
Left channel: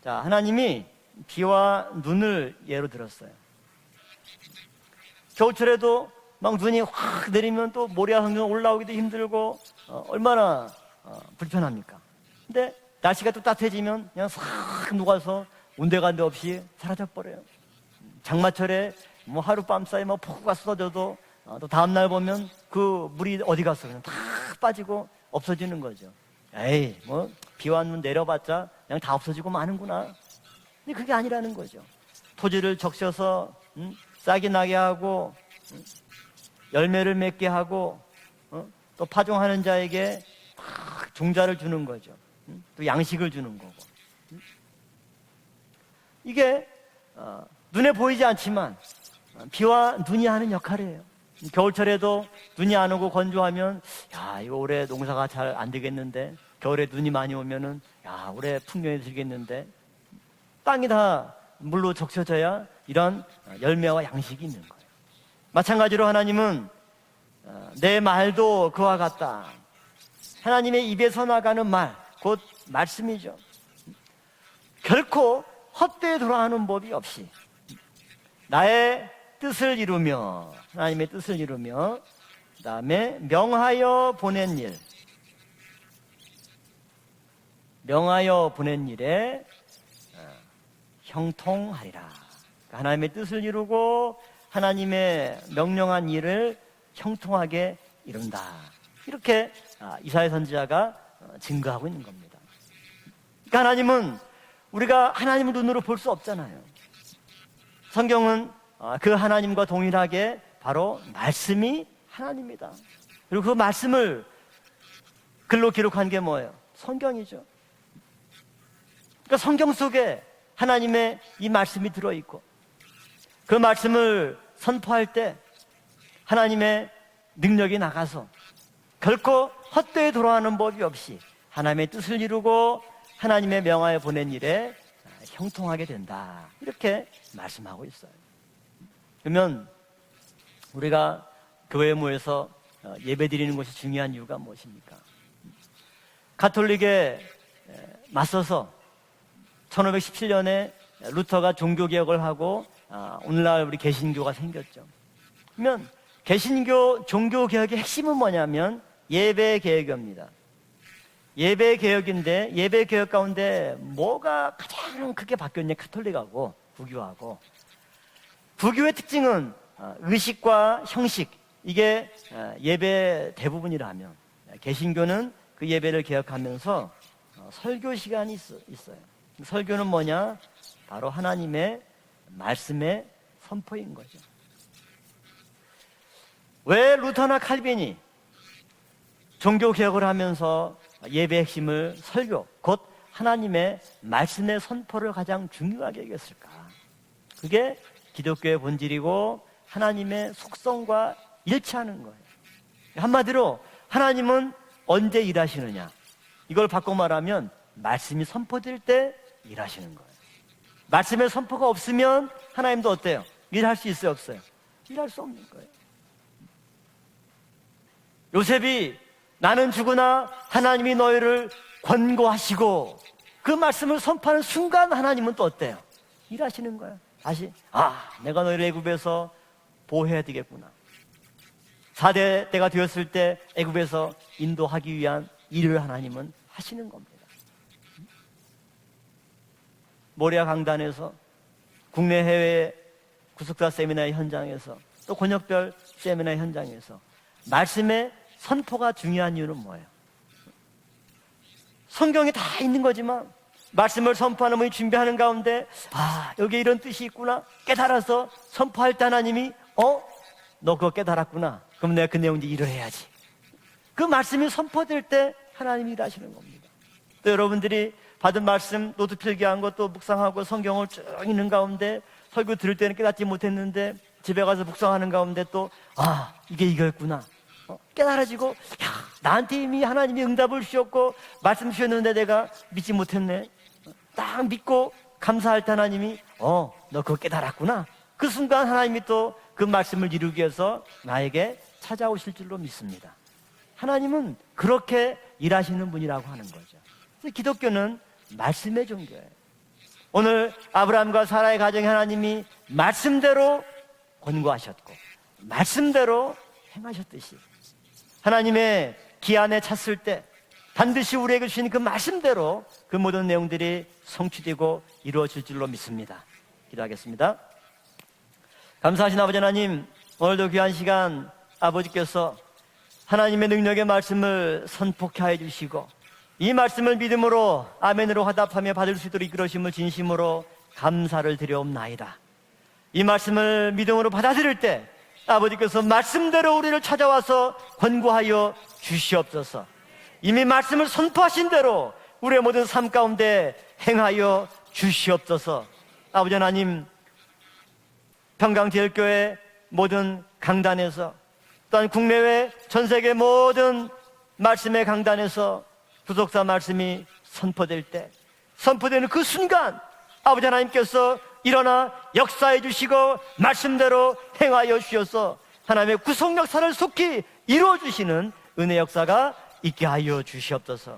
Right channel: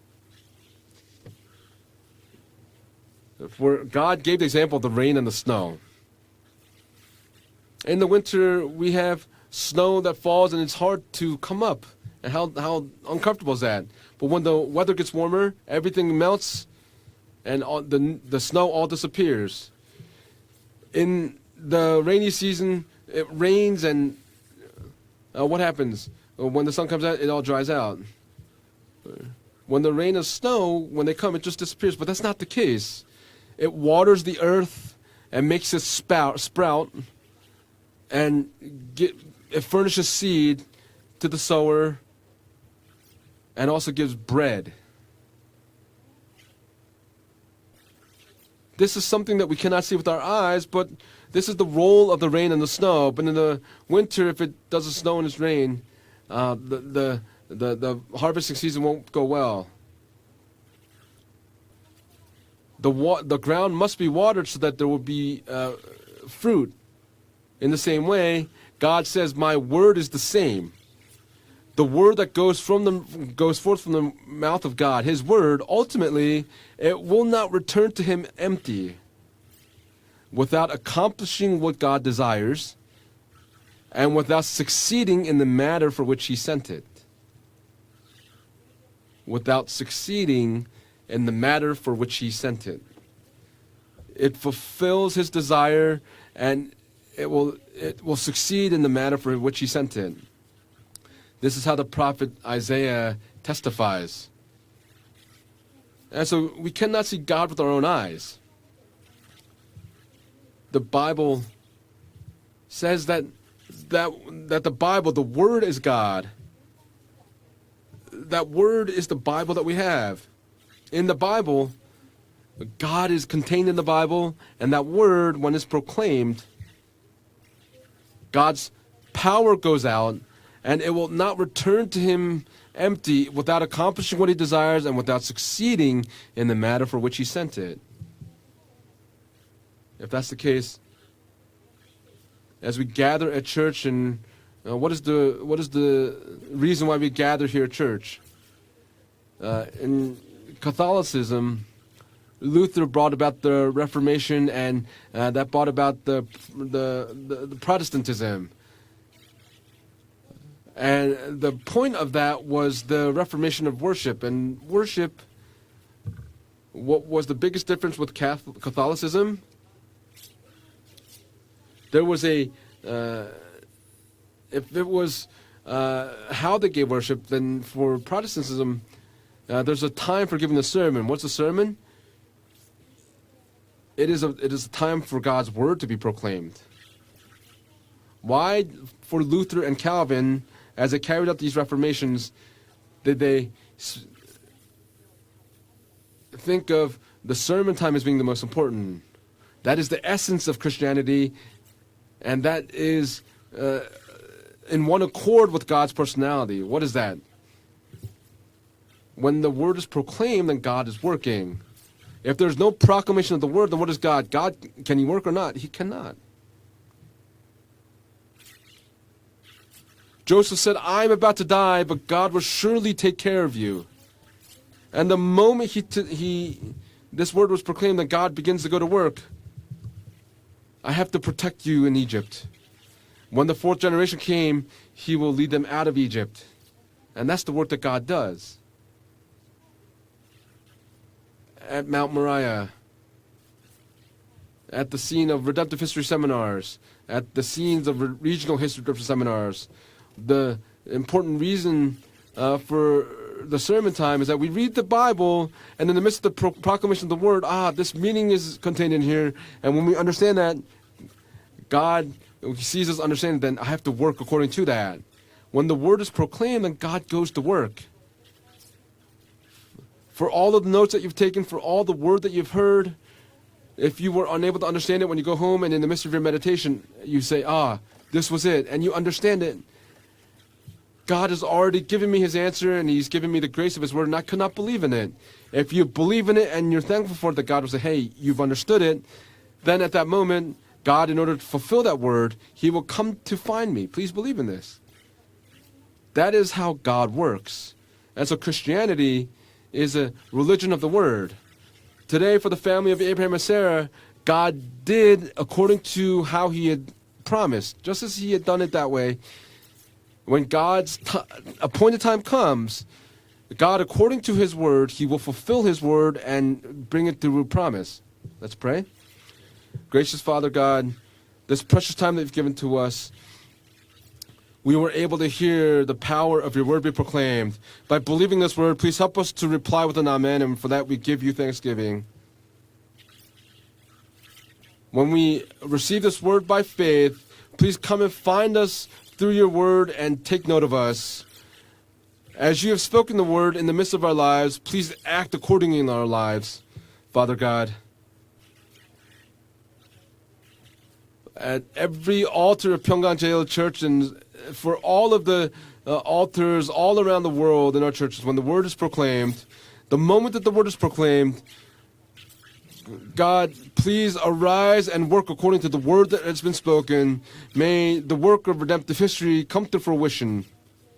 자, 하나님이 비와 눈을 예로 들었어요. For God gave the example of the rain and the snow. 겨울에도 막 눈이 확 내리면 또 In the 모래 한 개 winter, 올라오기 we have 힘들고 snow that 얼마나 falls and it's hard to come up. 불편합니까? And how 날씨가 uncomfortable is that? 따뜻해지면 But when the weather gets warmer, everything melts 사라져 버려요. and the snow all 장마철에 disappears. 뭐 하룻밤 사이 뭐 폭우가 쏟아져도 In 또 the 다음 날 rainy 보면 season, 그 it 물이 어디 rains 갔어? and 다 빠지고 what 없어지는 happens? 거죠. When the sun comes out, it all dries 비와 out. 눈 내려봤자 그냥 다 없어지고 When the 마는구나. rain and snow, when they 그게 come, 아니라는 it just 거죠. disappears. But that's not the 토지를 case. 적셔서 It waters the 싹이 나게 earth 하고 and makes it sprout, 열매를 맺게 하고 and 또 파종하는 it furnishes 자에게 seed to the 종자를 주는 sower 거죠. 또 양식을 주는 거죠. and also gives bread. 이게 눈에 보이지 않지만 This is something that we 비와 cannot see with our 눈이 하는 eyes, but 역할이에요. this is the role of the rain and the 눈이 안 snow. 오고 But in the 건조하면 winter, if 아, it 이거 올해 doesn't snow and 농사가 it's 잘 안 rain, 되겠는데 the, 겨울에 눈이 많이 오면 the harvesting season won't go well. 땅이 다 물로 적셔져야 The 이런 ground must 열매와 be watered so 양식이 that there will be 마찬가지로 하나님은 fruit. In the 내 same way, 말도 그와 God says, 같다. "My word is the same." 하나님의 입에서 나가는 말, The word that 곧 goes 말씀이죠. forth from the mouth of God, His 결코 word, 헛되이 ultimately, 돌아가는 법이 it will 없습니다. not return to Him empty 나의 뜻을 이루며 without 하나님의 accomplishing what God desires 그다음에 명하여 and 보낸 without 일, succeeding in the matter for which He sent it. 명하여 보낸 일에 Without succeeding in the matter for which He sent it. 하나님의 뜻을 이루고 It fulfills 하나님의 His desire 명령한 일을 and 형통하게 it will 이룬다. succeed in the matter for which He sent it. 이사야 선지자가 This is how the 증거하고 있는 prophet Isaiah 그러니까 하나님은 testifies. 우리가 하나님을 눈으로 볼 수 And so 없잖아요. we cannot see God with our own eyes. 성경은 그 하나님과 동일하게 바로 The Bible 말씀이 하나님이다. Says that 그리고 그 말씀을 that the Bible, the Word 글로 is 기록한 게 God. 뭐예요? 성경이죠. That Word is the 그러니까 Bible that 성경 we 속에 have. 하나님의 In the Bible, 이 말씀이 들어 있고 God is contained in the Bible, 말씀을 and that 선포할 Word, 때 when it's proclaimed, 하나님의 능력이 나가서 God's 결코 power goes 헛되이 out, 돌아가는 법이 and it will 없이 not return 하나님의 to 뜻을 Him 이루고 empty 하나님의 without 명하여 accomplishing what He 보낸 일에 desires and without succeeding 형통하게 in the matter 된다. for which He sent it. 말씀하고 있어요. 그러면 If that's the case, 우리가 교회 모여서 as we gather at 예배드리는 것이 church, 중요한 and 이유가 무엇이냐? what is the 가톨릭에 reason why we gather here at church? 맞서서 In 1517년에 Catholicism, 루터가 종교 개혁을 하고 Luther brought about 오늘날 the 우리 Reformation, 개신교가 and that brought about the 개신교 종교 개혁의 핵심은 Protestantism. 뭐냐면 예배 개혁입니다. And the 예배 point of 개혁인데 that was 예배 the 개혁 가운데 Reformation of worship. 뭐가 And worship, 가장 크게 바뀌었냐? 카톨릭하고 what was the biggest difference with 불교의 Catholicism? 특징은 의식과 형식 이게 There was a, 예배 대부분이라면 If it was 개신교는 그 예배를 how they gave 개혁하면서 worship, then for 설교 시간이 Protestantism, 있어요. there's a 설교는 time 뭐냐? for giving the sermon. 바로 What's a sermon? 하나님의 말씀의 선포인 거예요. It is a time for God's word to be proclaimed. 왜 루터나 칼빈이 Why, for Luther 종교 and 개혁을 Calvin, 하면서 as they carried out 예배 these 핵심을 reformations, 설교 곧 did they 하나님의 말씀의 선포를 가장 중요하게 여겼어요. think of the sermon time as being the most 기독교의 important? 본질이고 That is the 하나님의 essence of 속성과 Christianity, 일치하는 거예요. and that is 한마디로 하나님은 in one 언제 accord with 일하시느냐? God's personality. 이걸 What is 바꿔 that? 말하면 말씀이 선포될 때 When the word is 일하시는 거예요. proclaimed, then God is 말씀의 working. 선포가 없으면 If there's no 하나님도 어때요? proclamation of the word, then what 일하실 is 수 God? 없어요. God, can He work or not? He cannot. 요셉이 나는 죽으나 Joseph said, 하나님이 "I am about to 너희를 die, but God will surely 권고하시고 take care 그 of you." 말씀을 선포하는 순간 And the 하나님은 moment 어때요? he 일하시는 거예요. this word was proclaimed, that God 내가 begins to go to work. 애굽에서 보호해야 되겠구나. I have to protect you in Egypt. 4대 때가 되었을 때 When the fourth 애굽에서 generation came, 인도하기 He 위한 will lead them 일을 out of 하나님은 Egypt. 하시는 겁니다. And that's the work that God does. 모리아 강단에서 At Mount 국내 Moriah, 해외 구속사 세미나의 현장에서 at the 또 scene of 번역절 redemptive history 세미나 seminars, 현장에서 at the scenes of 말씀의 regional 선포가 history 중요한 seminars, 이유는 뭐예요? the important reason 성경에 다 있는 for 거지만 the sermon 말씀을 time is that we 선포하는 read the 준비하는 Bible, 가운데 and in the midst of the 여기 이런 proclamation 뜻이 of the word, 있구나 this meaning is 깨달아서 contained in 선포할 때 here. 하나님이 And when we understand that, 너 그거 깨달았구나. 그럼 내가 God 그 내용 이제 sees us 이루어야지. understanding, then I have to 그 work 말씀이 according to 선포될 that. 때 When the 하나님이 word is 하시는 proclaimed, then God goes 또 to work. 여러분들이 받은 말씀 노트 필기한 것도 묵상하고 For all of the 성경을 notes that you've taken, 읽는 for all the 가운데 word that you've 설교 들을 때는 heard, 깨닫지 못했는데 if you were 집에 unable 가서 to understand 묵상하는 it when you go 가운데 home, and in the midst of your 이게 meditation, 이거였구나. you say, this was it, and you understand 나한테 it. 이미 하나님이 응답을 주셨고 God has 말씀 already given 주셨는데 me His 내가 answer, and 믿지 He's given me 못했네. the grace of His word, and I 딱 cannot 믿고 believe in it. 감사할 If 때 you 하나님이 believe in it and you're 너 thankful 그거 for it, that God will say, 깨달았구나. hey, 그 you've 순간 understood 하나님이 it. 또 그 Then at 말씀을 that 이루기 moment, 위해서 God, in order 나에게 to fulfill that word, 찾아오실 줄로 He will 믿습니다. come to find me. Please believe in 하나님은 this. 그렇게 일하시는 분이라고. That is how God works. 기독교는 And so Christianity is a 오늘 religion of the 아브라함과 word. 사라의 가정에 하나님이 Today, for the family of Abraham and Sarah, God did according to how He had promised, just as He had done it that way. 하나님의 기한에 찼을 때 When God's 반드시 우리에게 주신 그 appointed time 말씀대로 comes, 그 모든 내용들이 God, according to His 성취되고 word, He will 이루어질 fulfill 줄로 His word 믿습니다. and bring it through promise. Let's pray. 감사하신 아버지 하나님, Gracious 오늘도 Father 귀한 God, 시간 this precious time 아버지께서 that you've given to us, 하나님의 능력의 말씀을 we were able to 선포하여 hear 주시고 the power of 이 your word 말씀을 be proclaimed. 믿음으로 By 아멘으로 believing this 화답하며 word, 받을 please 수 help 있도록 us to 이끌어주심을 reply with an amen, 진심으로 and for that we give you 감사를 thanksgiving. 드리옵나이다. 이 말씀을 믿음으로 받아들일 때 When we 아버지께서 receive this word 말씀대로 by 우리를 faith, 찾아와서 please come and 권고하여 find us through your 주시옵소서. word and 이미 take note of 말씀을 us. 선포하신 대로 우리의 As 모든 you 삶 have spoken the 가운데 word in the midst of our 행하여 lives, please act 주시옵소서. accordingly in our 아버지 lives. 하나님, Father God, 평강제일교회 모든 강단에서 at 또한 every 국내외 altar of 전 세계 Pyongyang Jail Church 모든 and for 말씀의 all of the 강단에서 altars all around the world in our churches. When the word is 선포되는 그 proclaimed, 순간 the moment 아버지 that the word is 하나님께서 proclaimed, 일어나 역사해 주시고 God, 말씀대로 please 행하여 arise and work 주셔서 according to the 하나님의 word 구속 that has been 역사를 속히 spoken. 이루어 May the 주시는 work of 은혜 redemptive 역사가 history come to 있게 하여 fruition. 주시옵소서.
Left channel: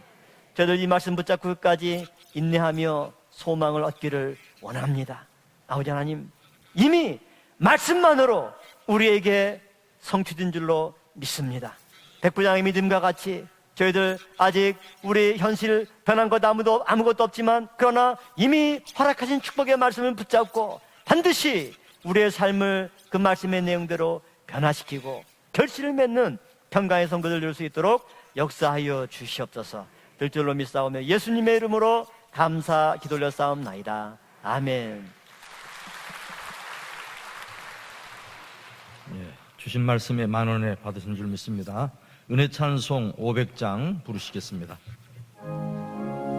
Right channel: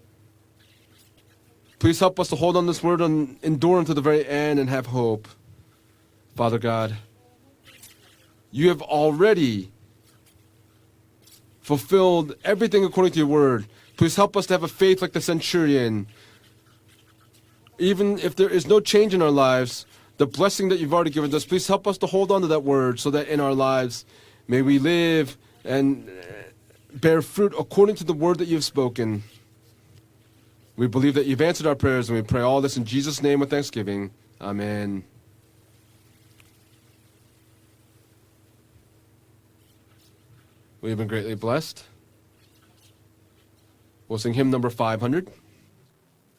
저들 이 말씀 붙잡고 끝까지 Please help us to hold on this word and endure to the very end and have hope. 아버지 하나님, Father God, 이미 말씀만으로 you have 우리에게 already 성취된 줄로 믿습니다. fulfilled 백부장의 everything 믿음과 according 같이 to your word. 저희들 Please help us to have a 아직 faith like the 우리의 현실 centurion. 변한 것 아무것도 없지만 그러나 Even if there is 이미 no change in our 허락하신 lives, 축복의 말씀을 the blessing that you've already given us, 반드시 please help us to 우리의 hold on to that 삶을 word so 그 that in our 말씀의 lives 내용대로 may we live 결실을 and 맺는 평강의 bear 선물을 fruit 줄 수 according 있도록 to the word that you've 역사하여 spoken. 주시옵소서. 들줄로 We 믿사오며 believe that you've 예수님의 answered our 이름으로 prayers, and we pray all this in 감사 Jesus' name with 돌려사옵나이다. thanksgiving. Amen. 주신 말씀에 만원의 We've been greatly blessed. 받으셨습니다. 은혜 찬송 500장 We'll sing hymn number 부르시겠습니다. 500.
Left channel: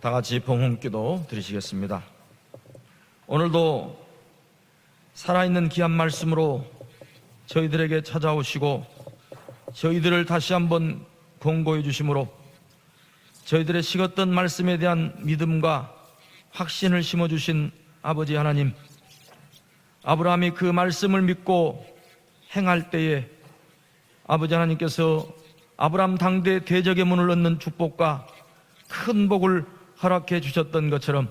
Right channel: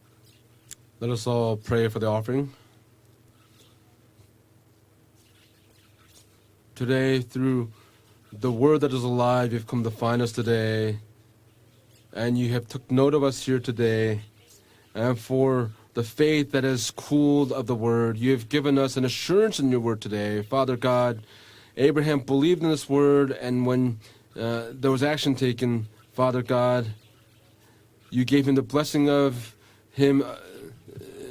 다 같이 봉헌기도 Also pray for 드리시겠습니다. the offering. 오늘도 살아있는 귀한 말씀으로 Today, through 저희들에게 the 찾아오시고 word that is alive, you've come to find 저희들을 us 다시 today. 한번 권고해 주심으로 And you have took note of us here 저희들의 today. 식었던 말씀에 대한 And for 믿음과 the faith that is 확신을 cooled 심어주신 of the word, 아버지 you have given 하나님, us an assurance in your word today. 아브라함이 그 Father 말씀을 God, 믿고 Abraham believed in 행할 this 때에 word, and when 아버지 there was 하나님께서 action taken, 아브라함 Father 당대 God, 대적의 문을 얻는 축복과 you gave him the blessing 큰 of 복을 him, 허락해 주셨던 것처럼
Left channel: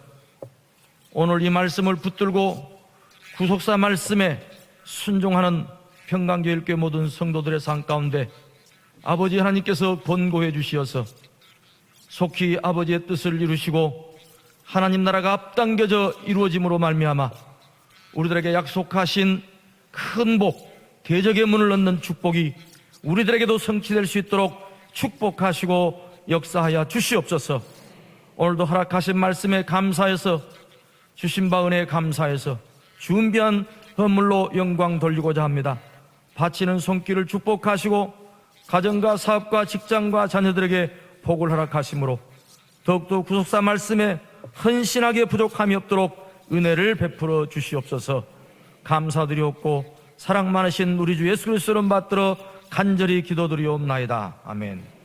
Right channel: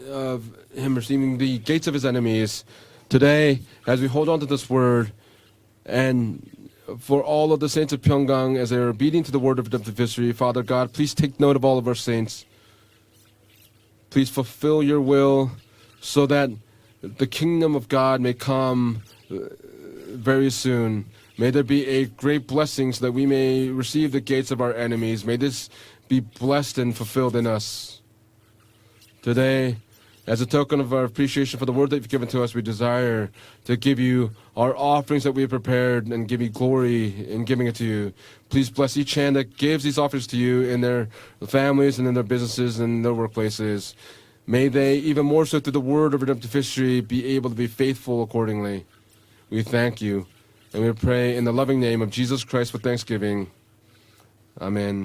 him receiving 오늘 이 the gates of 말씀을 his enemies. 붙들고 Today, 구속사 as we hold 말씀에 on to this word, 순종하는 and 평강교회교회 모든 for all of the 성도들의 삶 saints of 가운데 Pyeonggang, as they are obedient to 아버지 the word of 하나님께서 the history, 권고해 Father God, 주시어서 please take note of all of our saints. 속히 아버지의 뜻을 이루시고 Please fulfill your 하나님 나라가 will 앞당겨져 so that 이루어짐으로 말미암아 the kingdom of God may 우리들에게 come 약속하신 큰 very 복, soon. 대적의 May 문을 there be 넣는 a 축복이 great blessing so that we may 우리들에게도 성취될 receive 수 the gates 있도록 of our enemies. May this 축복하시고 be blessed 역사하여 and fulfilled in 주시옵소서. us. 오늘도 허락하신 말씀에 Today, 감사해서 as a token of our 주신 appreciation for the 바은혜 word that you've given to us, 감사해서 we desire 준비한 to give you 선물로 our 영광 offerings that 돌리고자 we 합니다. prepared and give you 바치는 glory 손길을 in giving it to you. 축복하시고 Please bless each 가정과 hand that 사업과 gives these 직장과 offerings to you in 자녀들에게 their 복을 families and in 허락하심으로 their businesses and in their 더욱더 구속사 workplaces. 말씀에 May they 헌신하게 even more so 부족함이 to the word 없도록 of redemptive 은혜를 history be 베풀어 able to be faithful 주시옵소서. accordingly. We 감사드리옵고 thank you. 사랑 많으신 And we 우리 pray in the 예수 loving 이름 name of 받들어 Jesus Christ for 간절히 thanksgiving. 기도드리옵나이다. 아멘. Amen.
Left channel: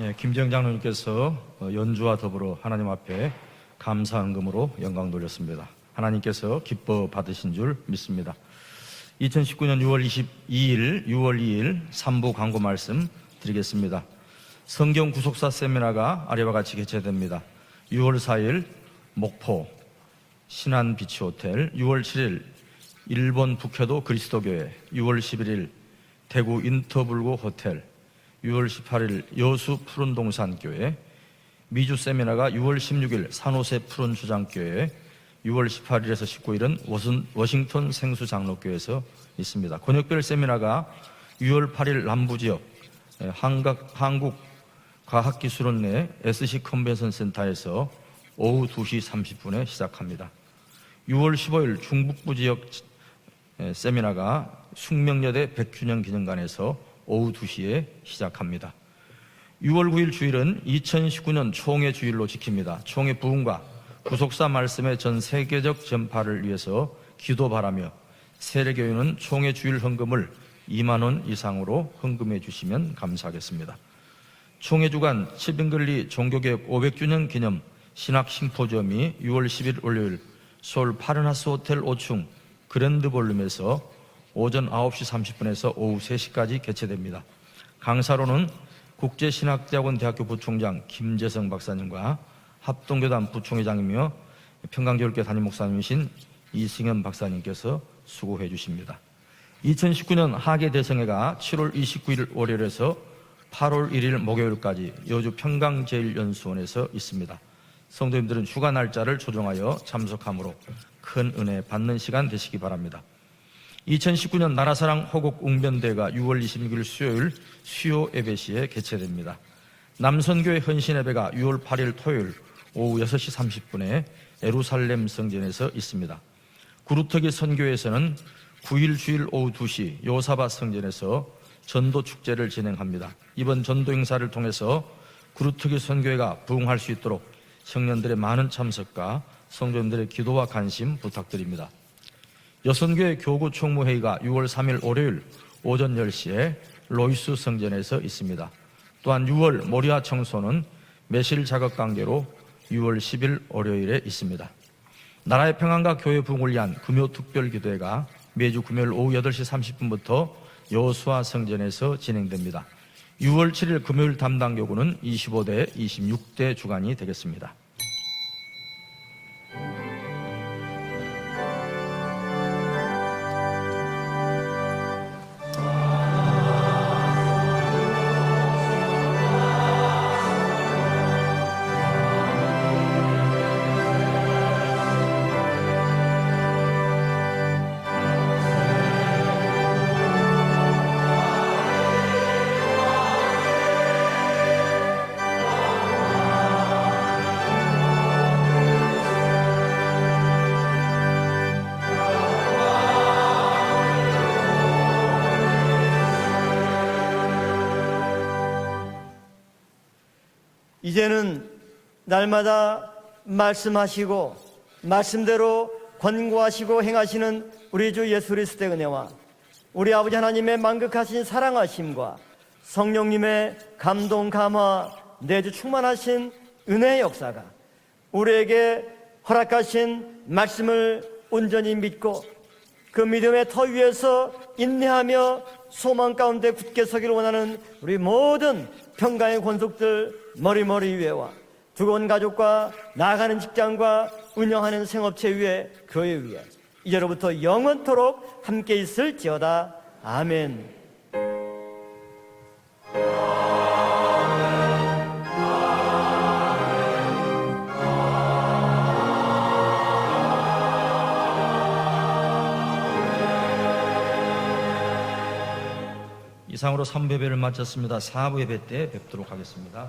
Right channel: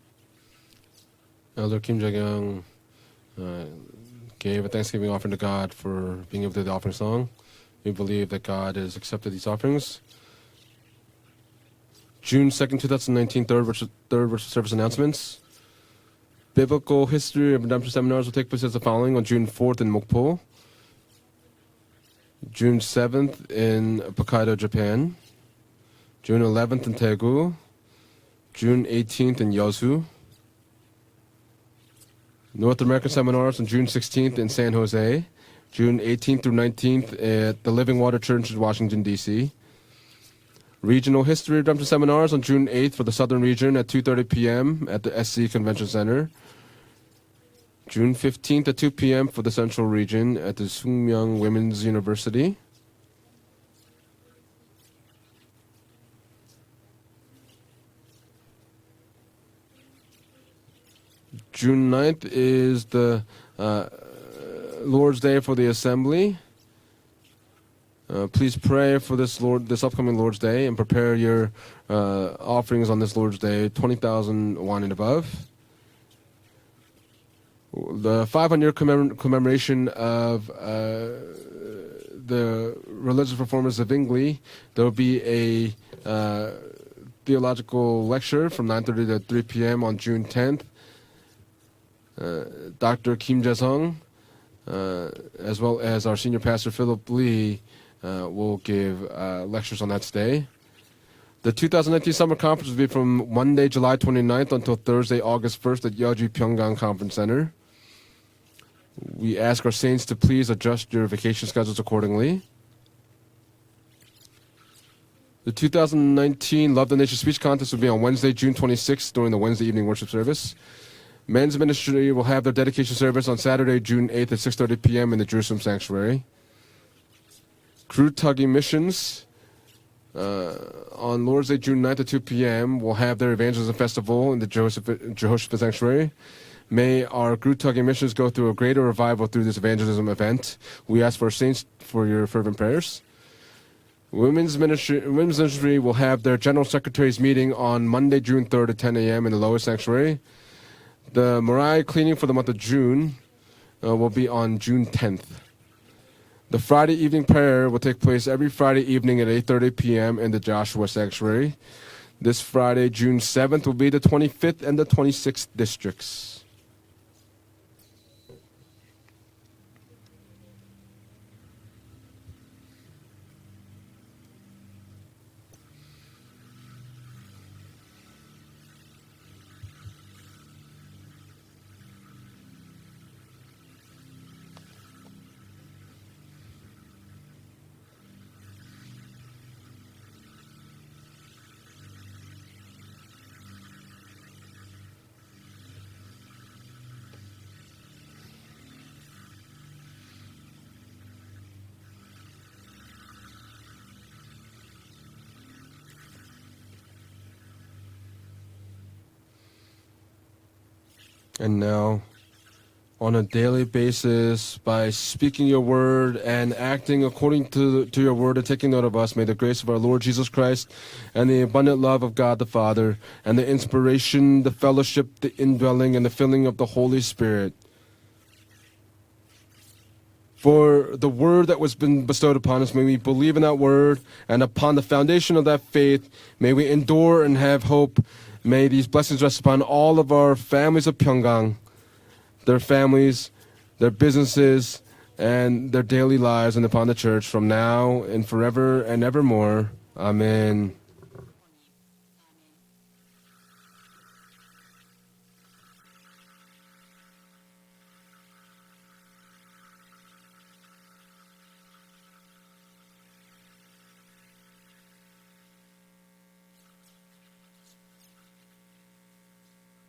예, 김정 장로님께서 Elder Kim 연주와 Jong-young, 더불어 하나님 앞에 감사한 gave 금으로 a thanksgiving offering to God for 하나님께서 giving the offer 기뻐 song. 받으신 줄 We believe 믿습니다. that God has accepted this 2019년 offering. 6월 22일, 6월 2일 삼부 June 광고 2nd, 말씀 2019, 드리겠습니다. third service 성경 announcements. 구속사 세미나가 아래와 같이 Biblical history of redemption 6월 seminars will take 4일 place as the following on June 목포 4th in Mokpo, 신안 비치 호텔, 6월 7일 June 7th 일본 in 북해도 Hokkaido, 그리스도교회, Japan, 6월 11일 June 대구 11th in 인터블루 Daegu, 호텔, 6월 June 18일 18th in 여수 Yosu. 푸른동산 교회, 미주 세미나가 6월 North American 16일 seminars on 산호세 June 16th in San 푸른주장교회, Jose, 6월 June 18일에서 18th through 19th at the Living Water Church in Washington, D.C. 있습니다. 권역별 세미나가 Regional History 6월 8일 seminars on 남부 June 8th for the Southern region at 2:30 한국 p.m. at the SC Convention Center. SC 컨벤션 센터에서 June 15th at 2 p.m. for the 2시 Central 30분 region at the 6월 Sungmyeon 15일 Women's 충북 University. 지역 세미나가 숙명여대 100주년 기념관에서 오후 2시에 시작합니다. 6월 9일 주일은 2019년 June 총회 주일로 9th 지킵니다. is 총회 the 부흥과 구속사 말씀의 전 Lord's Day for the 세계적 Assembly. 전파를 위해서 기도 바라며 Please pray for this, 총회 this 주일 upcoming 헌금을 Lord's Day and 2만 prepare 원 your 이상으로 헌금해 offerings on 주시면 this Lord's Day, $20,000 감사하겠습니다. 총회 and 주간 above. 칠빙글리 종교개혁 500주년 기념 The 신학 500-year 심포지엄이 6월 10일 commemoration 월요일 of 서울 파르나스 호텔 5층 the 그랜드 religious performance 볼룸에서 of Bingley. 오전 There will 9시 be a 30분에서 오후 3시까지 개최됩니다. theological lecture 강사로는 from 9:30 to 3 p.m. on June 국제신학대학원 대학교 10th. 부총장 김재성 박사님과 Dr. 합동교단 Kim Jae-sung, 부총장이며 평강교육교 담임 as well as our 목사님이신 senior pastor 이승현 Philip Lee, 박사님께서 수고해 will give 주십니다. lectures on that day. 2019년 하계 대성회가 The 7월 2019 summer conference will be 29일 from Monday, July 8월 1일 29th until 목요일까지 Thursday, 여주 August 1st at Yeoju Pyeonggang 평강제일전시원에서 Conference Center. 성도님들은 휴가 날짜를 We ask our 조정하여 saints to please 참석함으로 adjust your 큰 vacation 은혜 schedules 받는 시간 accordingly. 되시기 바랍니다. 2019년 나라사랑 허곡 The 웅변대회가 6월 2019 Love the Nation 26일 Speech Contest will be on Wednesday, June 26th during the Wednesday evening worship service. 남선교회 헌신예배가 Men's 6월 8일 ministry 토요일 will have their dedication 오후 service on 6시 Saturday, 30분에 June 8th at 6:30 p.m. in the Jerusalem 예루살렘 Sanctuary. 성전에서 구루터기 선교에서는 Kurutagi 9일 Missions 주일 오후 2시 요사바 성전에서 on Lord's Day, June 9th at 2 p.m. will have their evangelism festival in the Jehoshaphat 구루터기 Sanctuary. 선교회가 부흥할 수 May 있도록 our Kurutagi missions go through a greater revival through this evangelism event. We ask for saints for your fervent prayers. 여성교회 교구 총무회의가 6월 Women's 3일 ministry, 월요일 women's ministry will 오전 have their 10시에 general secretaries 롤스 meeting on 성전에서 Monday, June 있습니다. 3rd at 10 a.m. 또한 in the 6월 lower 모리아 sanctuary. 청소는 The 매실 Mariah cleaning 자격강도 for the month of 6월 June 10일 월요일에 will be 있습니다. on June 10th. 나라의 평안과 교회 부흥을 The 위한 Friday 금요 evening 특별 prayer will 기도회가 take place every 매주 Friday 금요일 evening at 오후 8시 8:30 p.m. in the Joshua 30분부터 Sanctuary. 여수와 성전에서 This 진행됩니다. Friday, June 6월 7th, will 7일 be the 금요일 담당 25th and the 교구는 26th 25대, districts. 26대 주간이 되겠습니다. 이제는 And now, 날마다 on a daily 말씀하시고 basis, by speaking your 말씀대로 word and 권고하시고 acting according 행하시는 to 우리 주 your 예수 word and 그리스도의 taking note of 은혜와 us, may the grace of our 우리 Lord 아버지 Jesus 하나님의 Christ 만극하신 and the abundant love of 사랑하심과 God the Father and the 성령님의 inspiration, the 감동, 감화, fellowship, the 내주 indwelling, and the 충만하신 filling of the 은혜의 Holy 역사, Spirit. 우리에게 허락하신 For 말씀을 the word that was 온전히 been 믿고 bestowed upon us, may we 그 believe in 믿음의 that 터위 word, 위에서 and upon the 인내하며 foundation of that faith, 소망 가운데 may we 굳게 서기를 endure and 원하는 have hope. 우리 모든 May these blessings rest upon 평강의 all of our 권속들 families of 머리머리 위에와 Pyeonggang, 두건 가족과 their families, 나아가는 직장과 their businesses, 운영하는 생업체 위에 and their daily lives, and upon the church 이제로부터 from now 영원토록 and forever 함께 and evermore. 있을지어다. Amen. 이상으로 3부 예배를 마쳤습니다. 4부 예배 때 뵙도록 하겠습니다.